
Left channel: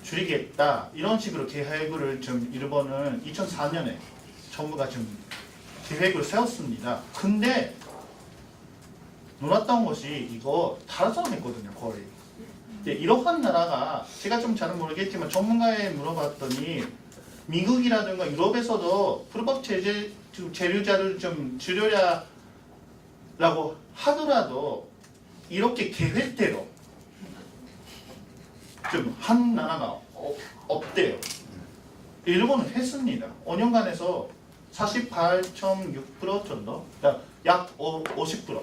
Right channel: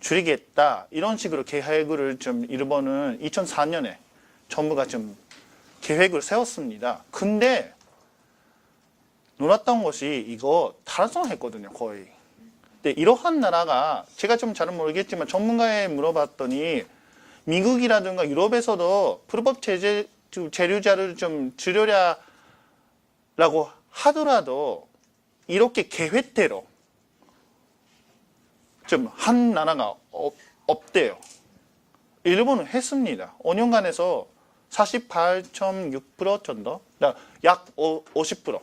줄이겠다. 이런 식으로 계획을 좀 일본은 2004년에 정부가 좀 계획을 세웠습니다. 근데 놀았던 것이 이거 달성했거든요, 거의. 근데 이러한 나라가 제가 좀 잘 모르겠지만 전문가에 물어봤더니 미국이라든가 유럽에서도 불법 재료자를 좀 줄여라라고 하더라도 이렇게 계획대로 좀 한 나라가 없대요. 일본은 했습니다. 5년간에서 48.6% 정도, 약 50%.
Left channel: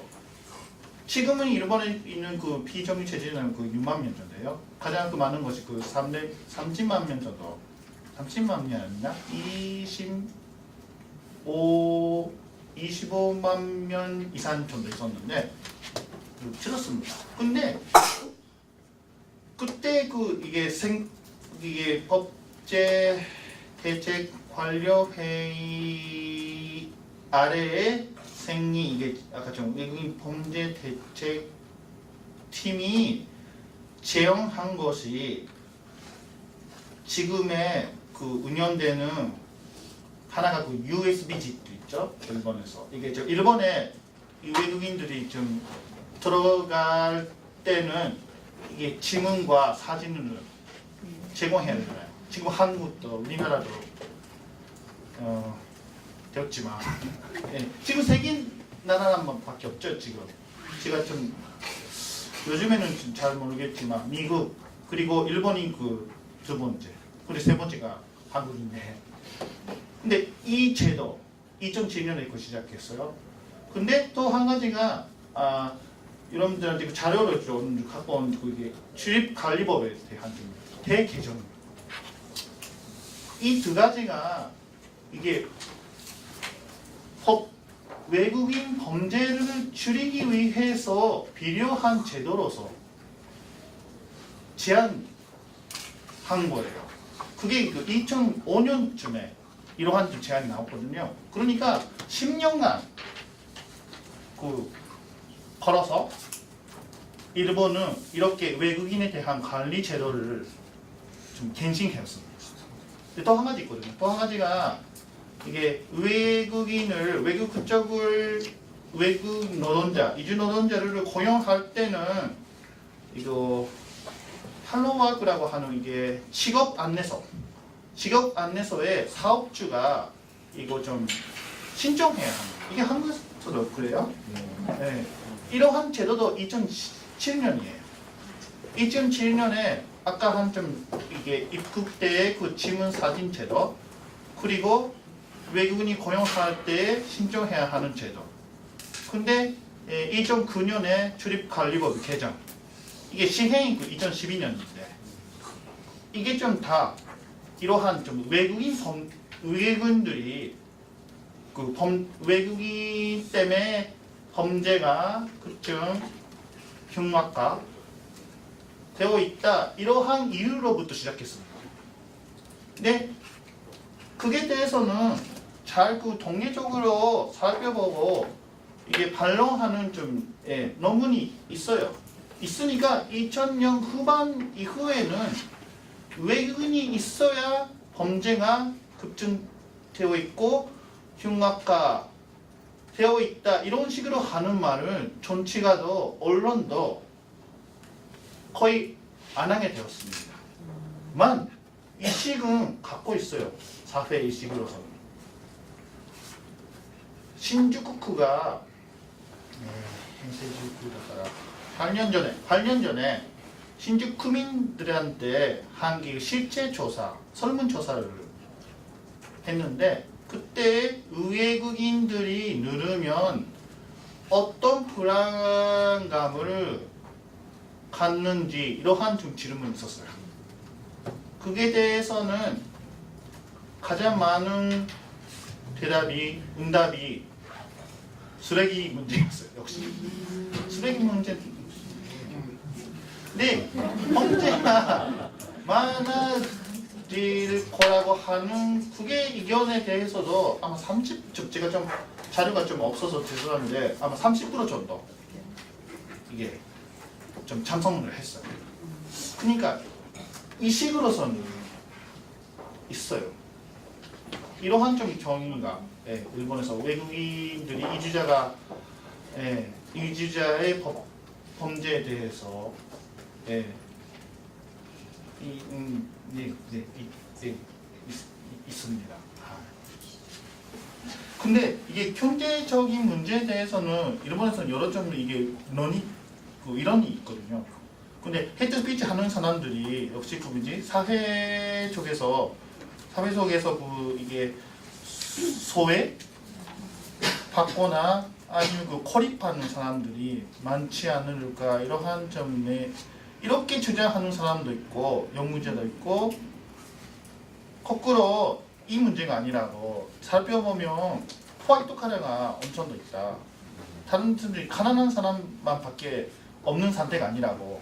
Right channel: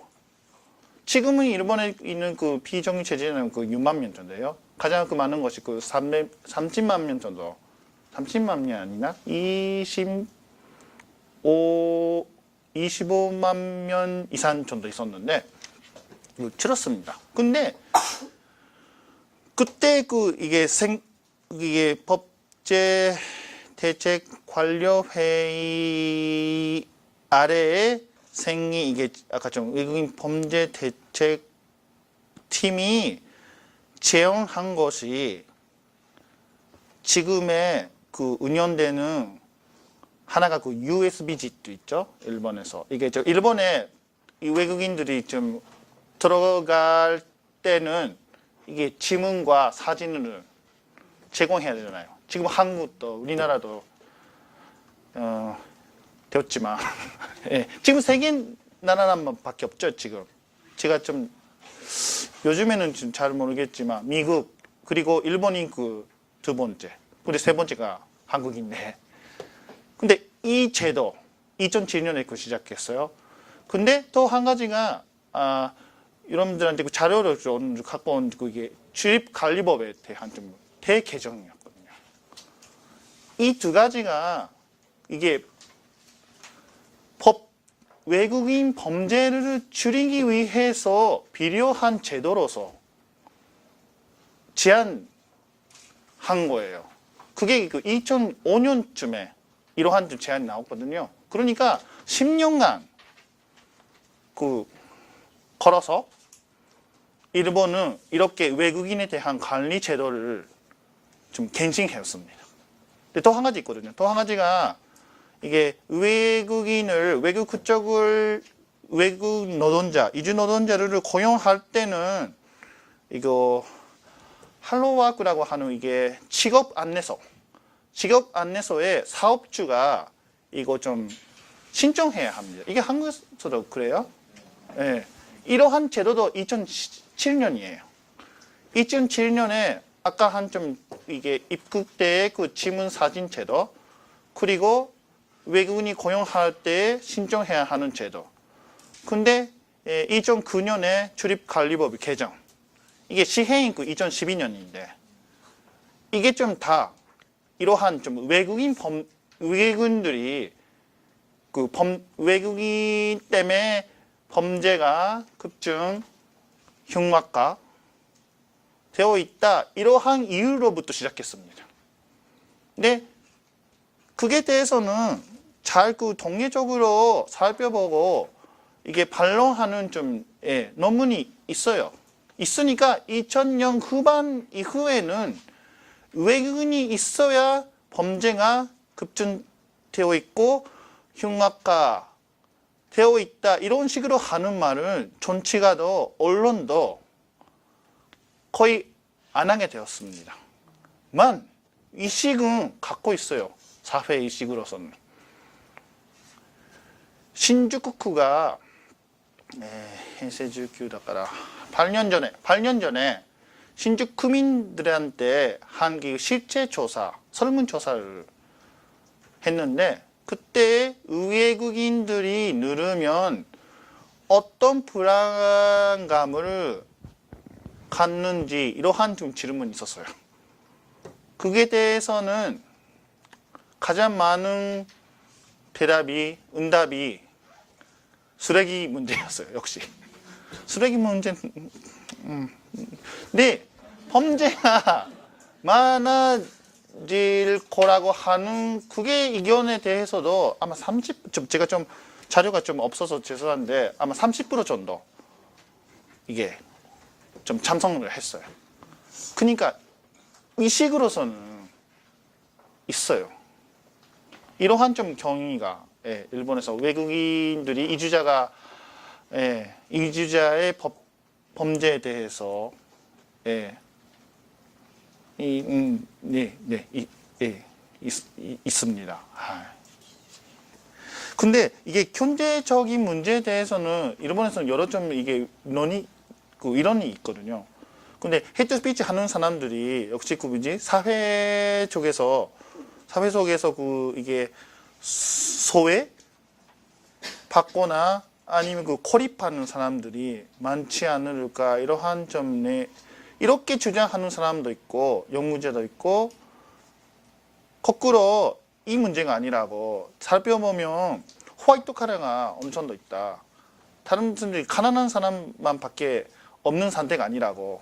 지금은 일본에 있는 그 비정규 체제는 그 6만 명 정도예요. 가장 그 많은 것이 그 30만 명 정도. 30만 명이 아니나 25만 명 이상 정도 있었는데 줄었습니다. 근데 그때 이게 법제 대책 관료 회의 아래에 생리 이게 아까 좀 외국인 범죄 대책 팀이 제언한 것이 지금의 그 운영되는 하나가 그 USB 집 있죠 일본에서 이게 저 일본에 이 외국인들이 좀 들어갈 때는 이게 지문과 사진을 제공해야 되잖아요. 지금 한국도 우리나라도 되었지만 예, 지금 세계 나라만밖에 없죠 지금. 제가 좀 요즘에는 좀 잘 모르겠지만 미국 그리고 일본이 그 두 번째 근데 세 번째가 한국인데 근데 이 제도 2007년에 그 시작했어요. 근데 또 한 가지가 여러분들한테 그 자료를 좀 갖고 온 그게 출입관리법에 대한 좀 대개정이에요. 이 두 가지가 이게 외국인 범죄를 줄이기 위해서 필요한 제도로서 제안한 거예요. 그게 그 2005년쯤에 이러한 제안이 나왔거든요. 그러니까 10년간 그 걸어서 일본은 이렇게 외국인에 대한 관리 제도를 좀 갱신했습니다. 근데 또 한 가지 있거든요. 또 한 가지가 이게 외국인을 외국 국적을 외국 노동자 이주 노동자를 고용할 때는 이거 할로와크라고 하는 이게 직업 안내소에 사업주가 이거 좀 신청해야 합니다. 이게 한국에서도 그래요? 네. 이러한 제도도 2007년이에요. 2007년에 아까 한 좀 이게 입국 때의 그 지문 사진 제도 그리고 외국인이 고용할 때 신청해야 하는 제도. 근데 2009년에 출입관리법 개정. 이게 시행이 그 2012년인데 이게 좀 다 이러한 좀 외국인들이 그 외국인 때문에 범죄가 급증 흉악화 되어 있다 이러한 이유로부터 시작했습니다. 근데 그게 대해서는 잘 그 통계적으로 살펴보고 이게 반론하는 좀 논문이 있어요. 있으니까 2000년 후반 이후에는 외국인이 있어야 범죄가 급증되어 있고 흉악화 되어 있다 이런 식으로 하는 말은 정치가도 언론도 거의 안 하게 되었습니다. 만 의식은 갖고 있어요. 사회 의식으로서는. 신주쿠쿠가 현세 19だから 8년 전에 신주 구민들한테 한 실제 조사, 설문조사를 했는데 그때 외국인들이 누르면 어떤 불안감을 갖는지 이러한 좀 질문이 있었어요. 그게 대해서는 가장 많은 응답이 쓰레기 문제였어요. 역시 쓰레기 문제. 근데 범죄가 많아질 거라고 하는 그게 의견에 대해서도 아마 제가 좀 자료가 좀 없어서 죄송한데 아마 30% 정도 이게 좀 찬성을 했어요. 그러니까 의식으로서는 있어요. 이러한 좀 경위가 일본에서 외국인들이 이주자의 범죄에 대해서 있습니다. 근데 이게 경제적인 문제에 대해서는 일본에서는 여러 좀 이게 이론이 있거든요. 근데 헤이트 스피치 하는 사람들이 역시 사회 속에서 이게 소외 받거나 아니면 고립하는 사람들이 많지 않을까 이러한 점에 이렇게 주장하는 사람도 있고 연구자도 있고 거꾸로 이 문제가 아니라고 살펴보면 호화이트 카레가 엄청 더 있다. 다른 사람들이 가난한 사람만밖에 없는 상태가 아니라고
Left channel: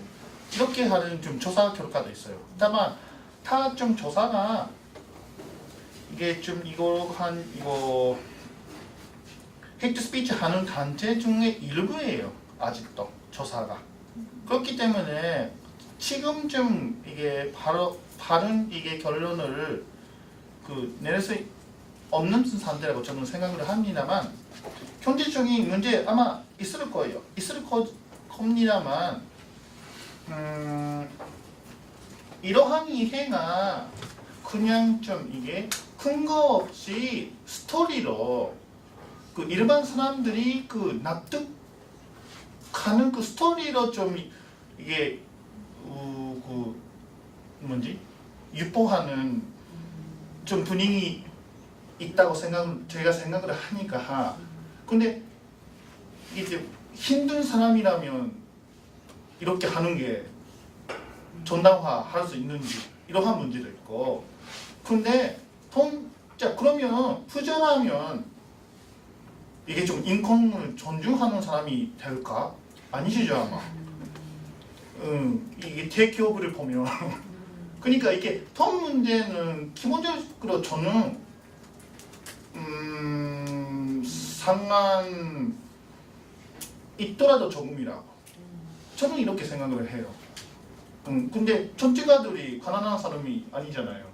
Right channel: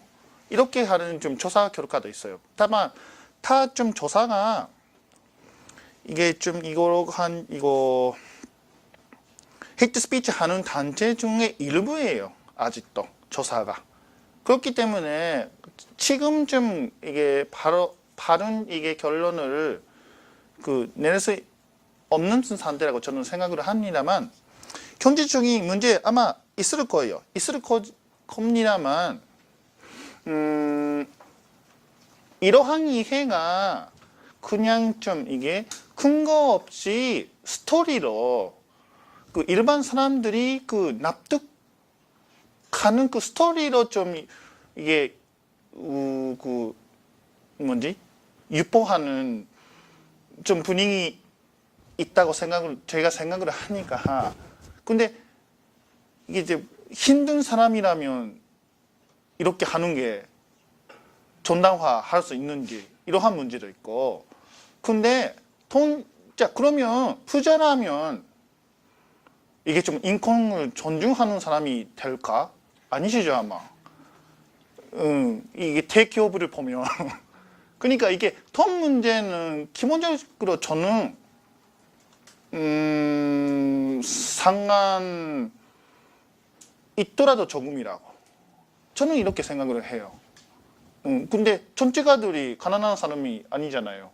이렇게 하는 좀 조사 결과도 있어요. 다만 다 좀 조사가 이게 좀 이거 헤이트 스피치 하는 단체 중에 일부예요. 아직도 조사가. 그렇기 때문에 지금쯤 이게 바른 이게 결론을 내릴 수 없는 상태라고 저는 생각을 합니다만 경제적인 문제 아마 있을 거예요. 있을 겁니다만 이러한 이해가 그냥 좀 이게 근거 없이 스토리로 일반 사람들이 납득하는 스토리로 좀 이게 유포하는 좀 분위기 있다고 제가 생각을 하니까. 근데 이게 이제 힘든 사람이라면 이렇게 하는 게 정당화할 수 있는지 이러한 문제도 있고. 근데 그러면 부자라면 이게 좀 인권을 존중하는 사람이 될까? 아니시죠 아마. 이게 대기업을 보면 그러니까 이게 돈 문제는 기본적으로 저는 상한 있더라도 조금이라고 저는 이렇게 생각을 해요. 근데 정치가들이 가난한 사람이 아니잖아요.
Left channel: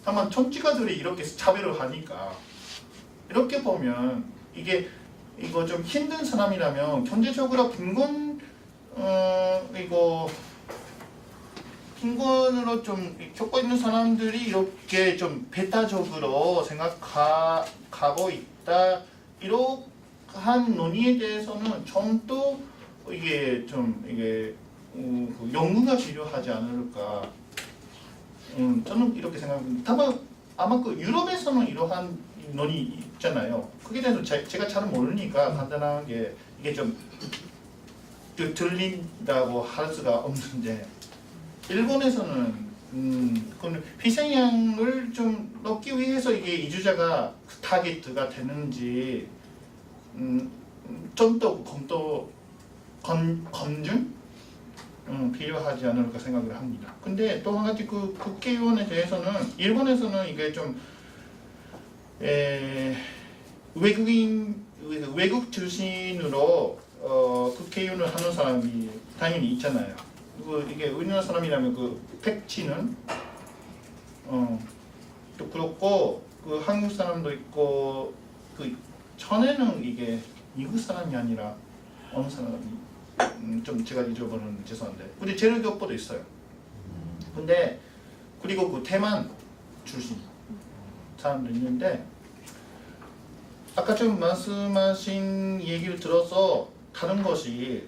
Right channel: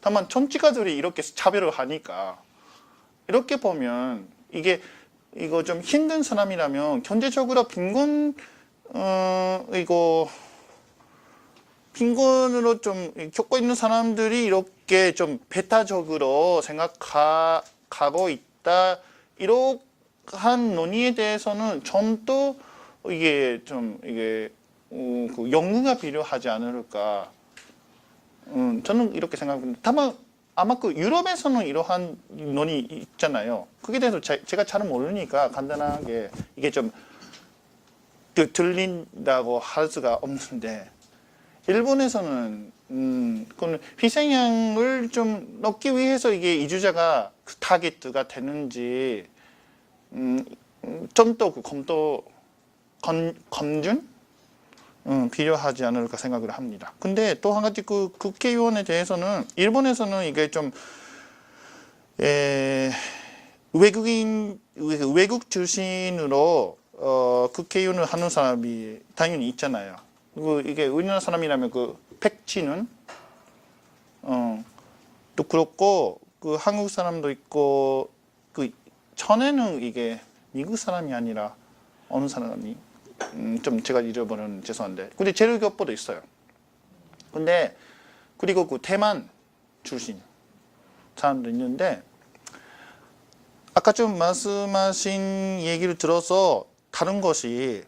다만 정치가들이 이렇게 차별을 하니까 이렇게 보면 이거 좀 힘든 사람이라면 경제적으로 빈곤으로 좀 겪고 있는 사람들이 이렇게 좀 배타적으로 생각하고 있다. 이러한 논의에 대해서는 좀 더 이게 연구가 필요하지 않을까. 저는 이렇게 생각합니다. 다만 아마 유럽에서는 이러한 논의 있잖아요. 그게 대해서 제가 잘 모르니까 간단하게 이게 좀 들린다고 할 수가 없는데 일본에서는 그건 희생양을 좀 넣기 위해서 이게 이주자가 타깃가 되는지 좀 더 검증 필요하지 않을까 생각을 합니다. 근데 또 한 가지 국회의원에 대해서는 일본에서는 이게 좀 외국 출신으로 국회의원을 하는 사람이 당연히 있잖아요. 그리고 이게 우리나라 사람이라면 백치는 또 그렇고 한국 사람도 있고 전에는 이게 미국 사람이 아니라 어느 사람이 좀 제가 잊어버리는 죄송한데 근데 제일교포도 있어요. 근데 그리고 대만 출신 사람도 있는데 아까 좀 말씀하신 얘기를 들어서 다른 것이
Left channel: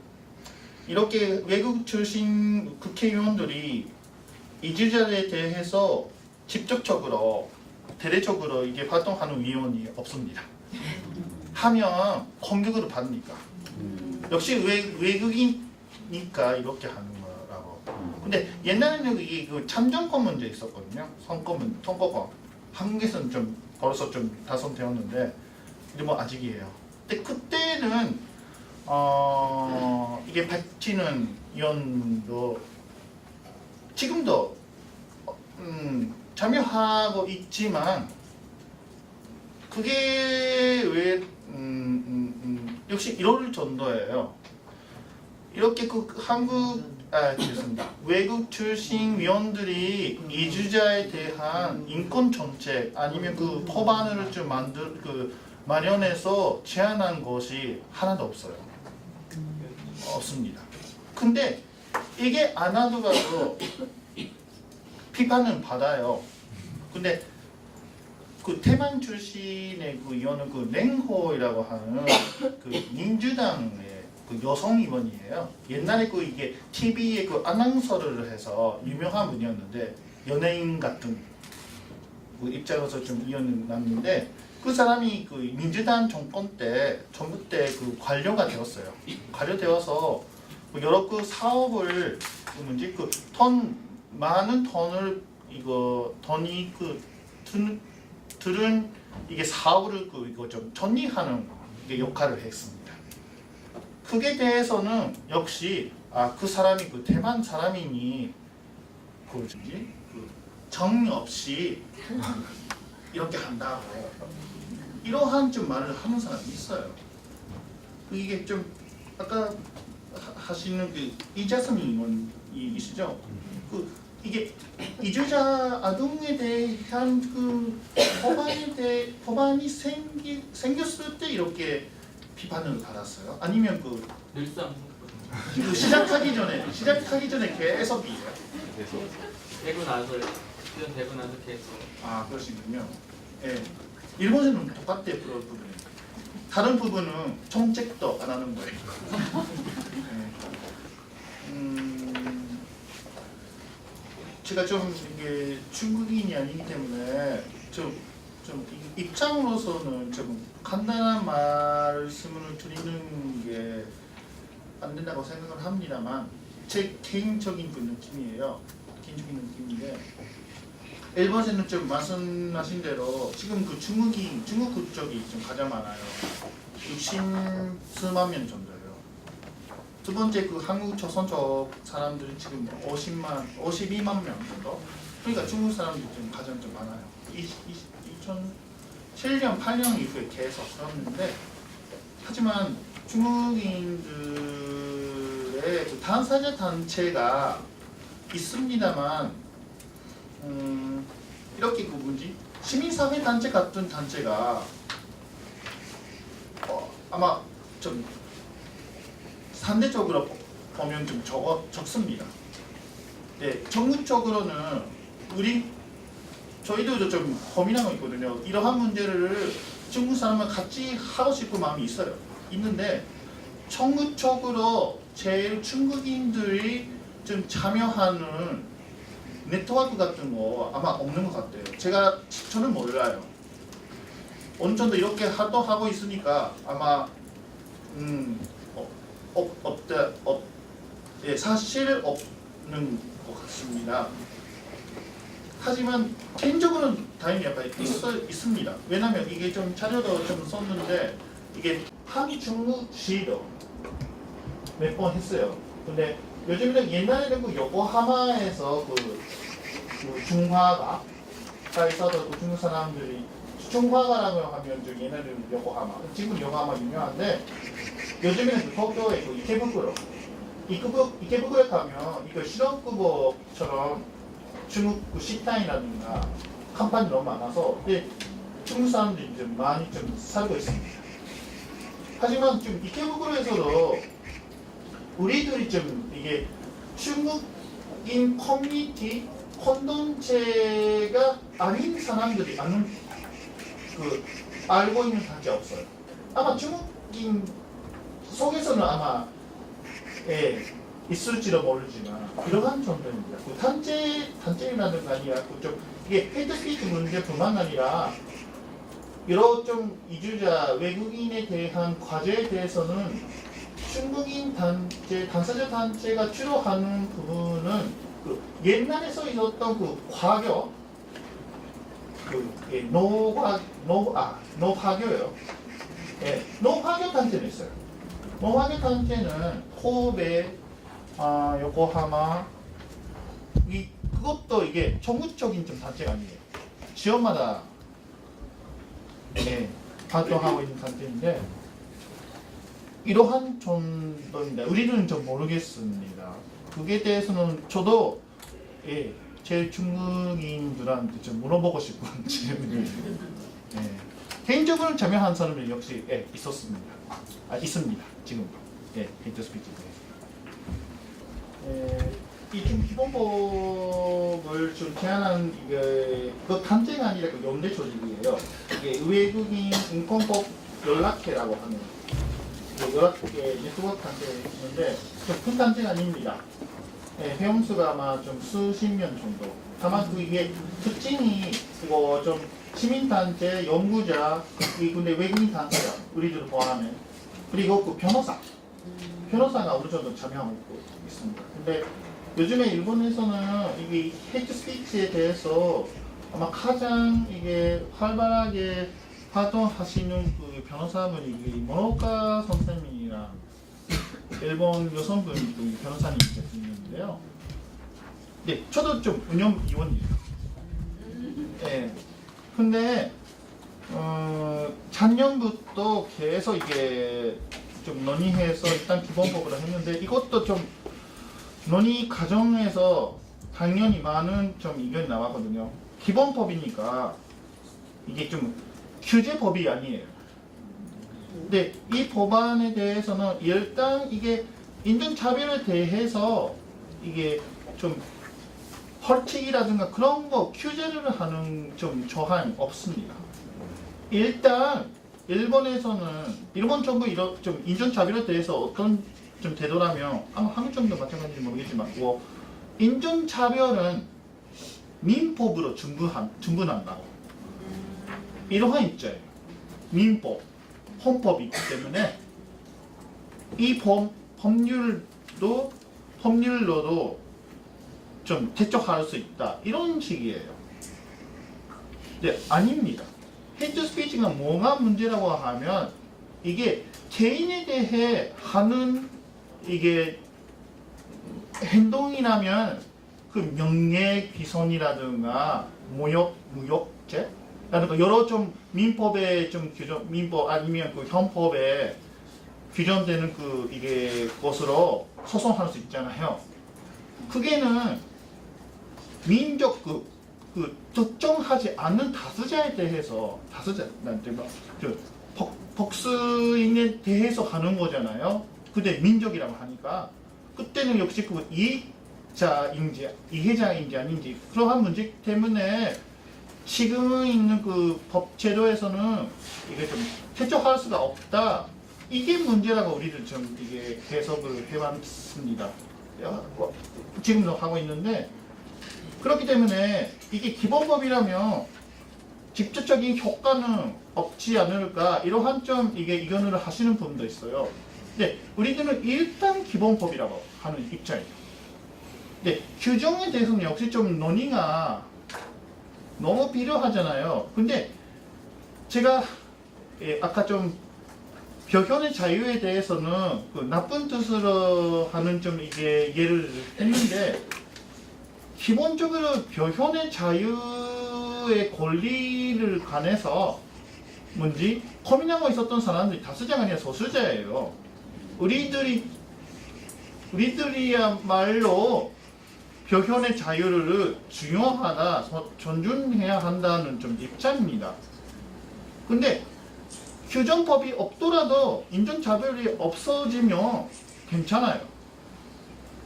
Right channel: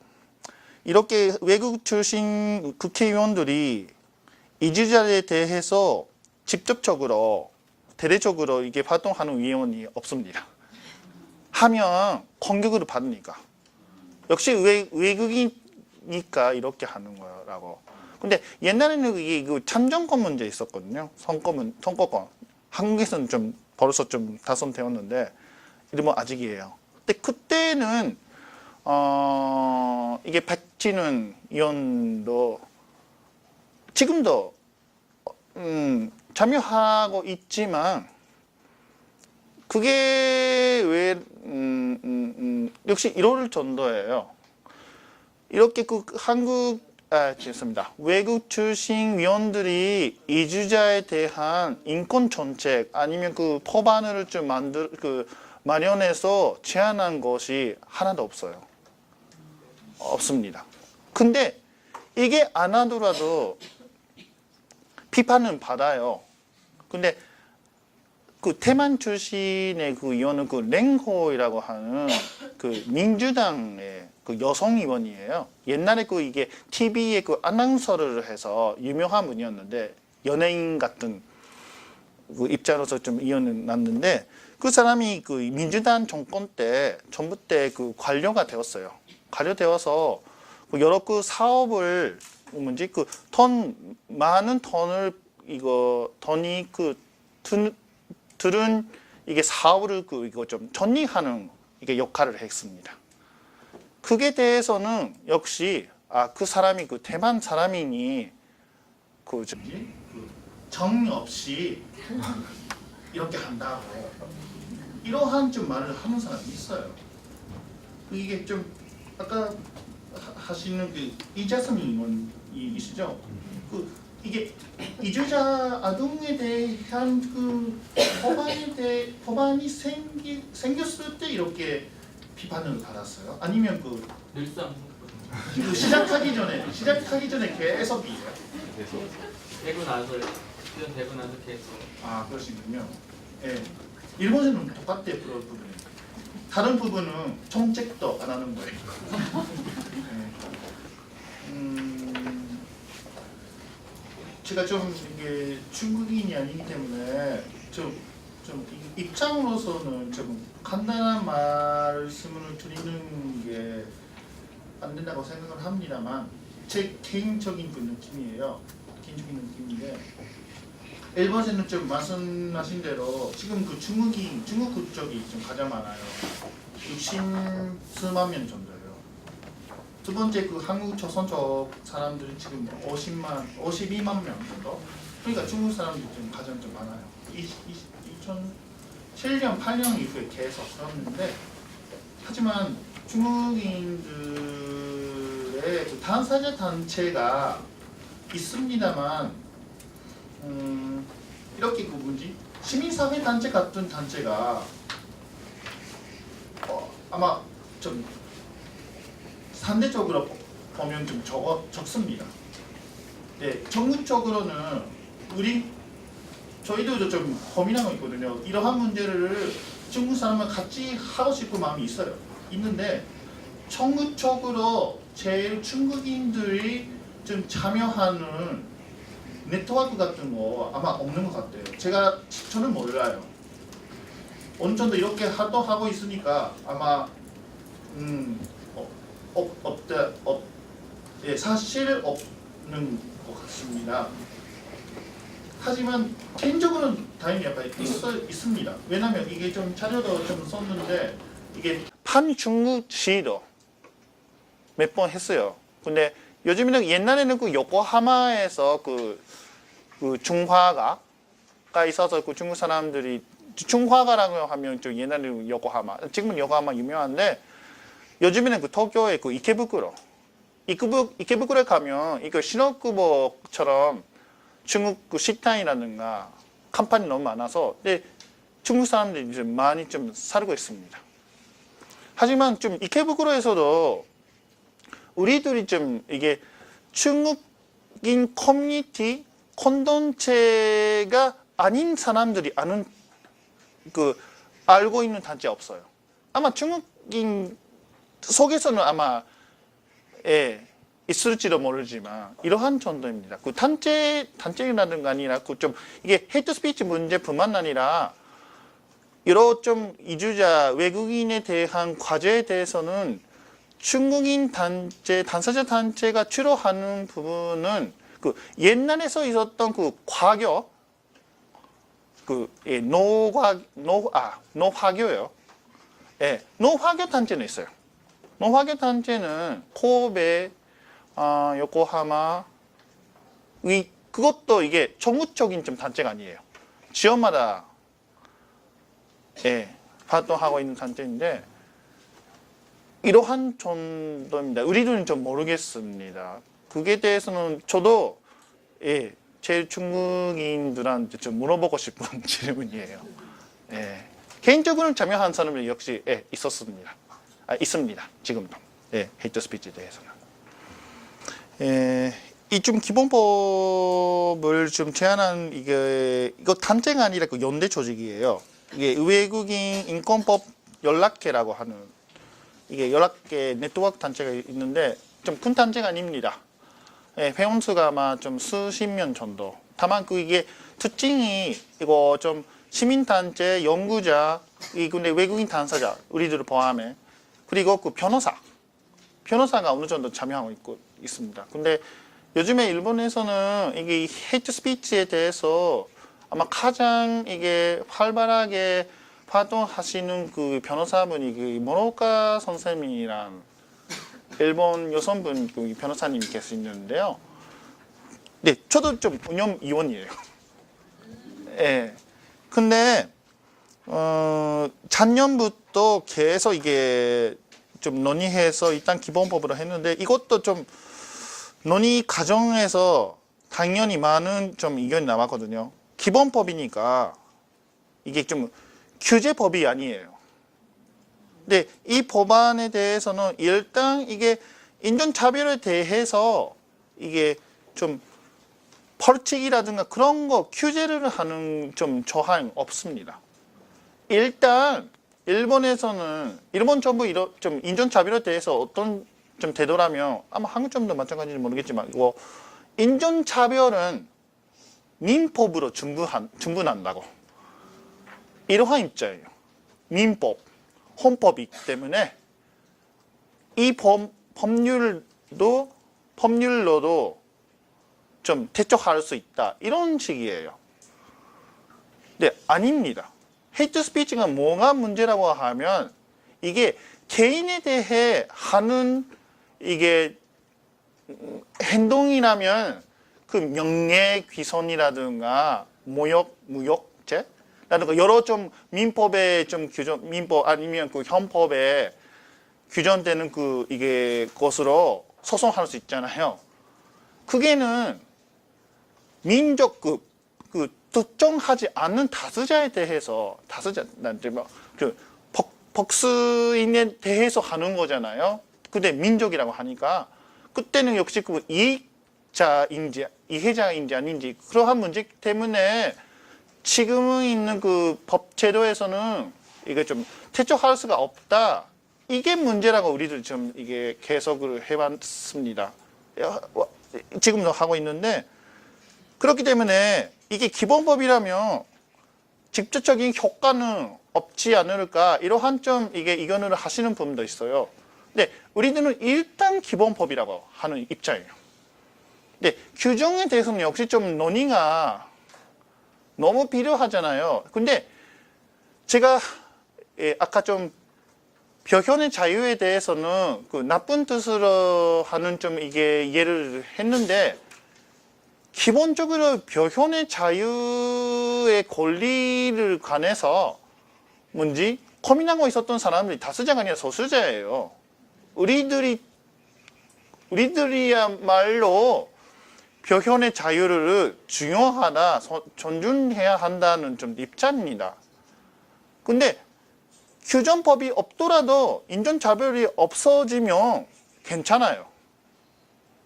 이렇게 외국 출신 국회의원들이 이주자에 대해서 직접적으로 대대적으로 이게 활동하는 의원이 없습니다. 하면 공격을 받으니까. 역시 외국이니까 이렇게 하는 거라고. 근데 옛날에는 이게 참정권 문제 있었거든요. 선거권. 한국에서는 좀 벌써 좀 다선되었는데 뭐 아직이에요. 근데 그때는 이게 백지는 의원도 지금도 참여하고 있지만 그게 왜 역시 이럴 정도예요. 이렇게 죄송합니다. 외국 출신 위원들이 이주자에 대한 인권 정책 아니면 법안을 좀 마련해서 제안한 것이 하나도 없어요. 없습니다. 근데 이게 안 하더라도 비판은 받아요. 근데 대만 출신의 의원은 랭호이라고 하는 민주당의 여성 의원이에요. 옛날에 이게 TV에 아나운서를 해서 유명한 분이었는데 연예인 같은 입장으로서 좀 의원을 났는데 그 사람이 민주당 정권 때 정부 때 관료가 되었어요. 관료되어서 여러 사업을 많은 돈을 돈이 들은 이게 사업을 이거 좀 정리하는 이게 역할을 했습니다. 그게 대해서는 역시 그 사람이 대만 사람이니 정리 없이 이렇게 한다고 이러한 좀 말을 하는 사람이 있어요. 이게 좀 아까 하시는 그 이자선 의원이 있으죠. 그 이게 이주자 아동에 대한 그 법안이 생겼을 때 이렇게 비판을 받았어요. 아니면 그 늘상 시작하기 전에 계속이에요. 되고 나서 시험 되고 나서 계속. 아 그러시군요. 예. 일본에는 똑같대요 그런 부분이. 다른 부분은 정책도 안 하는 거예요. 제가 좀 이게 중국인이 아니기 때문에 좀 입장으로서는 좀 간단한 말씀을 드리는 게 안 된다고 생각을 합니다만 제 개인적인 그 느낌이에요. 개인적인 느낌인데 일본에는 좀 말씀하신 대로 지금 그 중국 국적이 좀 가장 많아요. 60수만 명 정도예요. 두 번째 그 한국 조선족 사람들이 지금 52만 명 정도. 그러니까 중국 사람들이 좀 가장 좀 많아요. 2007년, 8년 이후에 계속 그랬는데 하지만 중국인들의 그 당사자 단체가 있습니다만 이렇게 그 뭐지 시민사회 단체 같은 단체가 아마 좀 상대적으로 보면 좀 적습니다. 네, 전국적으로는 저희들도 좀 고민하고 있거든요. 이러한 문제를 중국 사람과 같이 하고 싶은 마음이 있는데 전국적으로 제일 중국인들이 좀 참여하는 네트워크 같은 거 아마 없는 것 같아요. 저는 몰라요. 어느 정도 이렇게 하고 있으니까 아마 사실 없는 것 같습니다. 하지만 개인적으로는 다행히 약간 있습니다. 왜냐면 이게 좀 자료도 좀 썼는데 이게 한중국시도 몇 번 했어요. 근데 요즘에는 옛날에는 그 요코하마에서 그 중화가가 있어서 그 중국 사람들이 중화가라고 하면 좀 옛날에는 요코하마, 지금은 요코하마 유명한데 요즘에는 그 도쿄의 그 이케부쿠로에 가면 이거 신호쿠보처럼 중국 그 식당이라든가 간판이 너무 많아서 중국 사람들이 좀 많이 좀 살고 있습니다. 하지만 좀 이케부쿠로에서도 우리들이 좀 이게 중국인 커뮤니티 콘텐츠가 아닌 사람들이 알고 있는 단체가 없어요. 아마 중국인 속에서는 아마 있을지도 모르지만 이러한 정도입니다. 그 단체라든가 아니라 좀 이게 헤이트 스피치 문제뿐만 아니라 여러 좀 이주자 외국인에 대한 과제에 대해서는 중국인 당사자 단체가 주로 하는 부분은 그 옛날에서 있었던 그 과교 노화교요. 노화교 단체는 있어요. 노화교 단체는 코베, 요코하마 그것도 이게 전국적인 좀 단체가 아니에요. 지역마다 활동하고 있는 단체인데 이러한 정도입니다. 우리는 좀 모르겠습니다. 그게 대해서는 저도 제일 중국인들한테 좀 물어보고 싶은 질문이에요. 개인적으로 참여한 사람은 역시 있습니다. 지금도 헤이트 스피치에 대해서는. 이 좀 기본법을 좀 제안한 이거 단체가 아니라 그 연대 조직이에요. 이게 외국인 인권법 연락회라고 하는 이게 연락회 네트워크 단체가 있는데 좀 큰 단체가 아닙니다. 회원수가 아마 좀 수십 명 정도. 다만 이게 특징이 이거 좀 시민단체, 연구자, 근데 외국인 당사자 우리들을 포함해 그리고 그 변호사가 어느 정도 참여하고 있습니다. 근데 요즘에 일본에서는 이게 헤이트 스피치에 대해서 아마 가장 이게 활발하게 활동하시는 그 변호사분이 그 모노카 선생님이란 일본 여성분 그 변호사님이 계시는데요. 네, 저도 좀 운영위원이에요. 근데 작년부터 계속 이게 좀 논의해서 일단 기본법으로 했는데 이것도 좀 논의 과정에서 당연히 많은 좀 의견이 나왔거든요. 기본법이니까 이게 좀 규제법이 아니에요. 근데 이 법안에 대해서는 일단 이게 인종차별에 대해서 이게 좀 벌칙이라든가 그런 거 규제를 하는 좀 조항 없습니다. 일단 일본 정부 이런 좀 인종차별에 대해서 어떤 좀 되더라면 아마 한국 정도 마찬가지인지 모르겠지만 인종차별은 민법으로 충분한다고 이러한 입장이에요. 민법, 헌법이 있기 때문에 이 법률로도 좀 대처할 수 있다 이런 식이에요. 네, 아닙니다. 헤이트 스피치가 뭐가 문제라고 하면 이게 개인에 대해 하는 이게 행동이라면 그 명예훼손이라든가 무역죄 라든가 여러 좀 민법에 좀 규정 민법 아니면 그 헌법에 규정되는 그 이게 것으로 소송할 수 있잖아요. 그게는 민족 그 특정하지 않는 다수자에 대해서 다수자한테 뭐그 복수인에 대해서 하는 거잖아요. 근데 민족이라고 하니까 그때는 역시 그 이해자인지 아닌지 그러한 문제 때문에 지금 있는 그 법 제도에서는 이게 좀 대처할 수가 없다. 이게 문제라고 우리들 좀 이게 계속을 해왔습니다. 지금도 하고 있는데 그렇기 때문에 이게 기본법이라면 직접적인 효과는 없지 않을까 이러한 좀 이게 의견을 하시는 분도 있어요. 근데 우리들은 일단 기본법이라고 하는 입장이에요. 근데 규정에 대해서는 역시 좀 논의가 너무 필요하잖아요. 근데 제가 아까 좀 표현의 자유에 대해서는 그 나쁜 뜻으로 하는 좀 이게 이해를 했는데 기본적으로 표현의 자유의 권리를 관해서 고민하고 있었던 사람들이 다수자가 아니라 소수자예요. 우리들이야말로 표현의 자유를 중요하다, 존중해야 한다는 좀 입장입니다. 근데 규정법이 없더라도 인종차별이 없어지면 괜찮아요.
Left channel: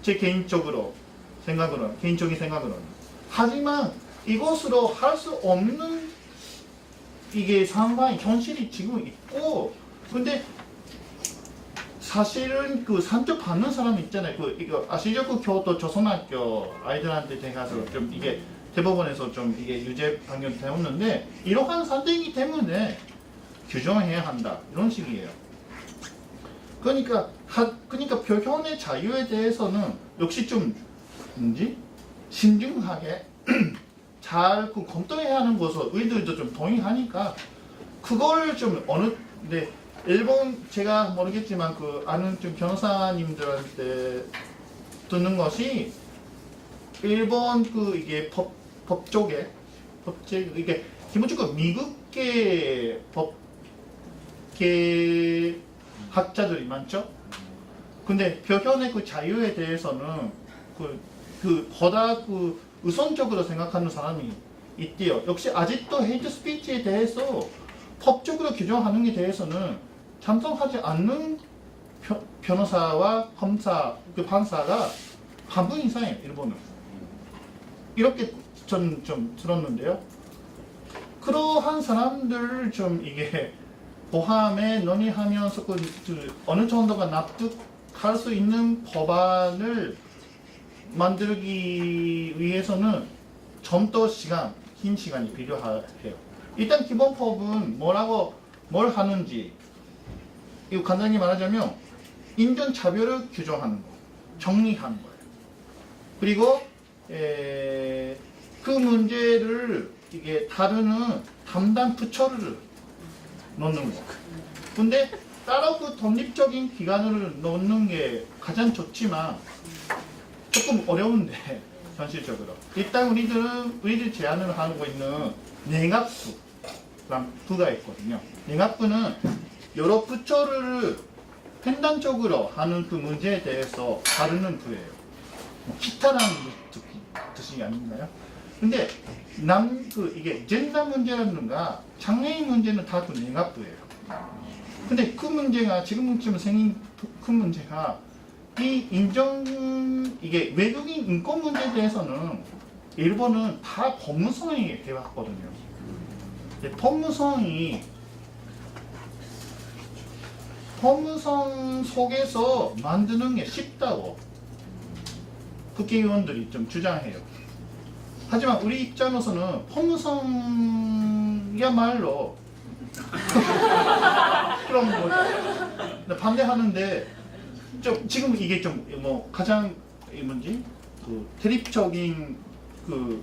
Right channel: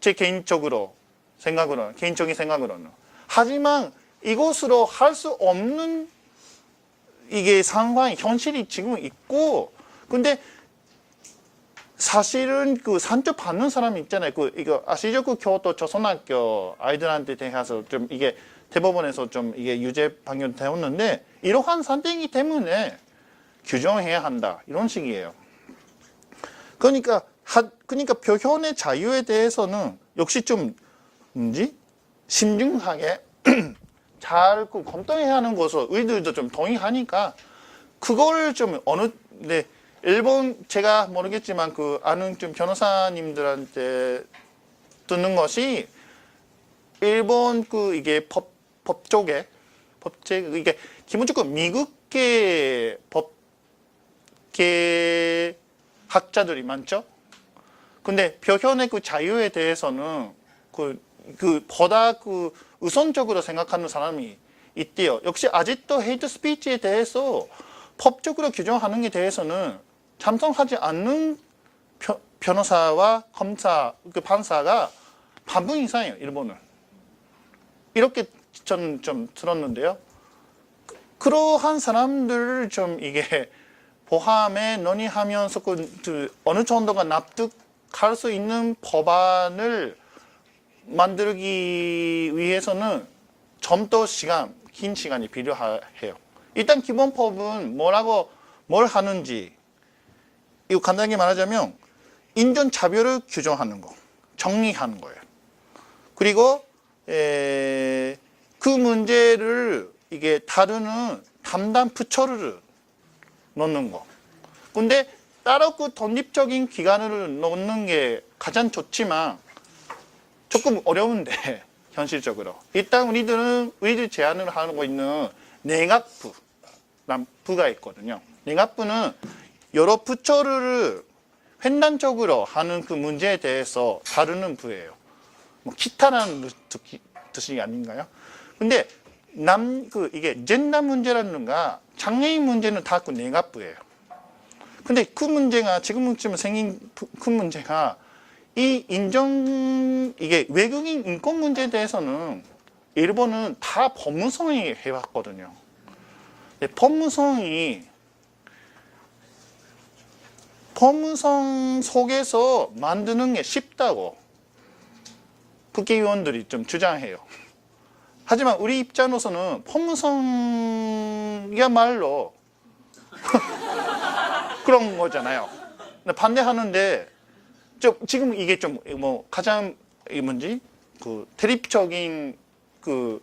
제 개인적인 생각으로는. 하지만 이것으로 할 수 없는 이게 상황이 현실이 지금 있고, 근데 사실은 그 산적 받는 사람이 있잖아요. 이거 아시죠? 그 교토 조선학교 아이들한테 대해서 좀 이게 대법원에서 좀 이게 유죄 판결 되었는데 이러한 사태이기 때문에 규정해야 한다 이런 식이에요. 그러니까 표현의 자유에 대해서는 역시 좀 신중하게 잘 검토해야 하는 것을 우리들도 좀 동의하니까 그걸 좀 근데 일본 제가 모르겠지만 그 아는 좀 변호사님들한테 듣는 것이 일본 그 이게 법 쪽에 이게 기본적으로 미국계 법계 학자들이 많죠. 근데 표현의 그 자유에 대해서는 보다 우선적으로 생각하는 사람이 있대요. 역시 아직도 헤이트 스피치에 대해서 법적으로 규정하는 게 대해서는 찬성하지 않는 변호사와 검사, 판사가 반분 이상이에요. 일본은. 이렇게 저는 좀 들었는데요. 그러한 사람들을 좀 이게 포함해 논의하면서 어느 정도가 납득할 수 있는 법안을 만들기 위해서는 좀 더 긴 시간이 필요해요. 일단 기본법은 뭘 하는지 이거 간단히 말하자면 인종차별을 규정하는 거, 정리하는 거예요. 그리고 그 문제를 이게 다루는 담당 부처를 놓는 거. 근데 따로 그 독립적인 기관을 놓는 게 가장 좋지만 조금 어려운데 현실적으로 일단 우리들 제안을 하고 있는 내각부가 있거든요. 랭학부는 여러 부처를 횡단적으로 하는 그 문제에 대해서 다루는 부예요. 뭐 기타라는 뜻이 아닌가요? 근데 이게 젠더 문제라든가 장애인 문제는 다 그 랭학부예요. 근데 그 문제가 지금쯤 생긴 그 문제가 이게 외국인 인권 문제에 대해서는 일본은 다 법무성이 해왔거든요. 법무성 속에서 만드는 게 쉽다고 국회의원들이 좀 주장해요. 하지만 우리 입장으로서는 법무성이야말로 그런 거잖아요. 반대하는데 지금 이게 좀 뭐 가장 그 대립적인 그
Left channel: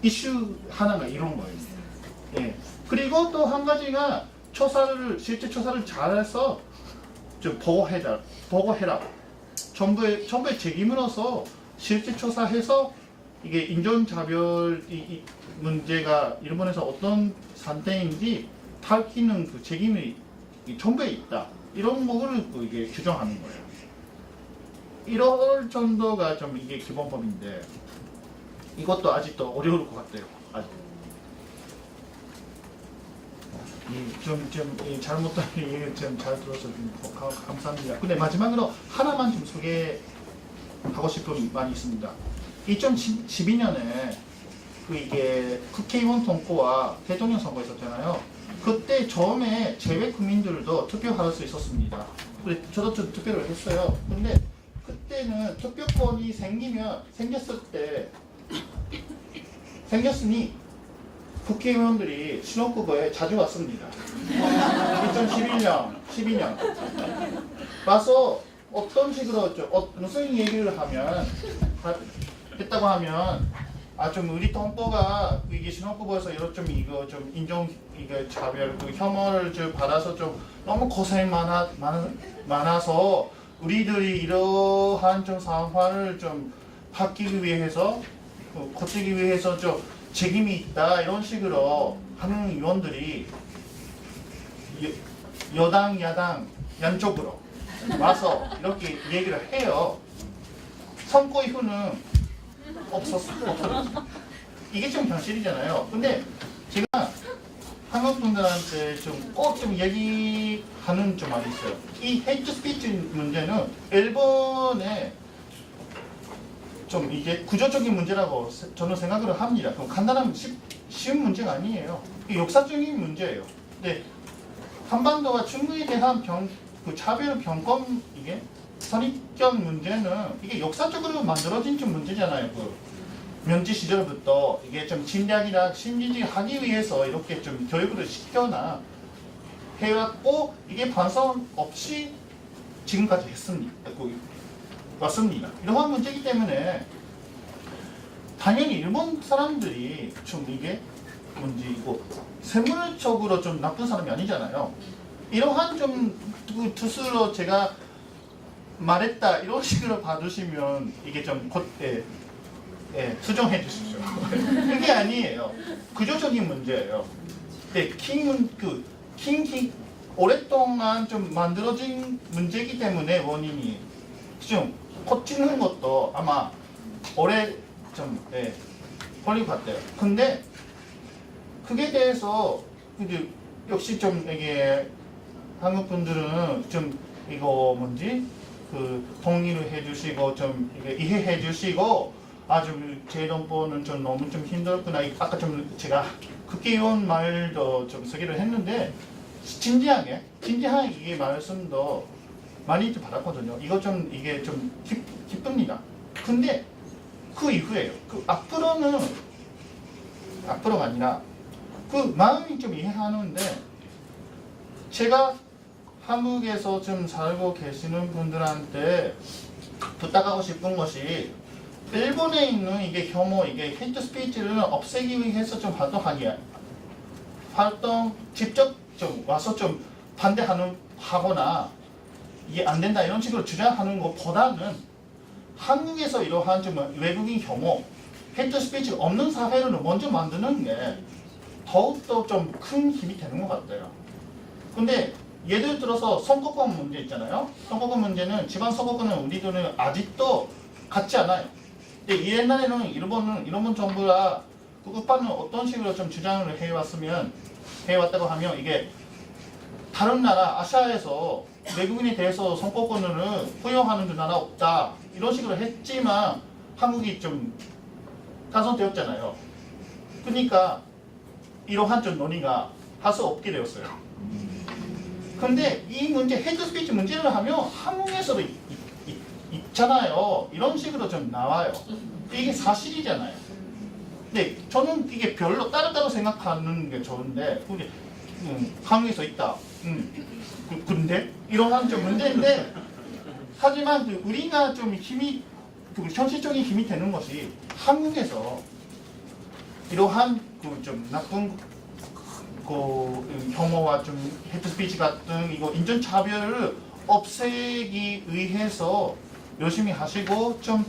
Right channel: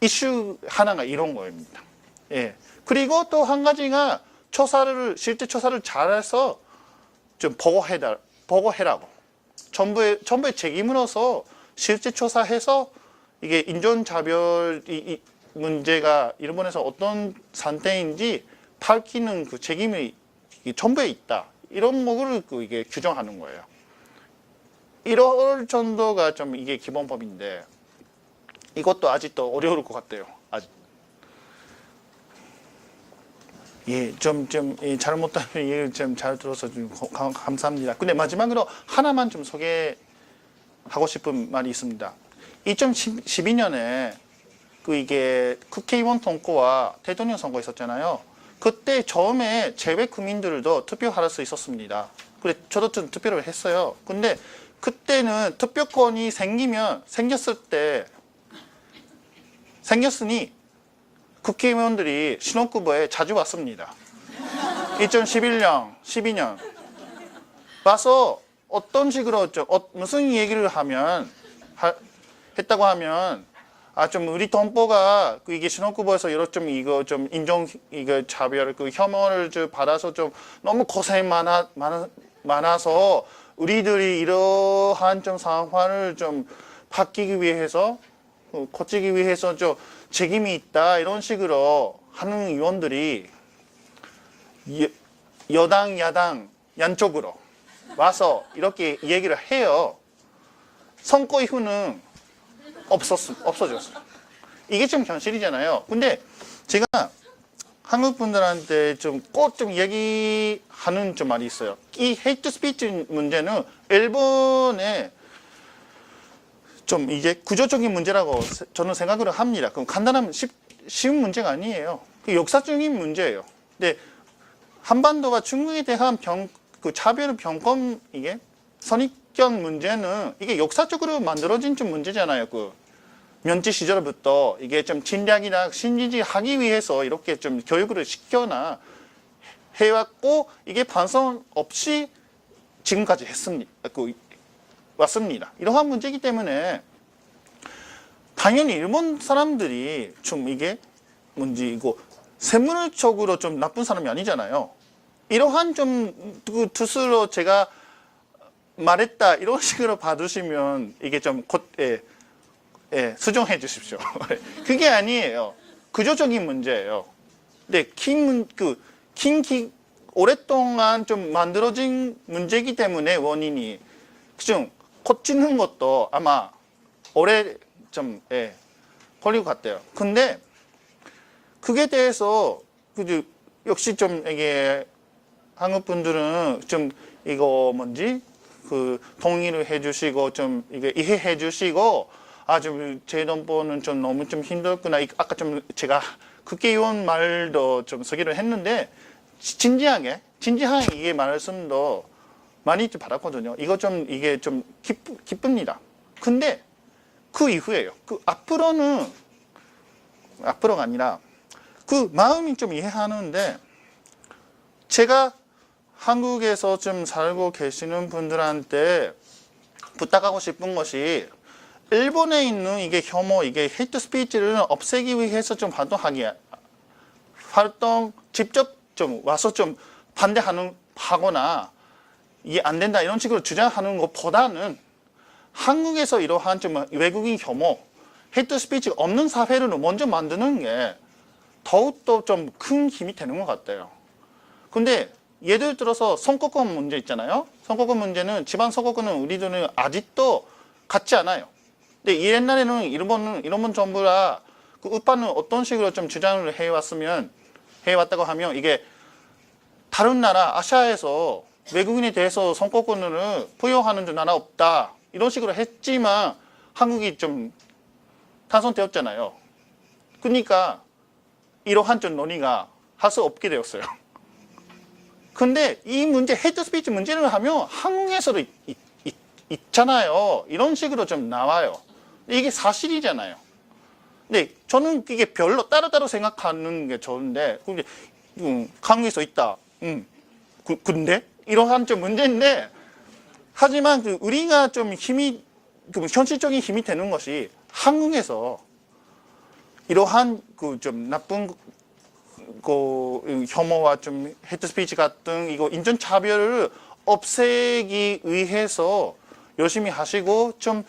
이슈 하나가 이런 거입니다. 예. 그리고 또 한 가지가 실제 조사를 잘해서 좀 보고해라고 정부의 책임으로서 실제 조사해서 이게 인종차별 이 문제가 일본에서 어떤 상태인지 밝히는 그 책임이 정부에 있다. 이런 거를 이게 규정하는 거예요. 이럴 정도가 좀 이게 기본법인데 이것도 아직도 어려울 것 같아요. 예, 좀 잘못하면 예, 좀 잘 들어서 좀 감사합니다. 근데 마지막으로 하나만 좀 소개하고 싶은 말이 있습니다. 2012년에 이게 국회의원 통과와 대통령 선거 있었잖아요. 그때 처음에 재외 국민들도 투표할 수 있었습니다. 그래 저도 좀 투표를 했어요. 근데 그때는 투표권이 생겼으니 국회의원들이 신혼구보에 자주 왔습니다. 2011년, 12년 와서 어떤 식으로 무슨 얘기를 했다고 하면 좀 우리 동포가 이게 신혼구보에서 이거 좀 인종 이거 차별 혐오를 좀 받아서 좀 너무 고생 많아서 우리들이 이러한 좀 상황을 좀 바뀌기 위해서 고치기 위해서 좀 책임이 있다 이런 식으로 하는 의원들이 여당 야당 양쪽으로 와서 이렇게 얘기를 해요. 선거 이후는 없어졌어요. 이게 좀 현실이잖아요. 근데 제가 한국 분들한테 꼭 얘기하는 좀 말이 있어요. 이 헤이트 스피치 문제는 일본의 좀 이제 구조적인 문제라고 저는 생각을 합니다. 그럼 간단한 쉬운 문제가 아니에요. 역사적인 문제예요. 근데 한반도가 중국에 대한 차별 병권 이게 선입견 문제는 이게 역사적으로 만들어진 좀 문제잖아요. 면치 시절부터 이게 좀 침략이나 신지지하기 위해서 이렇게 좀 교육을 시켜나 해왔고 이게 반성 없이 지금까지 왔습니다. 이러한 문제이기 때문에 당연히 일본 사람들이 좀 이게 문제이고 세물적으로 좀 나쁜 사람이 아니잖아요. 이러한 뜻으로 제가 말했다 이런 식으로 봐주시면 이게 좀 수정해 주십시오. 그게 아니에요. 구조적인 문제예요. 근데 오랫동안 좀 만들어진 문제이기 때문에 원인이 좀 고치는 것도 아마 오래 걸릴 것 같아요. 근데 그게 대해서 역시 좀 이게 한국 분들은 좀 이거 동의를 해주시고 좀 이게 이해해 주시고 제 동포는 좀 너무 좀 힘들구나. 아까 제가 국회의원 말도 좀 소개를 했는데 진지한 이게 말씀도 많이 받았거든요. 이게 좀 기쁩니다. 근데 그 이후에요. 앞으로가 아니라 마음이 좀 이해하는데 제가 한국에서 좀 살고 계시는 분들한테 부탁하고 싶은 것이 일본에 있는 이게 혐오, 이게 헤이트 스피치를 없애기 위해서 좀 직접 좀 와서 좀 하거나 이게 안 된다 이런 식으로 주장하는 것보다는 한국에서 이러한 좀 외국인 혐오, 헤이트 스피치가 없는 사회를 먼저 만드는 게 더욱더 좀 큰 힘이 되는 것 같아요. 근데 예를 들어서 선거권 문제 있잖아요. 선거권 문제는 지방선거권은 우리들은 아직도 같지 않아요. 근데 옛날에는 일본 정부가 그 우파는 어떤 식으로 좀 주장을 해왔다고 하면 이게 다른 나라 아시아에서 외국인에 대해서 선거권을 부여하는 나라 없다 이런 식으로 했지만 한국이 좀 당선되었잖아요. 그러니까 이러한 좀 논의가 할 수 없게 되었어요. 근데 이 문제 헤이트 스피치 문제를 하면 한국에서도 있잖아요. 이런 식으로 좀 나와요. 이게 사실이잖아요. 근데 저는 이게 별로 따로따로 생각하는 게 좋은데 근데 한국에서 있다. 근데 이러한 좀 문제인데 하지만 그 우리가 좀 힘이 그 현실적인 힘이 되는 것이 한국에서 이러한 그 좀 나쁜 그 혐오와 좀 헤이트 스피치 같은 이거 인종 차별을 없애기 위해서 열심히 하시고 좀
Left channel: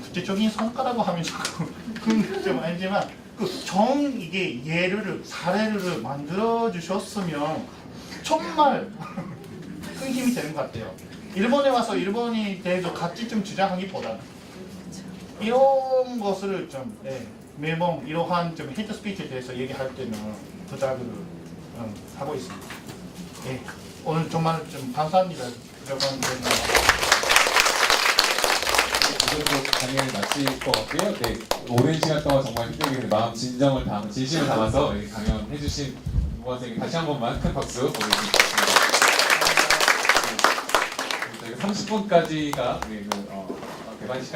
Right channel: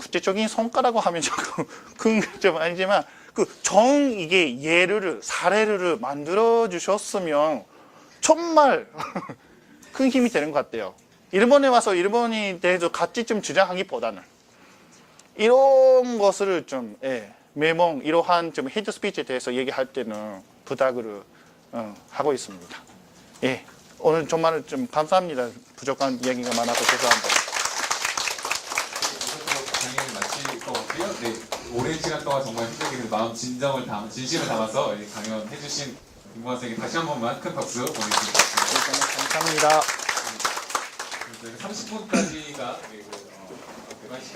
구체적인 성과라고 하면 조금 좀 아니지만 그 이게 사례를 만들어 주셨으면 정말 큰 힘이 되는 것 같아요. 일본에 와서 일본에 대해서 같이 좀 주장하기보다는 이런 것을 좀 매번 이러한 좀 헤이트 스피치에 대해서 얘기할 때는 부탁을 하고 있습니다. 예, 오늘 정말 좀 감사합니다. 부족한 이야기가 많아서 죄송합니다. 오늘 강의를 마칠 것 같고요. 네, 오랜 시간 동안 정말 휘적이는 진심을 담아서 강연해 주신 김광 선생님 다시 한 번만 큰 박수 보내드리겠습니다. 감사합니다. 저희가 30분까지가 개관 시간.